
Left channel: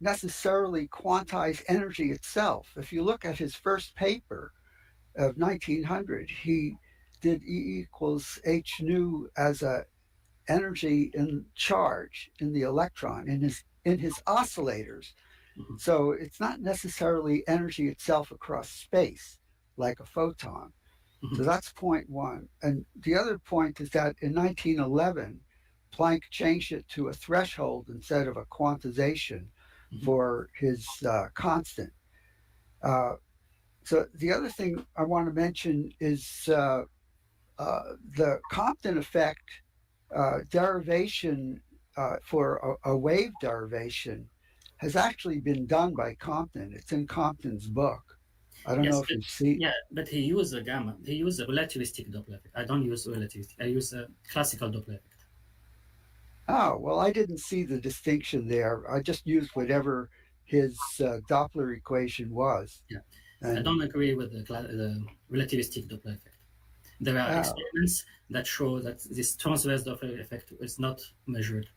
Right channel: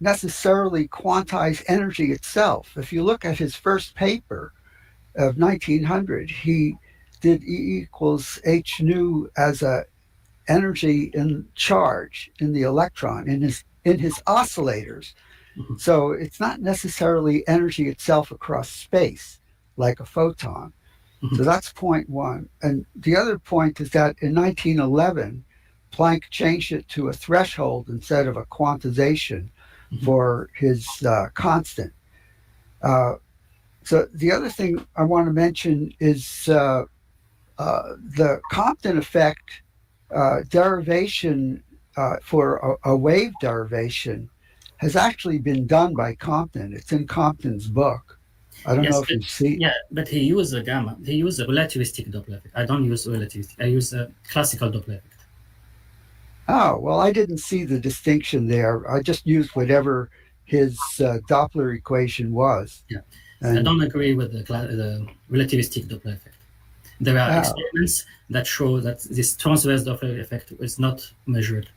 necessarily quantize energy itself. If you look at his first paper of 1900, he did E equals h nu as a energy in charge in the electron in his oscillators. Mm-hmm. So it's not necessarily energy itself across space like a photon. Mm-hmm. So that's point one. And the other point is that in 1911, Planck changed it to a threshold instead of a quantization for his constant. So the other thing I want to mention is the Compton effect derivation for a wave derivation has actually been done by Compton. It's in Compton's book. I don't know if you see. Yeah, but he used a gamma. He used a relativistic Doppler effect. I don't use relativistic. I use a classical Doppler effect. Oh, well, I didn't see the distinction there. I just used whatever his Doppler equation was. Yeah, and I don't agree with the relativistic Doppler effect. There are experiments that show that this transverse Doppler effect is not measured.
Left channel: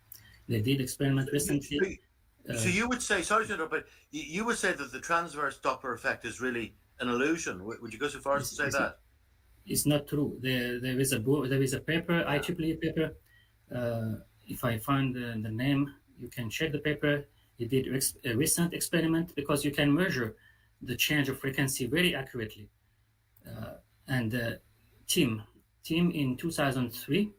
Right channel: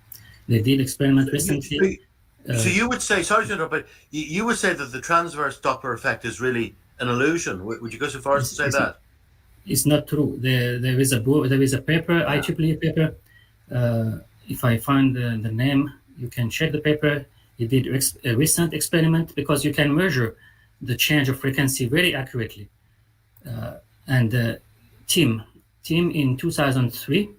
They did experiment recently. So you would say, sorry to interrupt, but you would say that the transverse Doppler effect is really an illusion. Would you go so far as to say that? It's not true. There is a paper, IEEE paper. If I find the name, you can check the paper. He did a recent experiment because you can measure the change of frequency very accurately. And Tim in 2003,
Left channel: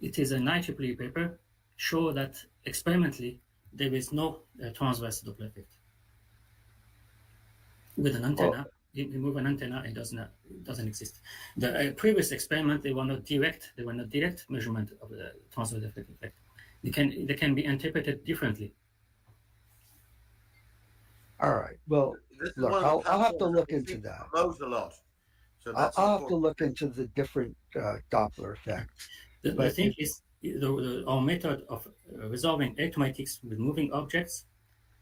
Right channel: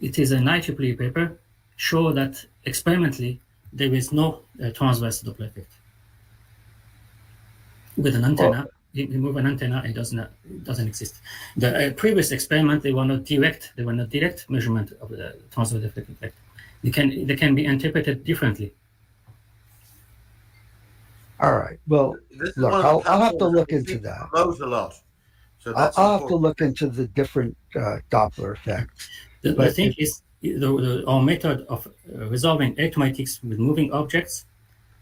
it is an IEEE paper, show that experimentally there is no transverse Doppler effect. With an antenna, you move an antenna, it doesn't exist. The previous experiment, they were not direct measurement of the transverse Doppler effect. They can be interpreted differently. All right. Well, look, I'll have to look into that. A lot. So I'll have to look into the different Doppler effects. The thing is, our method of resolving electromagnetics with moving objects,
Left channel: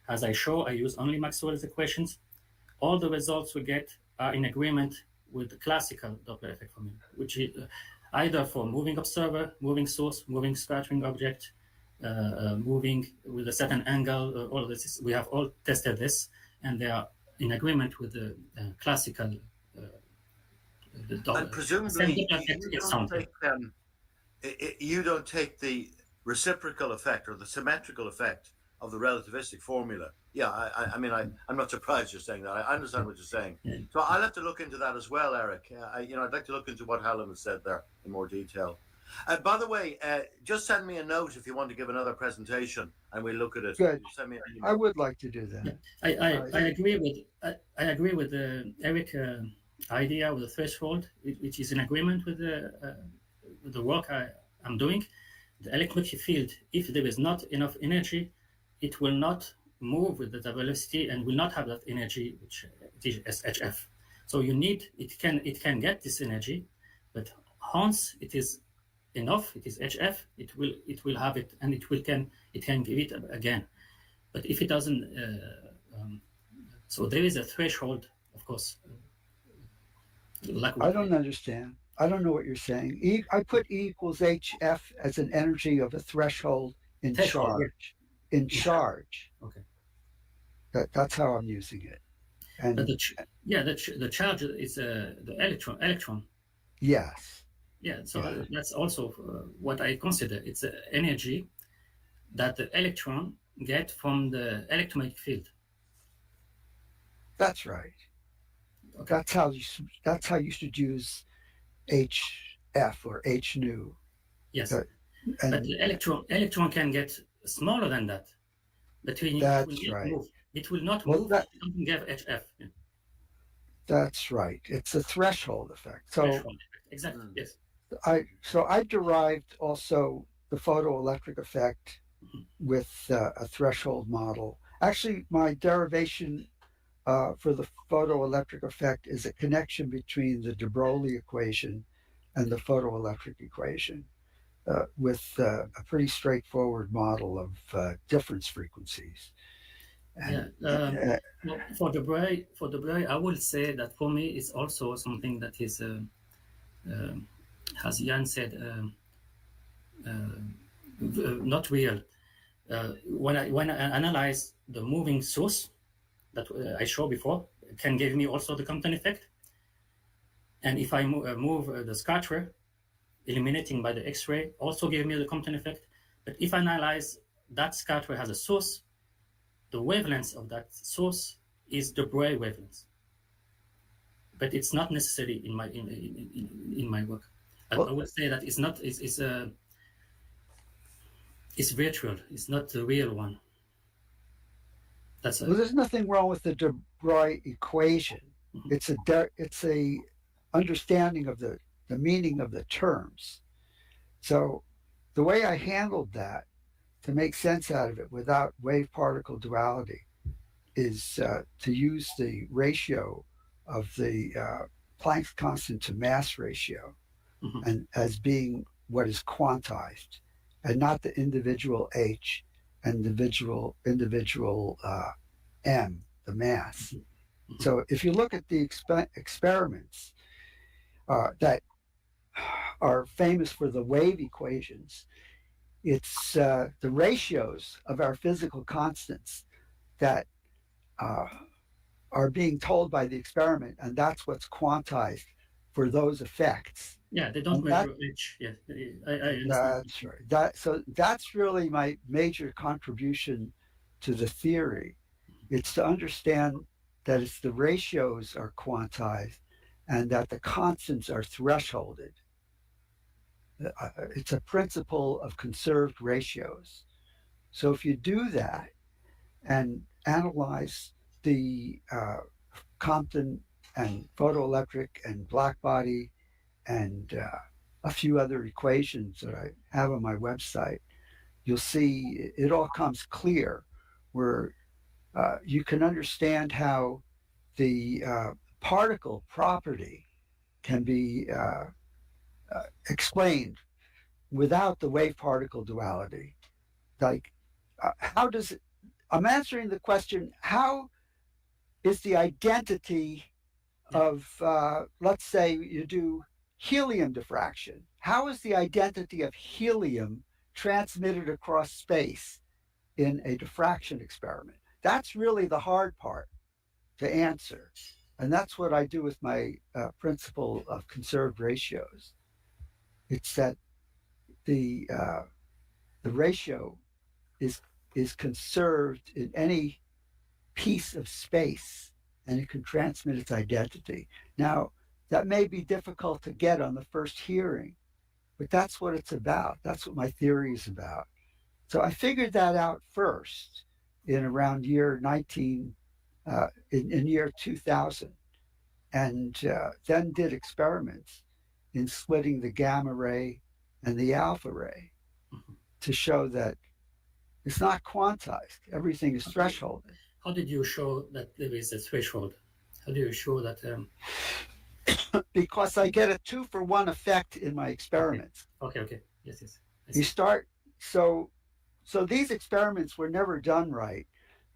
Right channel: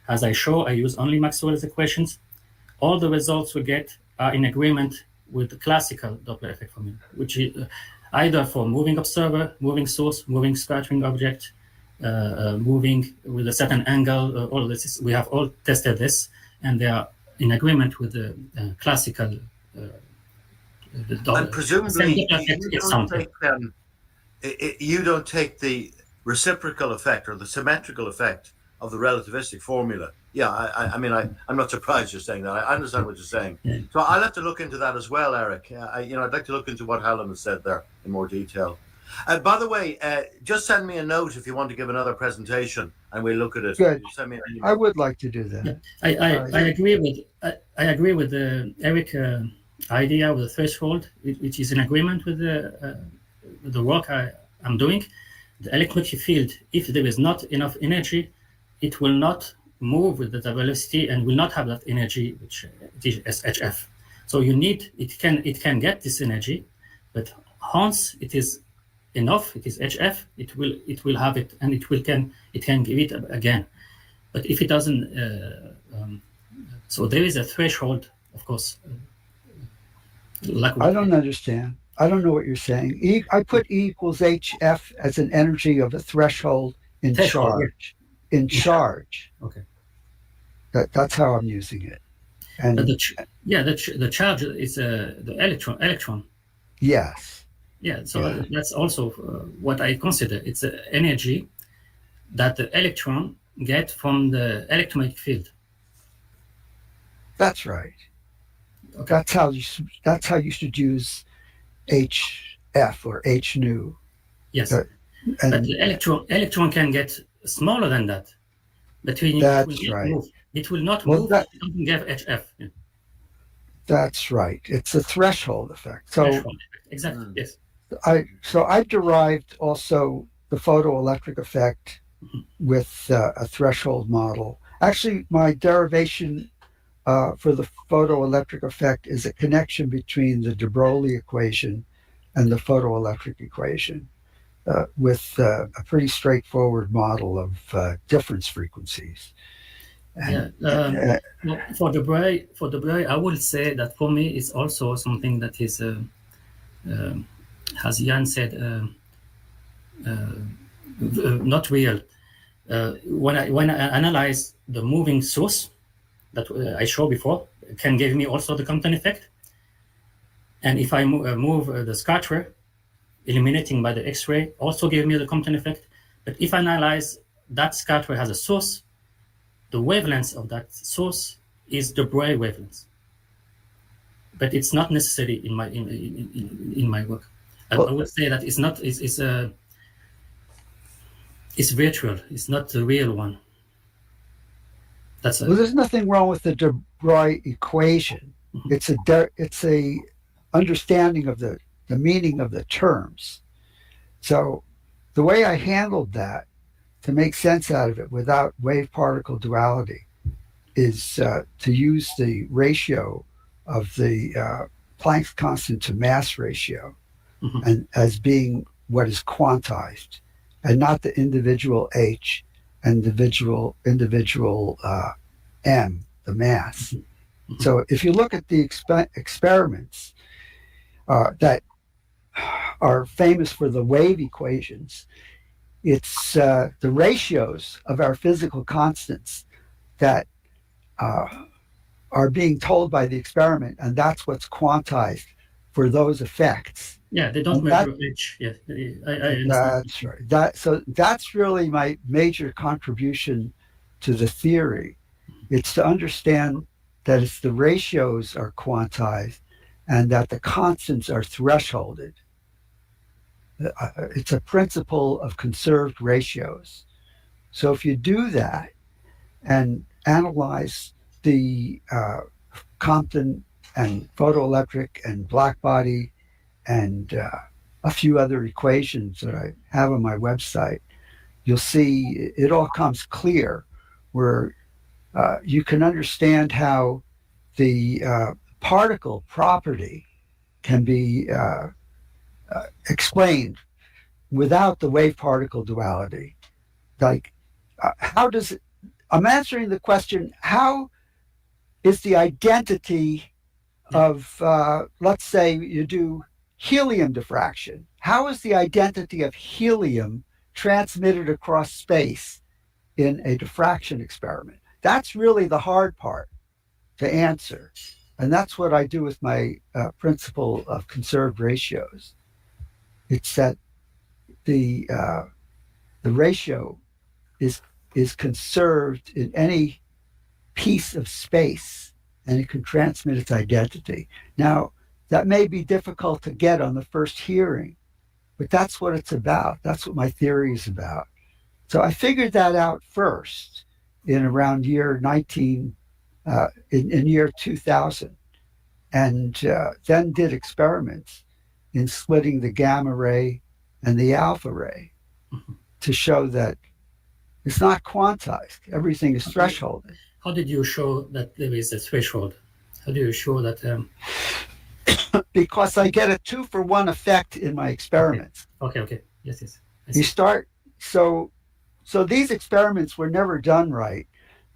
as I use only Maxwell's equations. All the results we get are in agreement with the classical Doppler effect formula, which is either for moving observer, moving source, moving scattering object, moving with a certain angle. All this we have all tested this, and they are in agreement with the classical. And presumably, you don't take the reciprocal effect or the symmetrical effect of the relativistic formula. Yeah, I mean, I'm not surprised you're saying that. I understand what you're saying. Yeah. So I'll have to look into that as well, Eric. I'd like to look into what Hallam has said there in more detail. By the way, just send me a note if you want to give another presentation, and we'll look at it. Good. Send me an I email. would like to do that. Yeah. I agree with the Eric idea of the threshold, which is in agreement with the work I'm doing. The electromagnetic field, if there is not enough energy, it will not move with the velocity and will not have that energy, which is HF. So you need it can get this energy, but once it is enough, it is HF, it will have it, and it can give it again. But if it doesn't, so there is a threshold, of course. I don't understand. I don't know what you're saying. I put E equals HF as an energy of a threshold in Threshold, charge. In charge. Okay. That's how I'm using it. And But the charge is the electron. yes. Yeah, so that's also what I consider. It's the energy that the electron get from the electromagnetic field. That's right. Okay. That's how you should use HF or H nu. Yes, and but the electron can get smaller than that. But that's right. It will not move. It doesn't get HF. Yeah. That's right. It's a threshold effect. So Threshold. Exactly. Yes. I derived also the photoelectric effect with a threshold model. Actually, my derivation for the photoelectric effect is a connection between the de Broglie equation and the photoelectric equation with a pretty straightforward model of difference frequencies. And, well, for de Broglie, I would say that for me it's also something that is, as Jan said, not real. When I analyze the moving source that I showed before, it can give me also the Compton effect. And if I move the scatter, illuminating by the X-ray, also give me the Compton effect. But if I analyze that scatter has a source, the wavelength of that source is the Broglie wavelength. But it's not necessary in my work. I would say that it's not. It's virtual. It's not the real one. Well, there's nothing wrong with the de Broglie equation. Mm-hmm. It's a understanding of the meaning of the terms. So the way I handled that to make sense out of it without wave-particle duality is to use the ratio of the Planck's constant to mass ratio, mm-hmm. and as being what is quantized, and not the individual h and individual m, the mass. Mm-hmm. So if you look at the experiments that are famous for the wave equations, it's the ratios of our physical constants that are being told by the experiment, and that's what's quantized for those effects. Yeah, they don't measure h. Yeah, I understand. That's right. That's really my major contribution to the theory. It's to understand that it's the ratios are quantized and that the constants are thresholded. It's a principle of conserved ratios. So if you do that and analyze the Compton and photoelectric and Blackbody and a few other equations that I have on my website, you'll see it all comes clear, where you can understand how the particle property can be explained without the wave-particle duality. Like, how does it? I'm answering the question: how is the identity of, let's say, you do helium diffraction? How is the identity of helium transmitted across space in a diffraction experiment? That's really the hard part to answer, and that's what I do with my principle of conserved ratios. It's that the ratio is is conserved in any piece of space, and it can transmit its identity. Now, that may be difficult to get on the first hearing, but that's what it's about. That's what my theory is about. So I figured that out first in around year 19, in year 2000, and then did experiments in splitting the gamma ray and the alpha ray to show that it's not quantized. Everything is thresholded. How did you show that there is a threshold? How do you show that? Because I get a 2-for-1 effect in my experiments. Okay. Yes. You start, so these experiments were never done right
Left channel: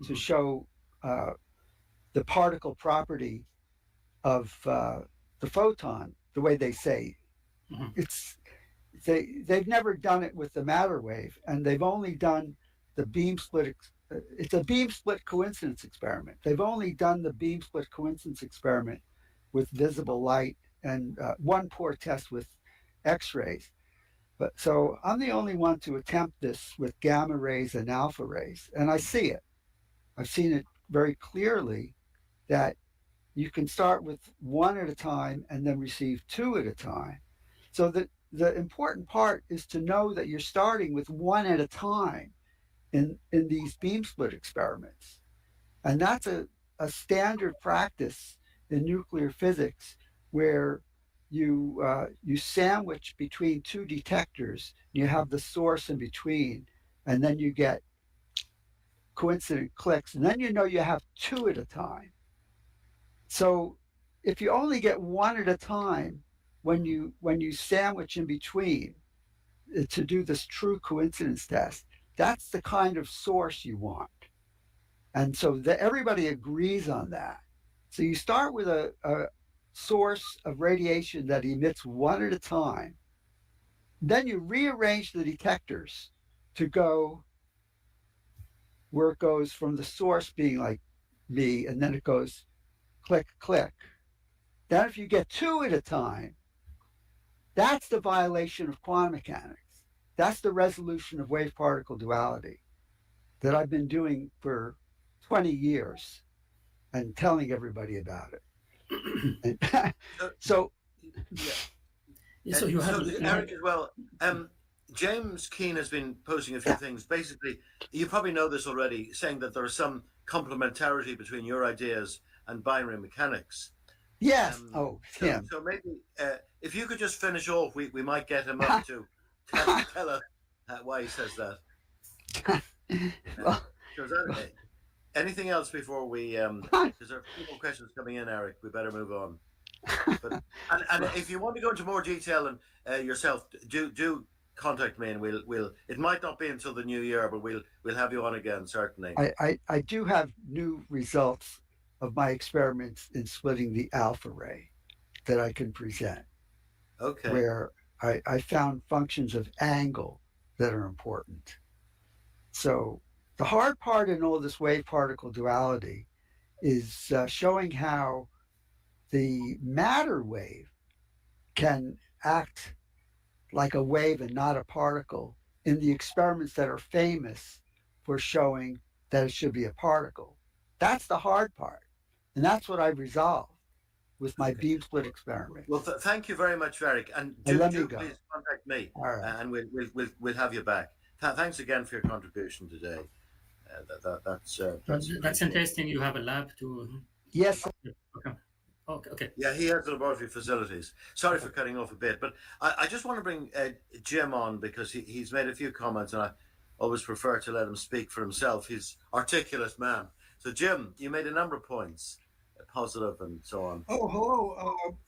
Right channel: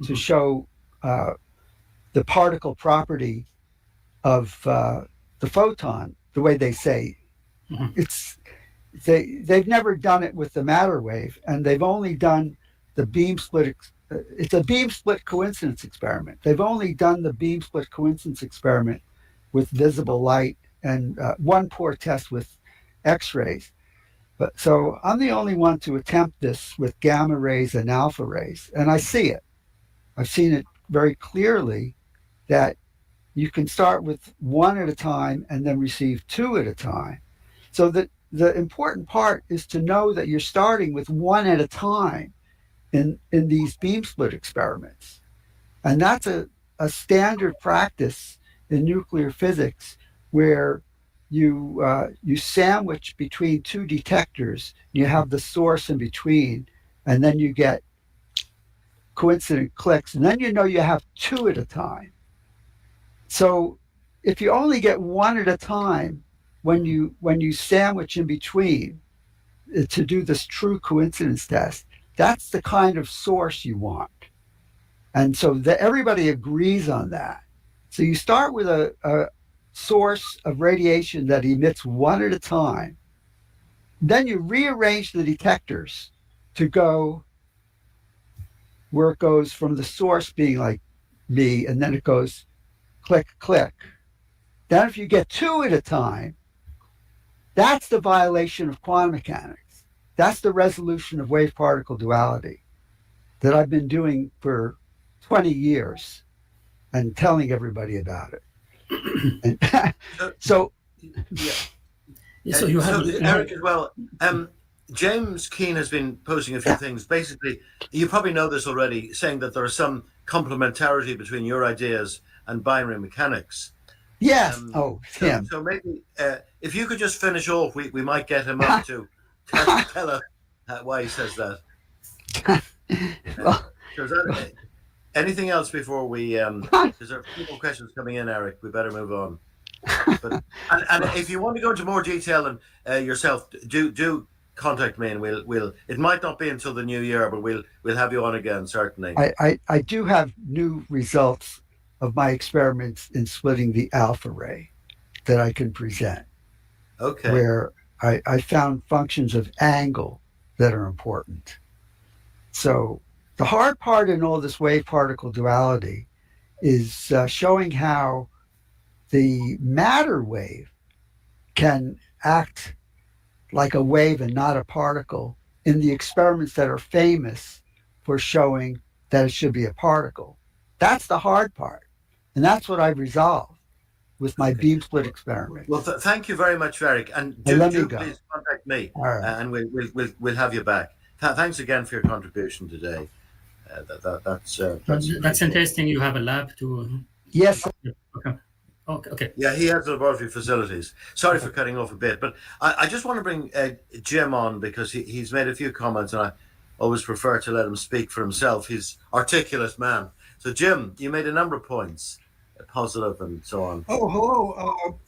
to show the particle property of the photon, the way they say. They've never done it with the matter wave, and they've only done the beam split. It's a beam split coincidence experiment. They've only done the beam split coincidence experiment with visible light and one poor test with X-rays. But so I'm the only one to attempt this with gamma rays and alpha rays, and I see it. I've seen it very clearly that you can start with one at a time and then receive two at a time. So the important part is to know that you're starting with one at a time in these beam split experiments. And that's a standard practice in nuclear physics where you sandwich between two detectors, you have the source in between, and then you get coincident clicks, and then you know you have two at a time. So if you only get one at a time when you sandwich in between to do this true coincidence test, that's the kind of source you want. And so everybody agrees on that. So you start with a source of radiation that emits one at a time. Then you rearrange the detectors to go where it goes from the source being like me, and then it goes click, click. Then if you get two at a time, that's the violation of quantum mechanics. That's the resolution of wave-particle duality that I've been doing for 20 years and telling everybody about it. And so you have Eric as well. James Keene has been posting a few things. Basically, you probably know this already, saying that there is some complementarity between your ideas and binary mechanics. Yes. So maybe if you could just finish off, we might get him up to tell us why he says that. Anything else before we? Because there are a few more questions coming in, Eric. We better move on. But, and if you want to go into more detail and yourself, do contact me, and we'll. It might not be until the new year, but we'll have you on again, certainly. I do have new results of my experiments in splitting the alpha ray that I can present. Okay. Where I found functions of angle that are important. So the hard part in all this wave-particle duality is showing how the matter wave can act like a wave and not a particle in the experiments that are famous for showing that it should be a particle. That's the hard part. And that's what I've resolved with my beam split experiment. Well, thank you very much, Eric. And do please contact me, and we'll have you back. Thanks again for your contribution today. That's interesting. You have a lab to. Yes. Okay. Yeah, he has laboratory facilities. Sorry for cutting off a bit, but I just want to bring Jim on because he's made a few comments, and I always prefer to let him speak for himself. He's an articulate man. So, Jim, you made a number of points, positive and so on. Oh, hello,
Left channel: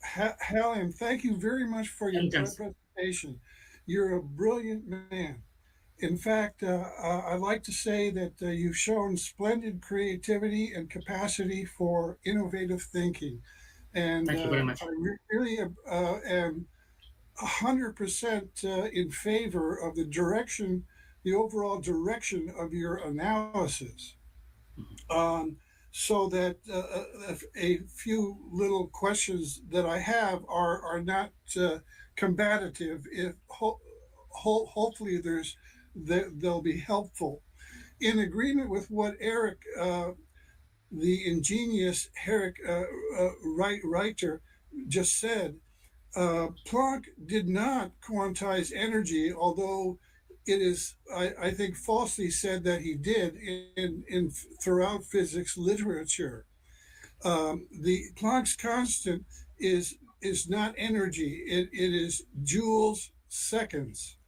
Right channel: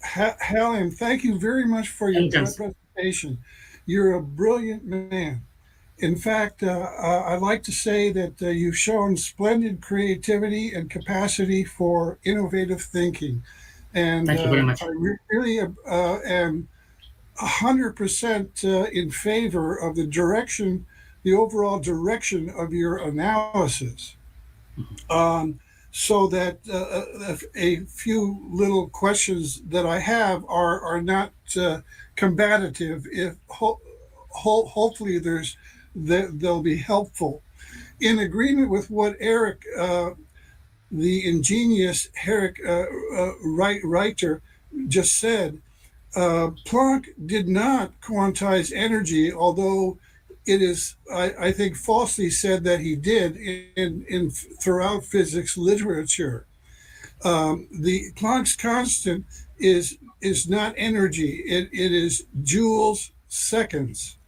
Helen. Thank you very much for your presentation. You're a brilliant man. In fact, I'd like to say that you've shown splendid creativity and capacity for innovative thinking. And thank you very much. I really am 100% in favor of the overall direction of your analysis. So that a few little questions that I have are not combative. If hopefully they'll be helpful. in agreement with what Eric, the ingenious Eric Reiter, just said, Planck did not quantize energy, although it is, I think, falsely said that he did in throughout physics literature. The Planck's constant is not energy; it is joules seconds,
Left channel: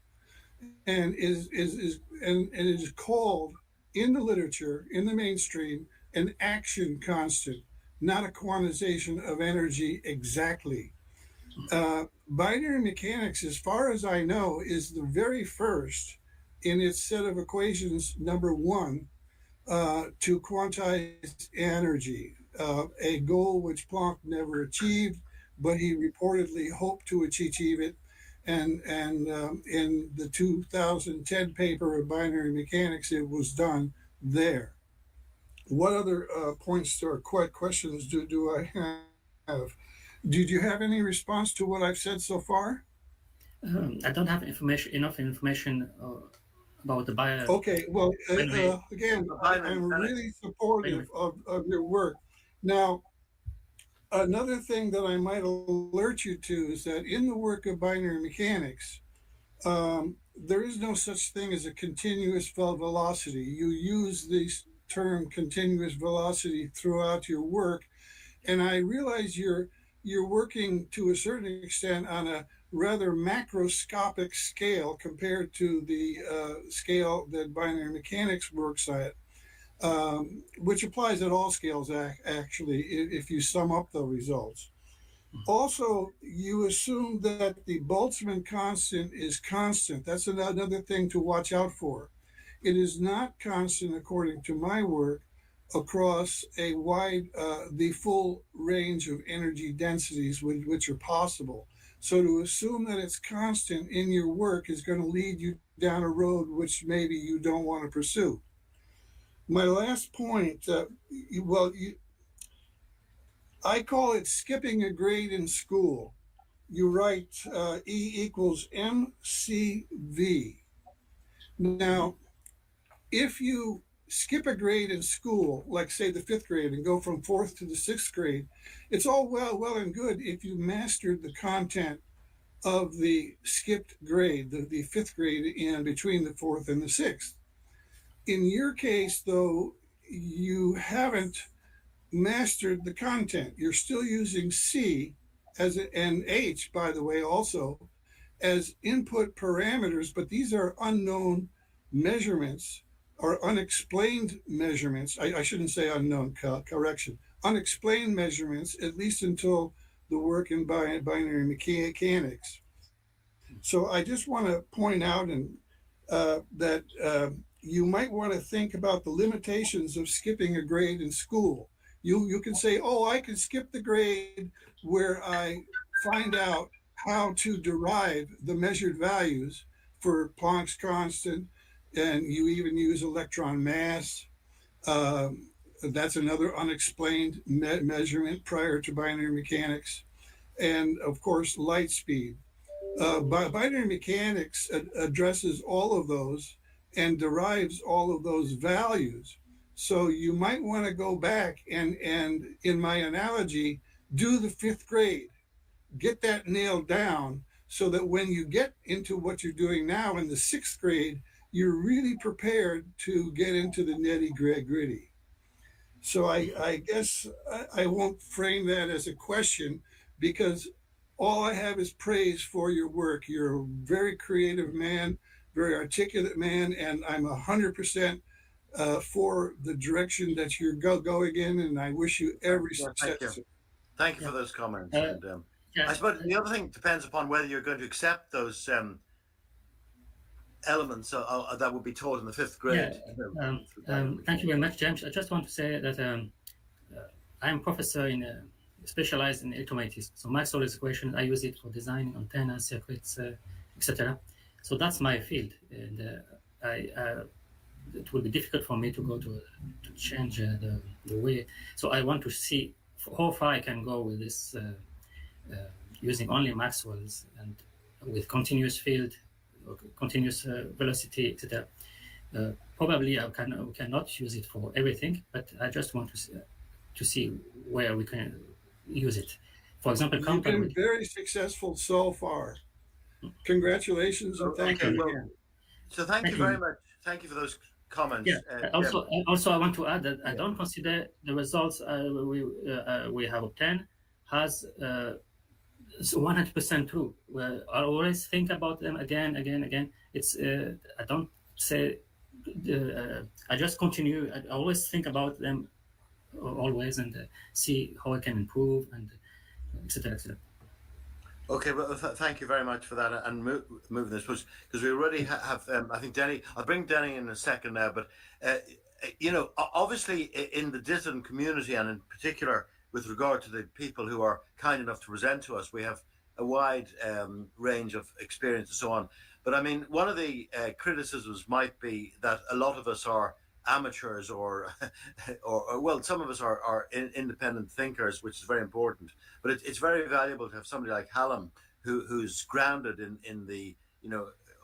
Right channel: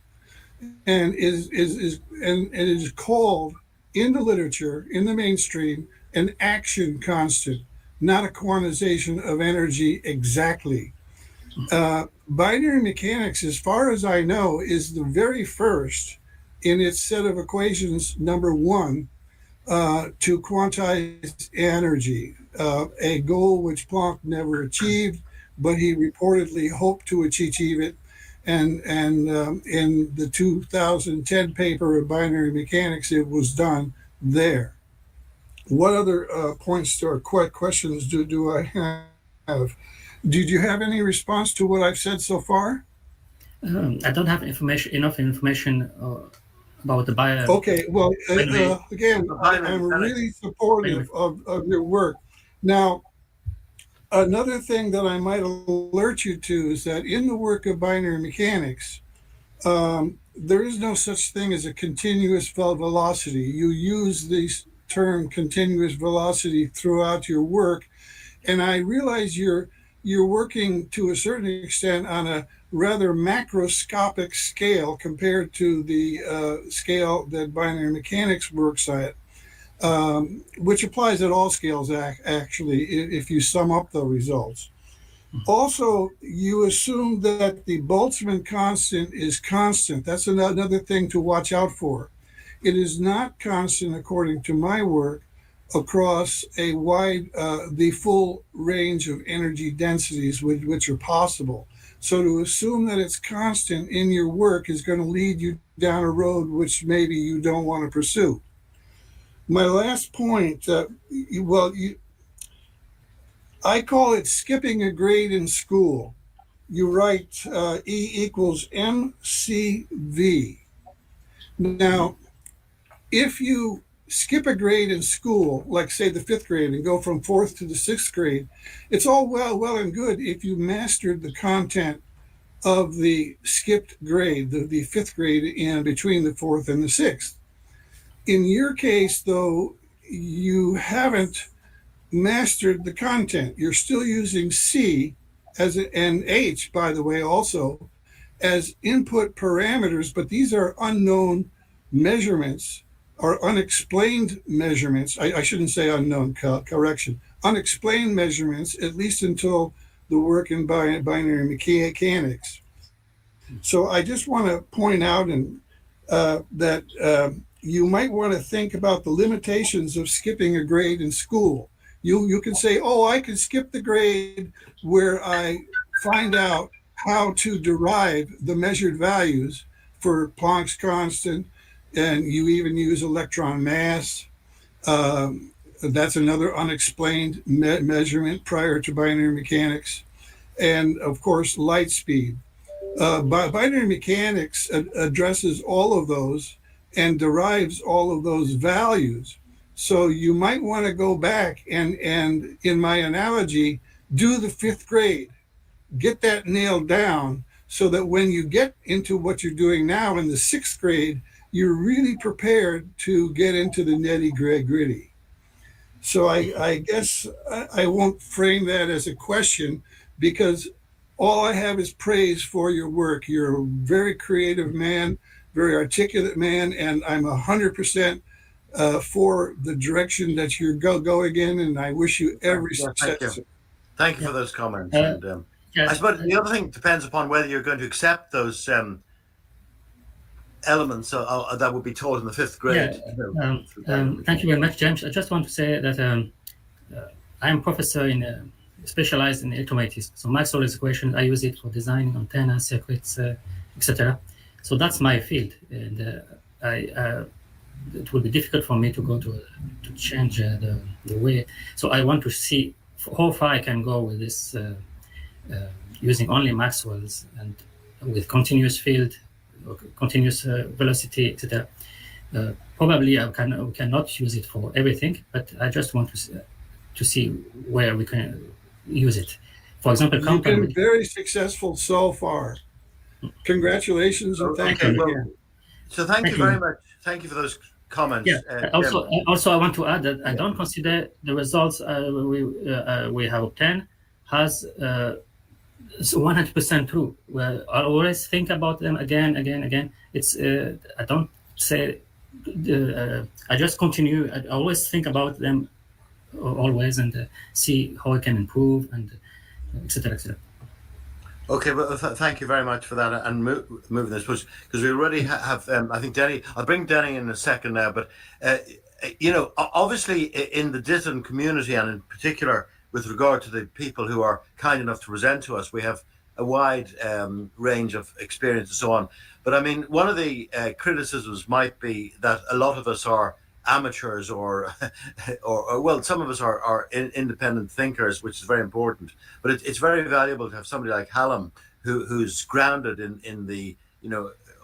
and it is called in the literature, in the mainstream, an action constant, not a quantization of energy exactly. Binary mechanics, as far as I know, is the very first in its set of equations, number one, to quantize energy, a goal which Planck never achieved, but he reportedly hoped to achieve it. And in the 2010 paper of binary mechanics, it was done there. What other points or questions do I have? Did you have any response to what I've said so far? I don't have enough information about the bio. Okay, well, again, I'm really supportive of your work. Now, another thing that I might alert you to is that in the work of binary mechanics, there is no such thing as a continuous velocity. You use this term continuous velocity throughout your work, and I realize you're working to a certain extent on a rather macroscopic scale compared to the scale that binary mechanics works at, which applies at all scales actually if you sum up the results. Also, you assume that the Boltzmann constant is constant. That's another thing to watch out for. It is not constant according to my work across a wide, the full range of energy densities which are possible. So to assume that it's constant in your work is going to lead you down a road which maybe you don't want to pursue. My last point, I call it skipping a grade in school. You write E equals mCV. Now, if you skip a grade in school, like say the 5th grade, and go from 4th to the 6th grade, it's all well and good if you mastered the content of the skipped grade, the 5th grade in between the 4th and the 6th. In your case, though, you haven't mastered the content. You're still using C and H, by the way, also as input parameters, but these are unknown measurements or unexplained measurements. I shouldn't say unknown, correction. Unexplained measurements, at least until the work in binary mechanics. So I just want to point out that you might want to think about the limitations of skipping a grade in school. You can say, oh, I can skip the grade where I find out how to derive the measured values for Planck's constant, and you even use electron mass. That's another unexplained measurement prior to binary mechanics. And of course, light speed. Binary mechanics addresses all of those and derives all of those values. So you might want to go back and in my analogy, do the 5th grade, get that nailed down so that when you get into what you're doing now in the 6th grade, you're really prepared to get into the nitty-gritty. So I guess I won't frame that as a question, because all I have is praise for your work. You're a very creative man, very articulate man, and I'm 100% for the direction that you're going in, and I wish you every success. Thank you for those comments. And I suppose the other thing depends upon whether you're going to accept those elements that would be taught in the 5th grade. Thank you very much, James. I just want to say that I'm a professor specialized in electromagnetism. So Maxwell's equation, I use it for designing antennas, circuits, etc. So that's my field, and it will be difficult for me to go to change the way. So I want to see how far I can go with this using only Maxwell's and with continuous field, continuous velocity, etc. probably we cannot use it for everything, but I just want to see where we can use it. For example, You've Compton. been very successful so far. Congratulations and thank Okay, you. well, so thank you very much. Thank you for those comments. Yeah. Also, I want to add that I Yeah. don't consider the results we have obtained as 100% true. Well, I always think about them again. It's I don't say. I just continue. I always think about them always and see how I can improve and etc. etc. Okay, well, thank you very much for that, and moving this because we already have. I think Denny. I'll bring Denny in a second now, but obviously in the Ditton community, and in particular with regard to the people who are kind enough to present to us, we have a wide range of experience and so on. But I mean, one of the criticisms might be that a lot of us are amateurs or well, some of us are independent thinkers, which is very important, but it's very valuable to have somebody like Hallam who's grounded in the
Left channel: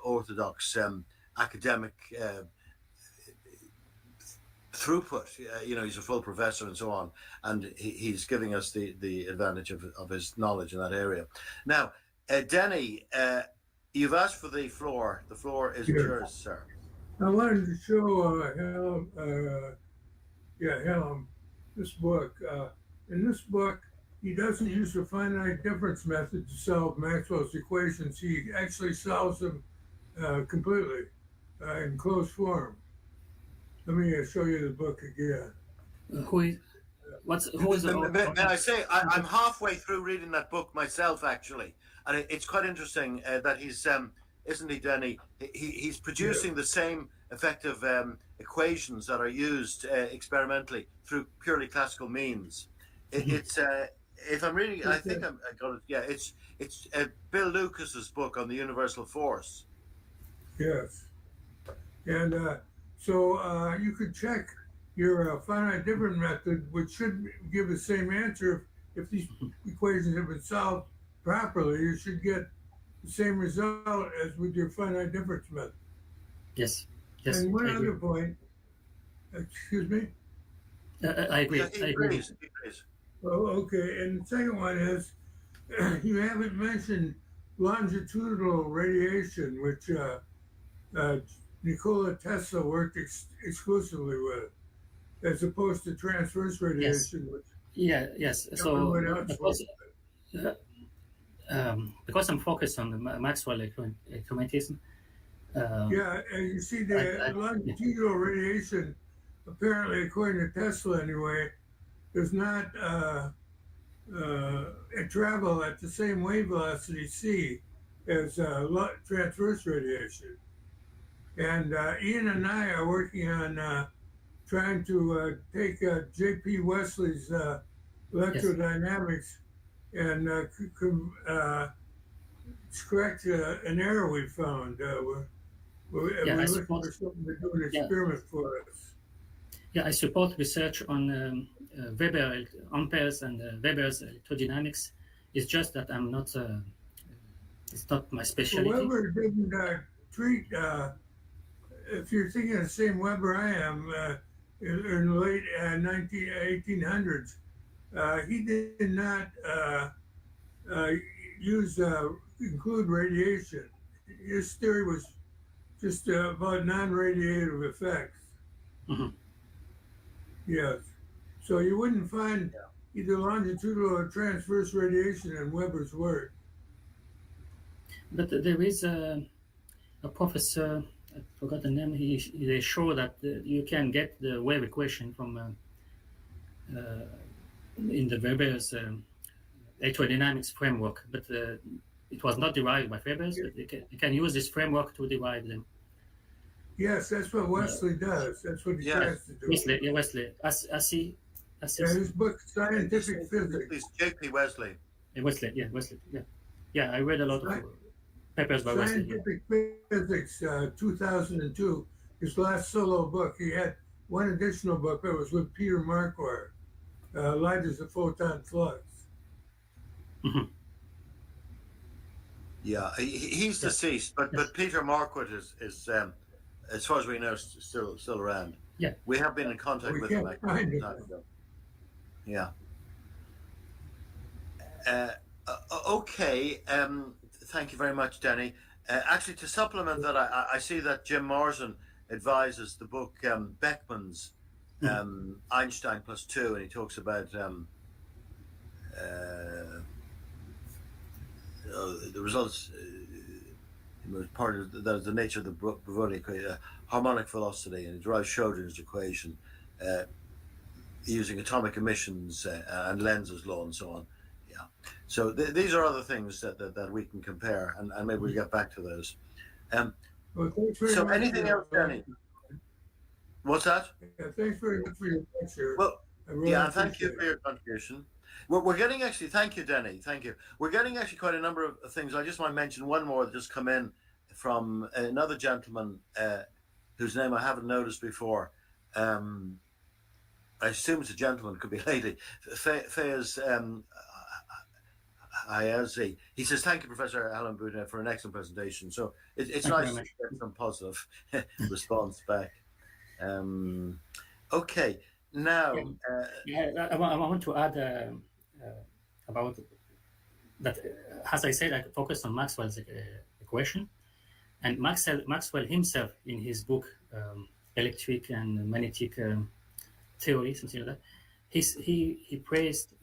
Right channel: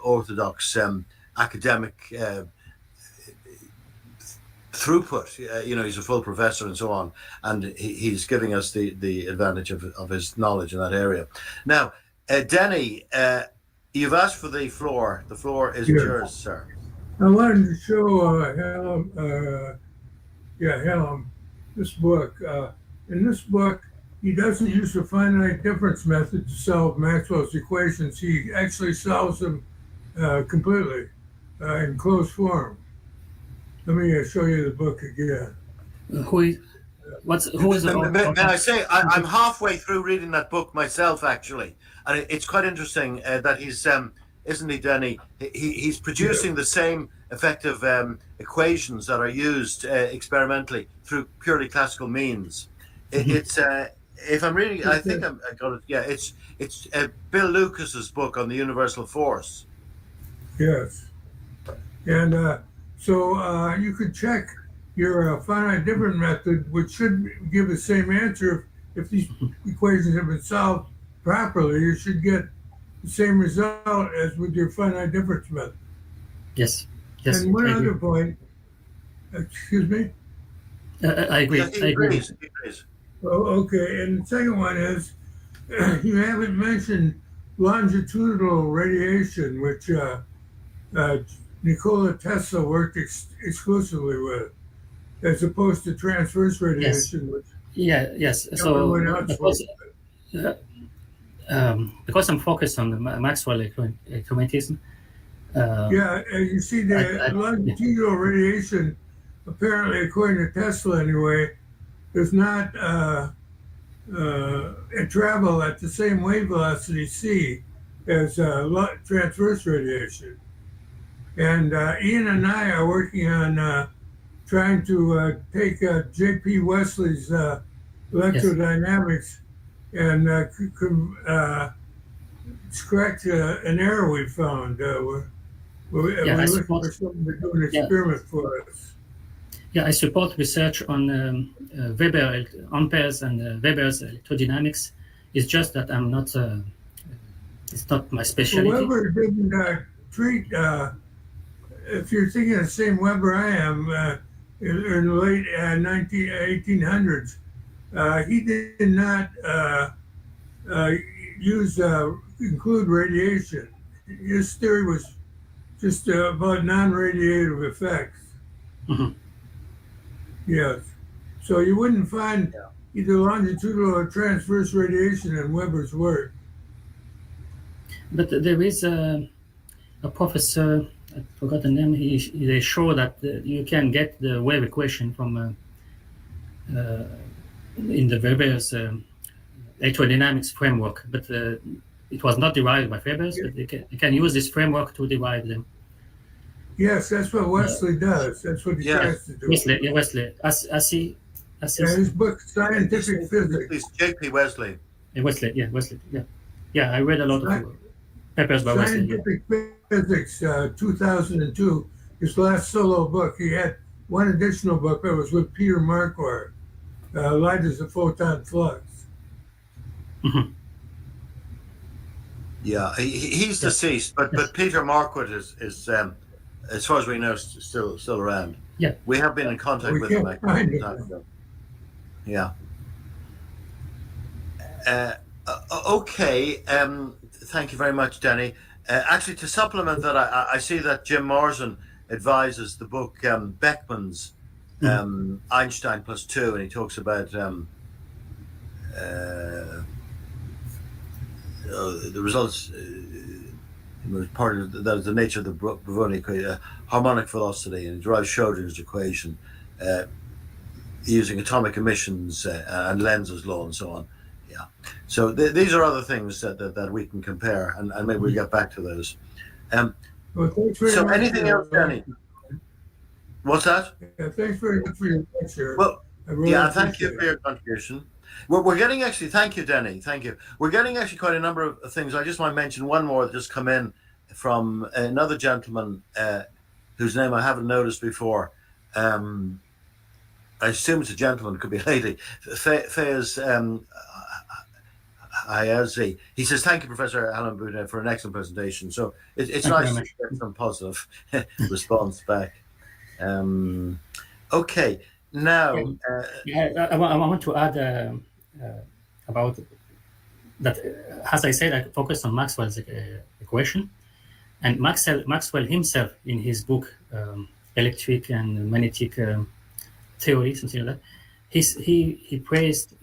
orthodox academic throughput. He's a full professor and so on, and he's giving us the advantage of his knowledge in that area. Now, Denny, you've asked for the floor. The floor is yours, sir. I wanted to show Hallam this book. In this book, he doesn't use the finite difference method to solve Maxwell's equations. He actually solves them completely in closed form. Let me show you the book again. Who is May I say, I'm halfway through reading that book myself, actually, and it's quite interesting that he's, isn't he, Denny? He's producing the same effective equations that are used experimentally through purely classical means. It's if I'm reading, I think I got it. Yeah, it's Bill Lucas's book on the universal force. Yes, and so you could check your finite difference method, which should give the same answer if these equations have been solved properly. You should get the same result as with your finite difference method. Yes. And one other point, excuse me? I agree. Yeah, he agrees. Oh, okay. And the second one is you haven't mentioned longitudinal radiation, which Nikola Tesla worked exclusively with, as opposed to transverse radiation, which yes. So because I'm focused on the Maxwell Electromagnetism. You see the longitudinal radiation, apparently according to Tesla anyway, does not travel at the same wave velocity c as transverse radiation. And Ian and I are working on trying to take J.P. Wesley's electrodynamics and correct an error we found. We're looking for something to do an experiment for us. Yeah, I support research on Weber amperes and Weber's electrodynamics. It's just that I'm not. It's not my specialty. Well, Weber didn't treat. If you're thinking of the same Weber I am, in the late 1800s, he did not include radiation. His theory was just about non-radiative effects. Mm-hmm. Yes. So you wouldn't find either longitudinal or transverse radiation in Weber's work. But there is a professor, I forgot the name, they show that you can get the wave equation from in the Weber's electrodynamics framework, but it was not derived by Weber's, but you can use this framework to derive them. Yes, that's what Wesley does. That's what he tries to do. Wesley. I see. His book, Scientific Physics. It's J.P. Wesley. Wesley. Yeah, I read a lot of papers by Wesley. Scientific Physics, 2002, his last solo book. He had one additional book that was with Peter Marquardt, Light as a Photon Flux. Mm-hmm. Yeah, he's deceased, but Peter Marquardt is as far as we know, still around. Yeah. We have been in contact We with them can't a long find it. time ago. Yeah. Okay. Thank you very much, Danny. Actually, to supplement that, I see that Jim Morrison advises the book Beckmann's Einstein plus 2, and he talks about the results. Part of the nature of the Brownian harmonic velocity, and derives Schrodinger's equation using atomic emissions and Lenz's law and so on. Yeah. So these are other things that we can compare, and maybe we'll get back to those. Well, thanks very So much anything else, Danny? What's that? Yeah, thanks very much for your lecture. Well, really thank you for your contribution. We're getting actually, thank you, Denny, thank you. We're getting actually quite a number of things. I just might mention one more that just come in from another gentleman whose name I haven't noticed before. I assume it's a gentleman, could be a lady. Fayez Ayazi. He says, thank you, Professor Alan Boudin, for an excellent presentation. So it's nice to get some positive response back. Okay, now... I want to add about that. As I said, I focused on Maxwell's equation. And Maxwell himself, in his book, Electric and Magnetic Theory, something like that, he praised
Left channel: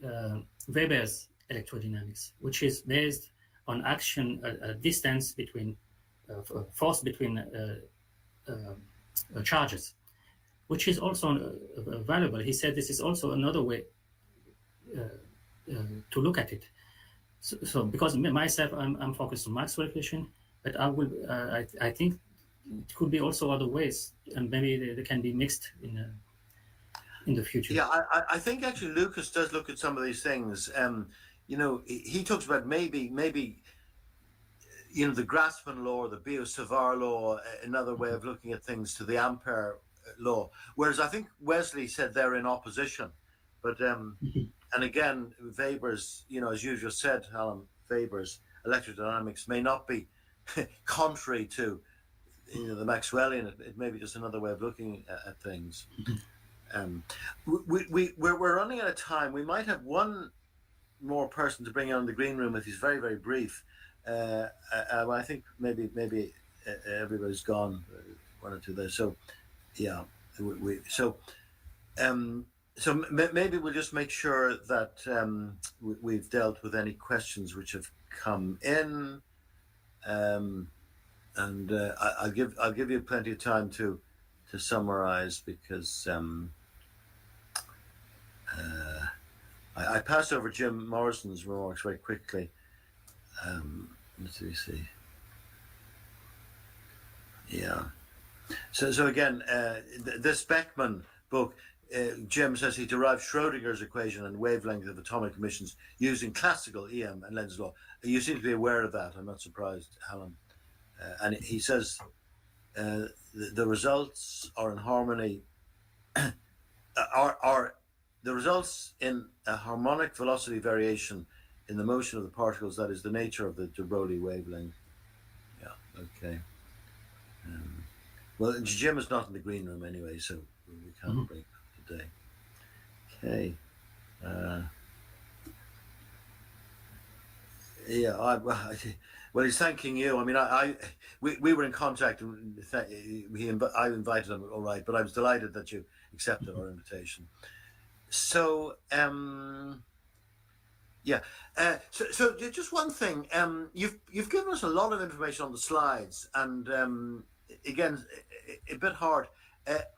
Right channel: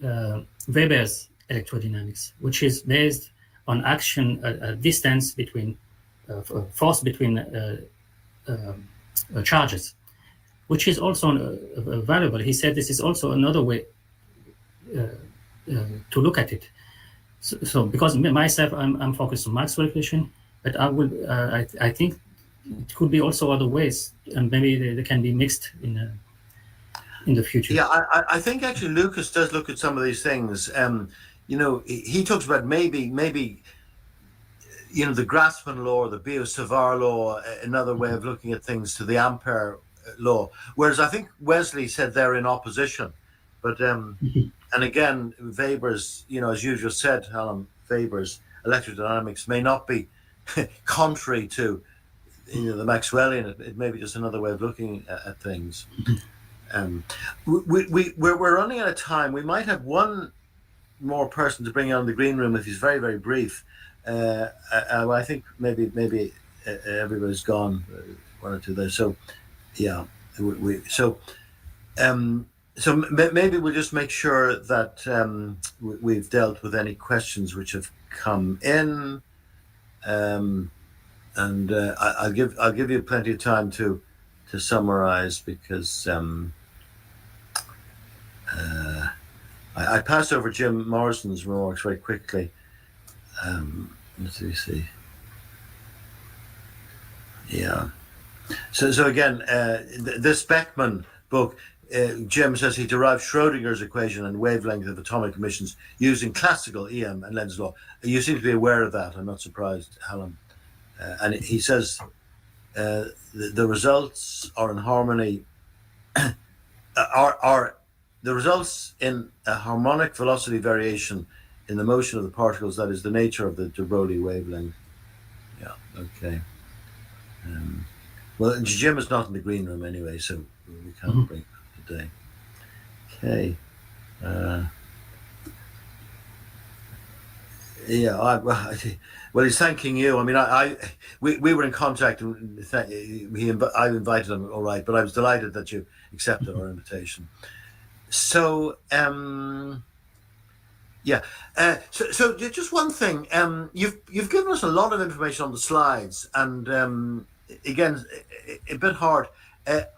Weber's electrodynamics, which is based on action, a distance between, force between charges, which is also valuable. He said this is also another way to look at it. So because myself, I'm focused on Maxwell equation, but I think it could be also other ways, and maybe they can be mixed in the future. Yeah, I think actually Lucas does look at some of these things. He talks about maybe the Grassmann law or the Biot-Savart law, another way of looking at things, to the Ampere law. Whereas I think Wesley said they're in opposition. But and again, Weber's, as you just said, Alan, Weber's electrodynamics may not be contrary to the Maxwellian. It may be just another way of looking at things. We're running out of time. We might have one more person to bring on the green room if he's very, very brief. I think maybe everybody's gone, one or two there. So yeah, so maybe we'll just make sure that we've dealt with any questions which have come in, and I'll give you plenty of time to summarize, because I passed over Jim Morrison's remarks very quickly. Let's see. Yeah. So again, this Beckmann book, Jim says he derived Schrodinger's equation and wavelength of atomic emissions using classical EM and Lenz's law. You seem to be aware of that. I'm not surprised, Alan. And he says the results are in harmony. are the results in a harmonic velocity variation in the motion of the particles. That is the nature of the de Broglie wavelength. Yeah. Okay. Well, Jim is not in the green room anyway, so we can't bring it up today. Okay. Well, he's thanking you. I mean, we were in contact, and I invited him, all right, but I was delighted that you accepted our invitation. So, yeah. So just one thing. You've given us a lot of information on the slides, and again, a bit hard.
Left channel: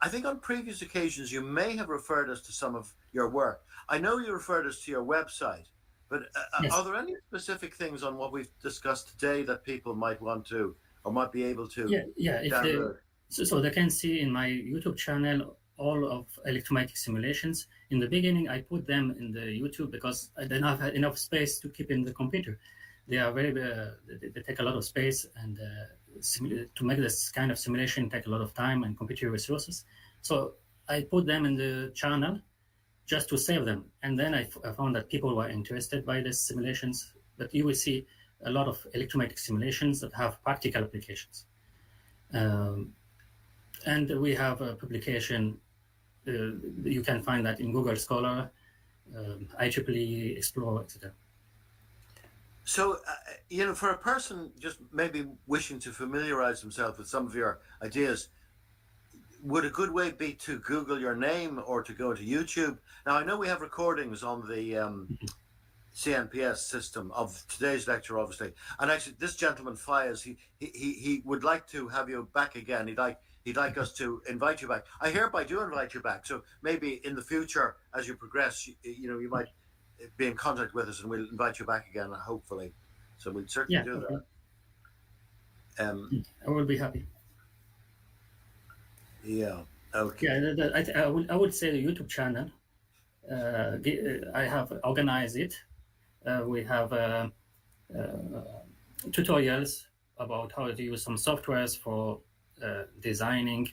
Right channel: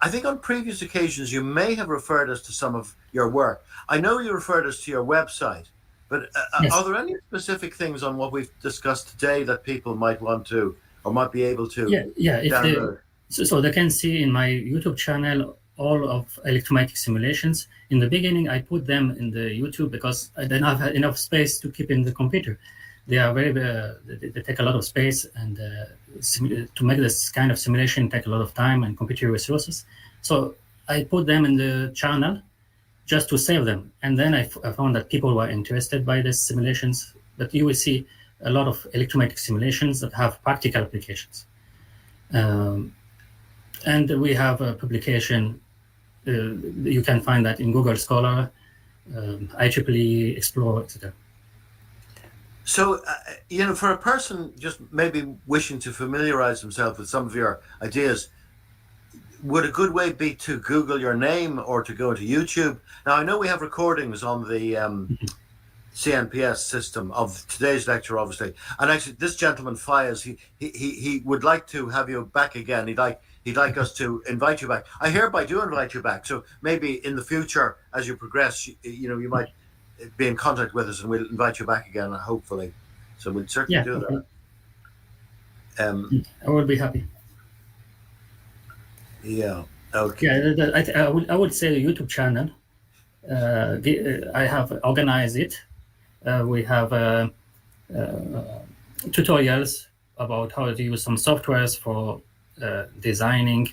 I think on previous occasions you may have referred us to some of your work. I know you referred us to your website, but yes. Are there any specific things on what we've discussed today that people might want to or might be able to download? So they can see in my YouTube channel all of electromagnetic simulations. In the beginning, I put them in the YouTube because I didn't have enough space to keep in the computer. They are they take a lot of space, and to make this kind of simulation take a lot of time and computer resources. So I put them in the channel just to save them. And then I found that people were interested by these simulations, but you will see a lot of electromagnetic simulations that have practical applications. And we have a publication. You can find that in Google Scholar, IEEE, Explore, etc. So, for a person just maybe wishing to familiarize himself with some of your ideas, would a good way be to Google your name or to go to YouTube? Now, I know we have recordings on the CNPS system of today's lecture, obviously. And actually, this gentleman, Fayez, he would like to have you back again. He'd like us to invite you back. I hereby do invite you back. So maybe in the future, as you progress, you might be in contact with us, and we'll invite you back again, hopefully. So we'll certainly do okay. that. I will be happy. Yeah. Okay. Yeah, I would say the YouTube channel. I have organized it. We have tutorials about how to use some softwares for designing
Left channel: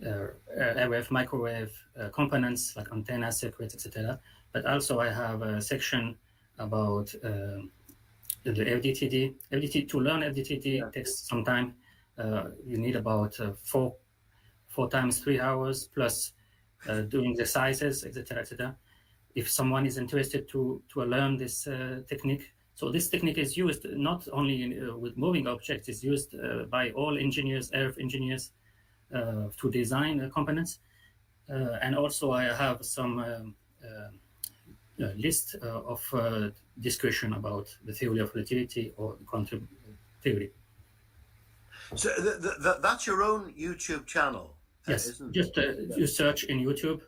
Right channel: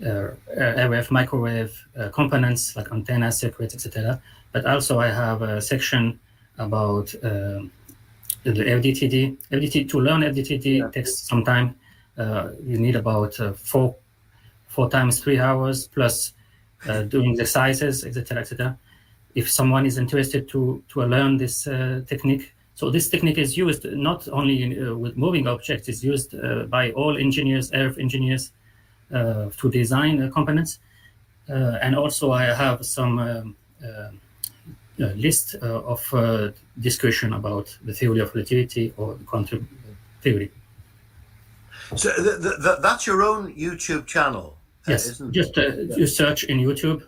RF, microwave components like antennas, circuits, etc. But also I have a section about the FDTD. To learn FDTD takes some time. You need about 4 times 3 hours plus doing exercises, etc., etc. If someone is interested to learn this technique. So this technique is used not only with moving objects, it's used by all engineers, RF engineers, to design components. And also I have some list of discussion about the theory of relativity or quantum theory. So that's your own YouTube channel? Yes, just you search in YouTube,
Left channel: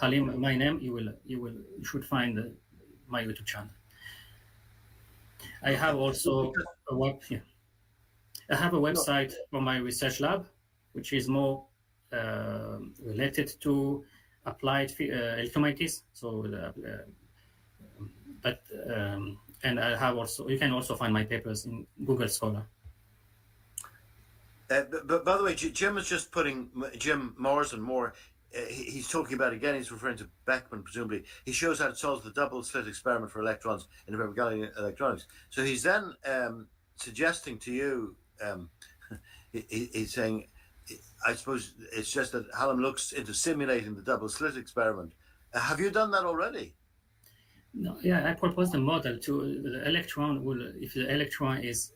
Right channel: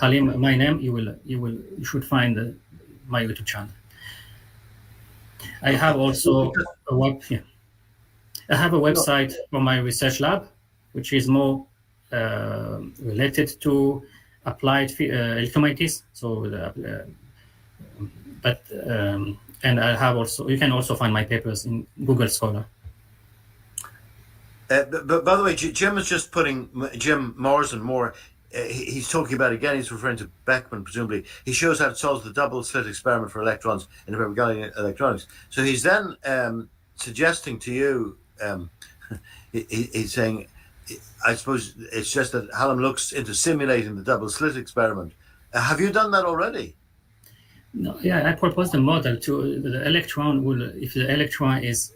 Halim, my name, you should find my YouTube channel. I have also a website for my research lab, which is more related to applied electromagnetism. So, and I have also, you can also find my papers in Google Scholar. But by the way, Jim is just putting Jim Morrison. He's talking about, again, he's referring to Beckman, presumably. He shows how it solves the double slit experiment for electrons in Galileo electronics. So he's then suggesting to you, he's saying, I suppose it's just that Hallam looks into simulating the double slit experiment. Have you done that already? No, yeah, I proposed a model to the electron will, if the electron is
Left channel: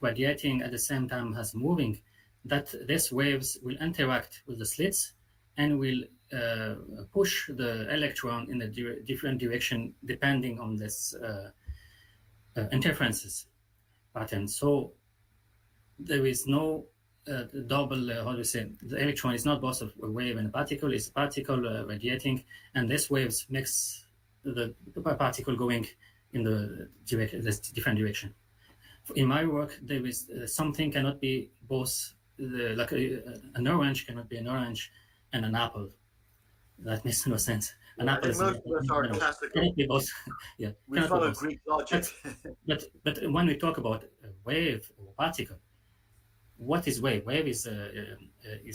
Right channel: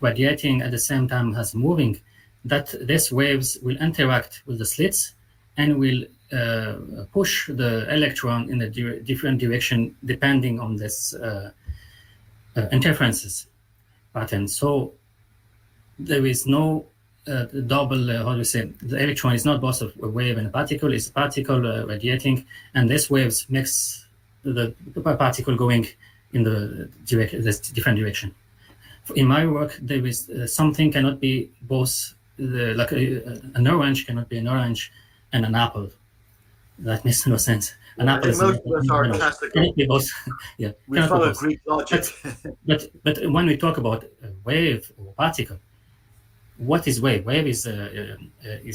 radiating at the same time as moving, that these waves will interact with the slits and will push the electron in a different direction depending on this interferences pattern. So there is no double, how do you say, the electron is not both a wave and a particle, it's a particle radiating, and this waves makes the particle going in this different direction. In my work, there is something cannot be both, like an orange cannot be an orange and an apple. That makes no sense. An apple is most of us are classical. Can it be both? Yeah, we follow Greek logic. But when we talk about a wave or particle, what is wave? Wave is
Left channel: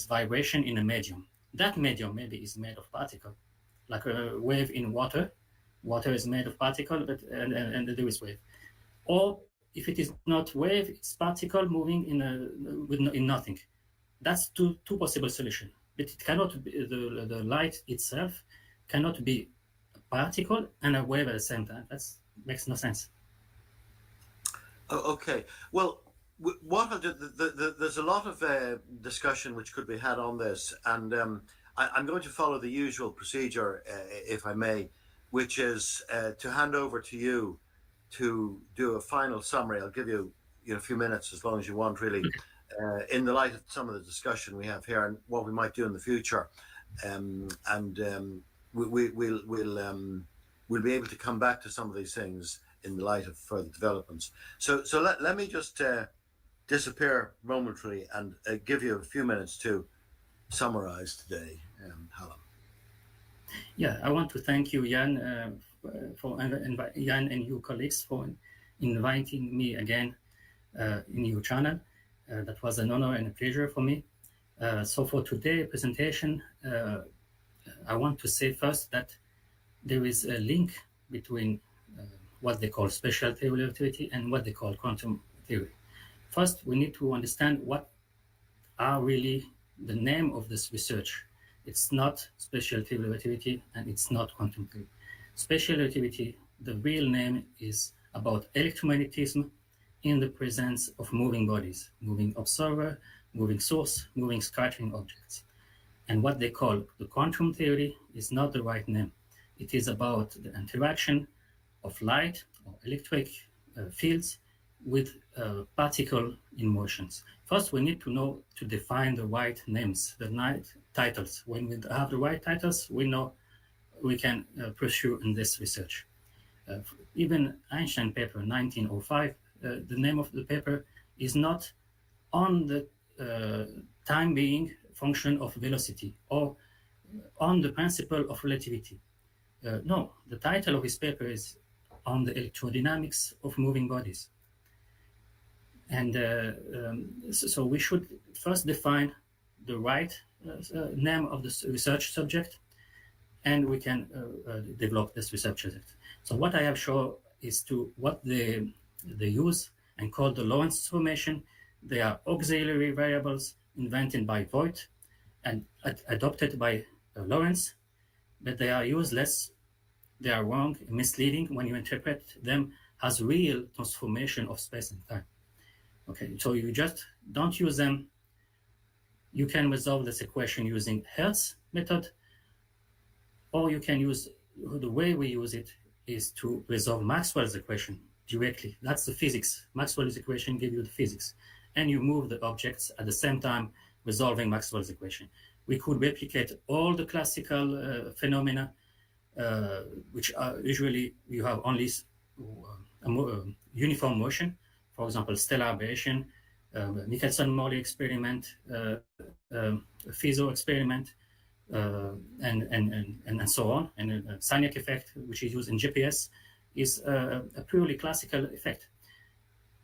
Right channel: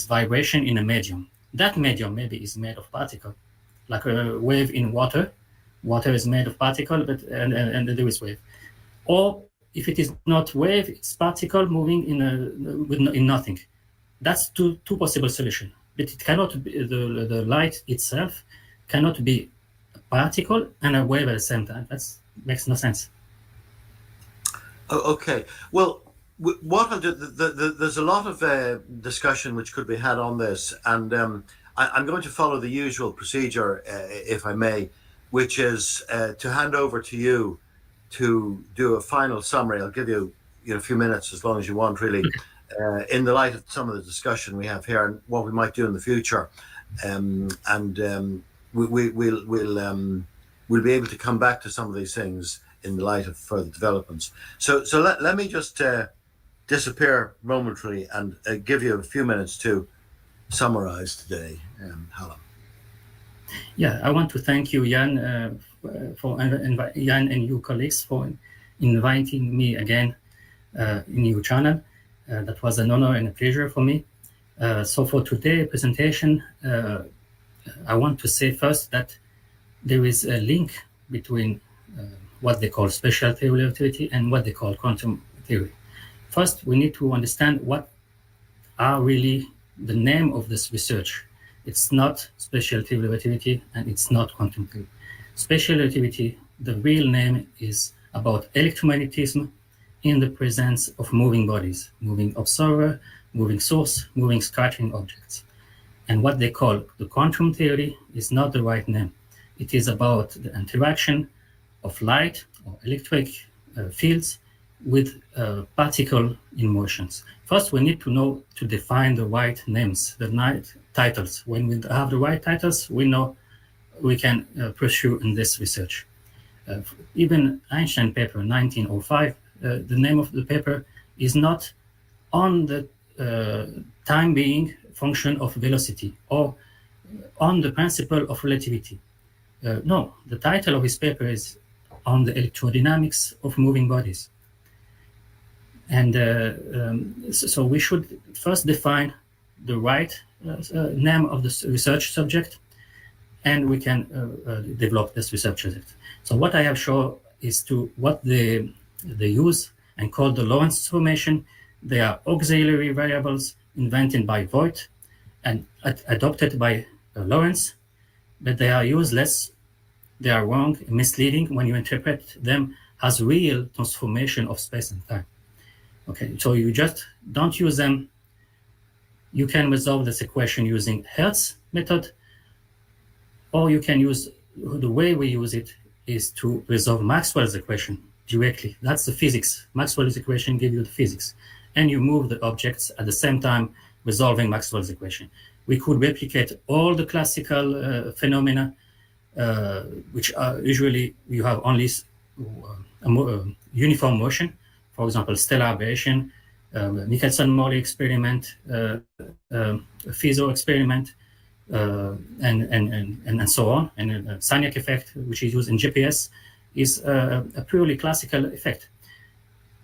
vibration in a medium. That medium maybe is made of particle, like a wave in water. Water is made of particle, but and there is wave. Or if it is not wave, it's particle moving in nothing. That's two possible solutions. But it cannot be, the light itself cannot be a particle and a wave at the same time. That makes no sense. Okay. Well, what I'll do, there's a lot of discussion which could be had on this, and I'm going to follow the usual procedure, if I may, which is to hand over to you to do a final summary. I'll give you a few minutes, as long as you want, really, in the light of some of the discussion we have here and what we might do in the future, we'll be able to come back to some of these things in the light of further developments. So let me just disappear momentarily and give you a few minutes to summarize today, Hallam. Yeah, I want to thank you, Jan, Jan and your colleagues for inviting me again in your channel. That was an honor and a pleasure for me. So for today's presentation, I want to say first that there is a link between what they call special theory of relativity and what they call quantum theory. First, we need to understand what are really the name of this research. It's not special relativity and it's not quantum theory. Special relativity, the real name is about electromagnetism in the presence of moving bodies, moving observer, moving source, moving scattering objects. And what they call the quantum theory is not the right name. It is about the interaction of light or electric fields with particle in motions. First, we need to know to define the right names, the titles. When we have the right titles, we know we can pursue in this research. Even Einstein paper 1905, the name of the paper is not on the time being function of velocity or on the principle of relativity. No, the title of his paper is on the electrodynamics of moving bodies. And so we should first define the right name of the research subject, and we can develop this research subject. So what I have shown is to what they use and call the Lorentz transformation. They are auxiliary variables invented by Voigt and adopted by Lorentz, but they are useless. They are wrong, misleading when you interpret them as real transformation of space and time. Okay, so you just don't use them. You can resolve this equation using Hertz method, or you can use, the way we use it is to resolve Maxwell's equation directly. That's the physics. Maxwell's equation gives you the physics. And you move the objects at the same time resolving Maxwell's equation. We could replicate all the classical phenomena, which are usually you have only uniform motion. For example, stellar aberration, Michelson-Morley experiment, Fizeau experiment, and so on. And Signac effect, which is used in GPS, is a purely classical effect.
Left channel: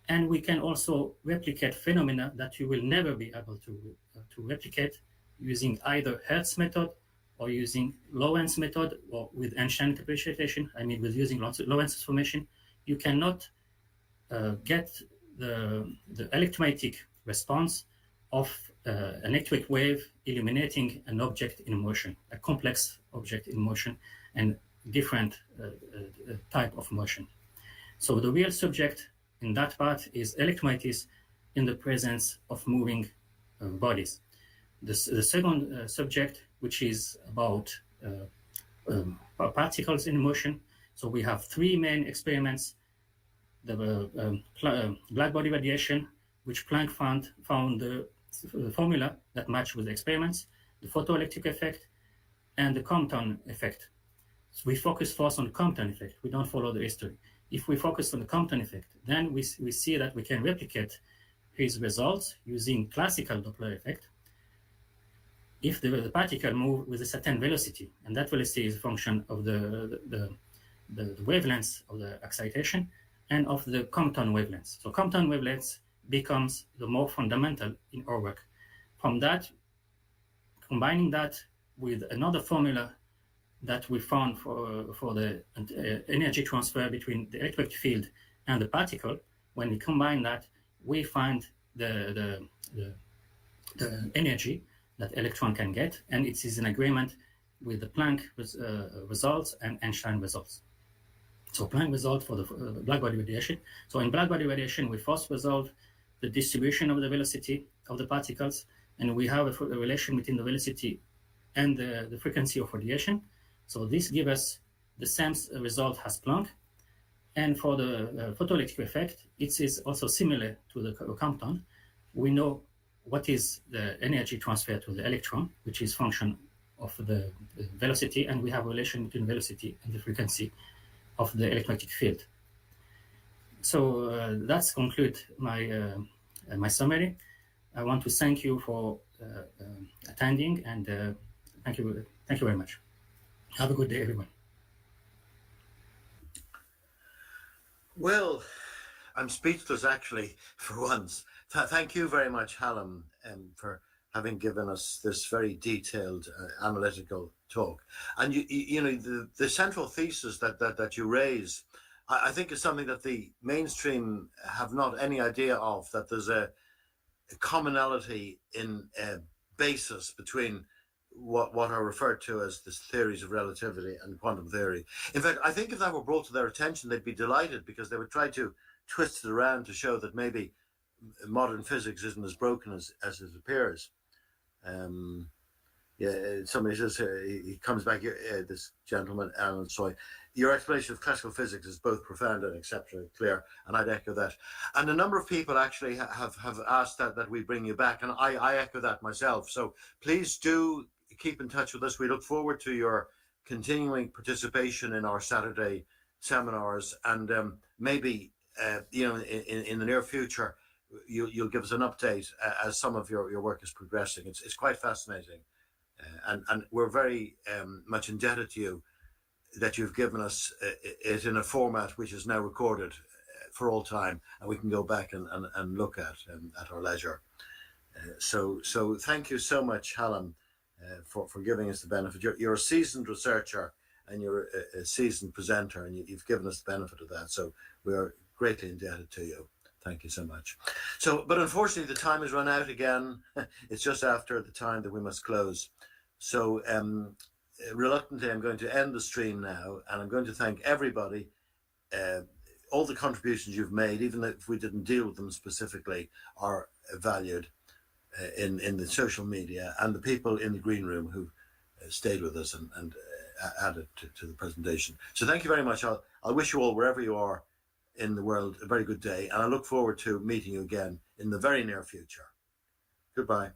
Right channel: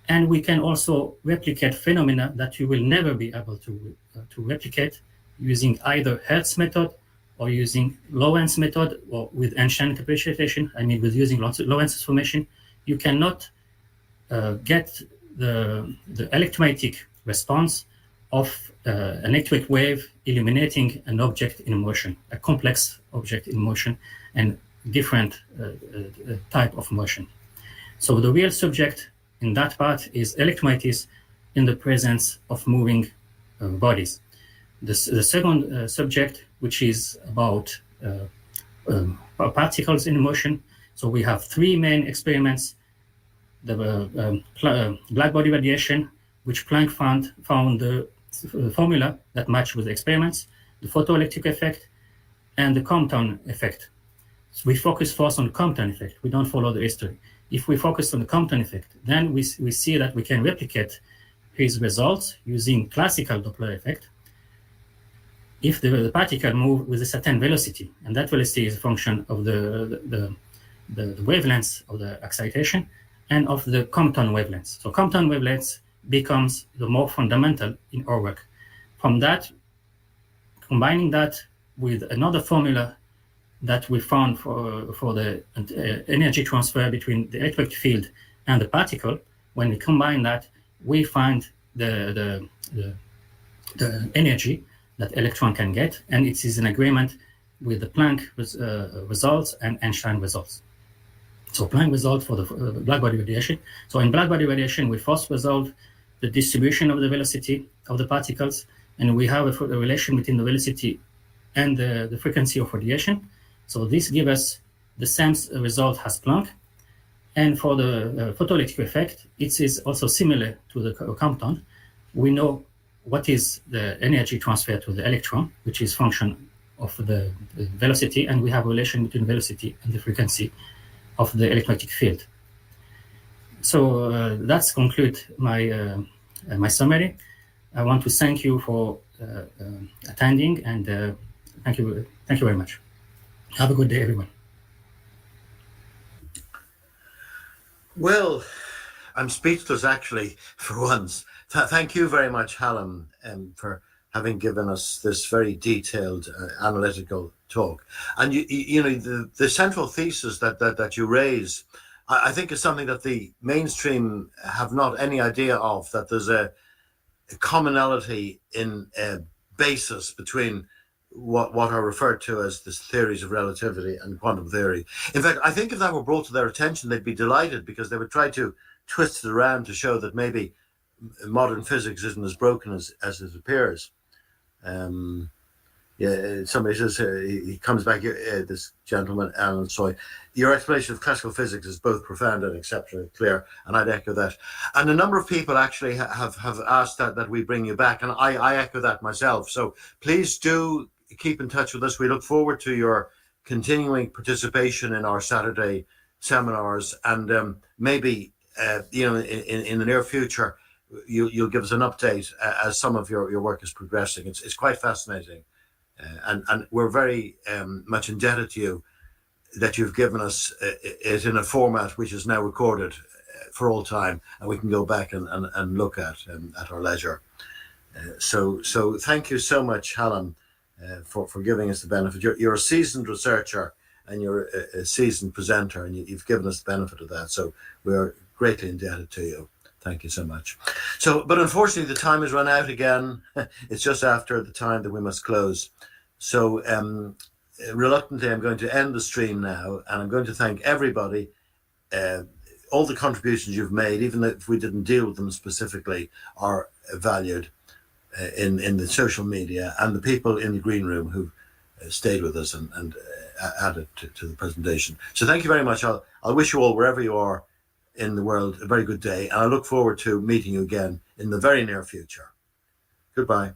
And we can also replicate phenomena that you will never be able to replicate using either Hertz method or using Lorentz method, or with Einstein interpretation. I mean, with using Lorentz transformation, you cannot get the electromagnetic response of an electric wave illuminating an object in motion, a complex object in motion, and different type of motion. So the real subject in that part is electromagnetism in the presence of moving bodies. The second subject, which is about particles in motion. So we have three main experiments: the Blackbody radiation, which Planck found the formula that matched with the experiments, the photoelectric effect, and the Compton effect. So we focus first on the Compton effect. We don't follow the history. If we focus on the Compton effect, then we see that we can replicate his results using classical Doppler effect if the particle move with a certain velocity, and that velocity is a function of the wavelengths of the excitation and of the Compton wavelengths. So Compton wavelengths becomes the more fundamental in our work. From that, combining that with another formula that we found for the energy transfer between the electric field and the particle, when we combine that, we find the energy that electron can get, and it is in agreement with the Planck results and Einstein results. So Planck result for the Blackbody radiation. So in Blackbody radiation, we first resolve the distribution of the velocity of the particles, and we have a relation between the velocity and the frequency of radiation. So this gives us the same result as Planck. And for the photoelectric effect, it is also similar to the Compton. We know what is the energy transfer to the electron, which is function of the velocity, and we have a relation between velocity and the frequency of the electromagnetic field. So that's conclude my my summary. I want to thank you for attending, and thank you very much. Have a good day, everyone. Well, I'm speechless actually for once. Thank you very much, Hallam, for having given us this very detailed analytical talk. And you know, the central thesis that you raise, I think is something that the mainstream have not any idea of, that there's a commonality in basis between what are referred to as the theories of relativity and quantum theory. In fact, I think if that were brought to their attention, they'd be delighted, because they would try to twist it around to show that maybe modern physics isn't as broken as it appears. Yeah, somebody says he comes back here, this gentleman, Alan Soy. Your explanation of classical physics is both profound and exceptionally clear, and I'd echo that. And a number of people actually have asked that we bring you back, and I echo that myself. So please do keep in touch with us. We look forward to your continuing participation in our Saturday seminars, and maybe in the near future you'll give us an update as some of your work is progressing. It's quite fascinating. And we're very much indebted to you that you've given us it in a format which is now recorded for all time, and we can go back and look at our leisure. So thank you so much, Hallam, for giving us the benefit. You're a seasoned researcher, and you're a seasoned presenter, and you've given us the benefit of that. So we're greatly indebted to you. Thank you so much. But unfortunately, the time has run out again. It's just after the time that we must close. So reluctantly, I'm going to end the stream now, and I'm going to thank everybody, all the contributions you've made, even if we didn't deal with them specifically, are valued in the social media, and the people in the green room who stayed with us and added to the presentation. So thank you very much. I'll wish you all, wherever you are in the world, a very good day, and I look forward to meeting you again in the very near future. Goodbye.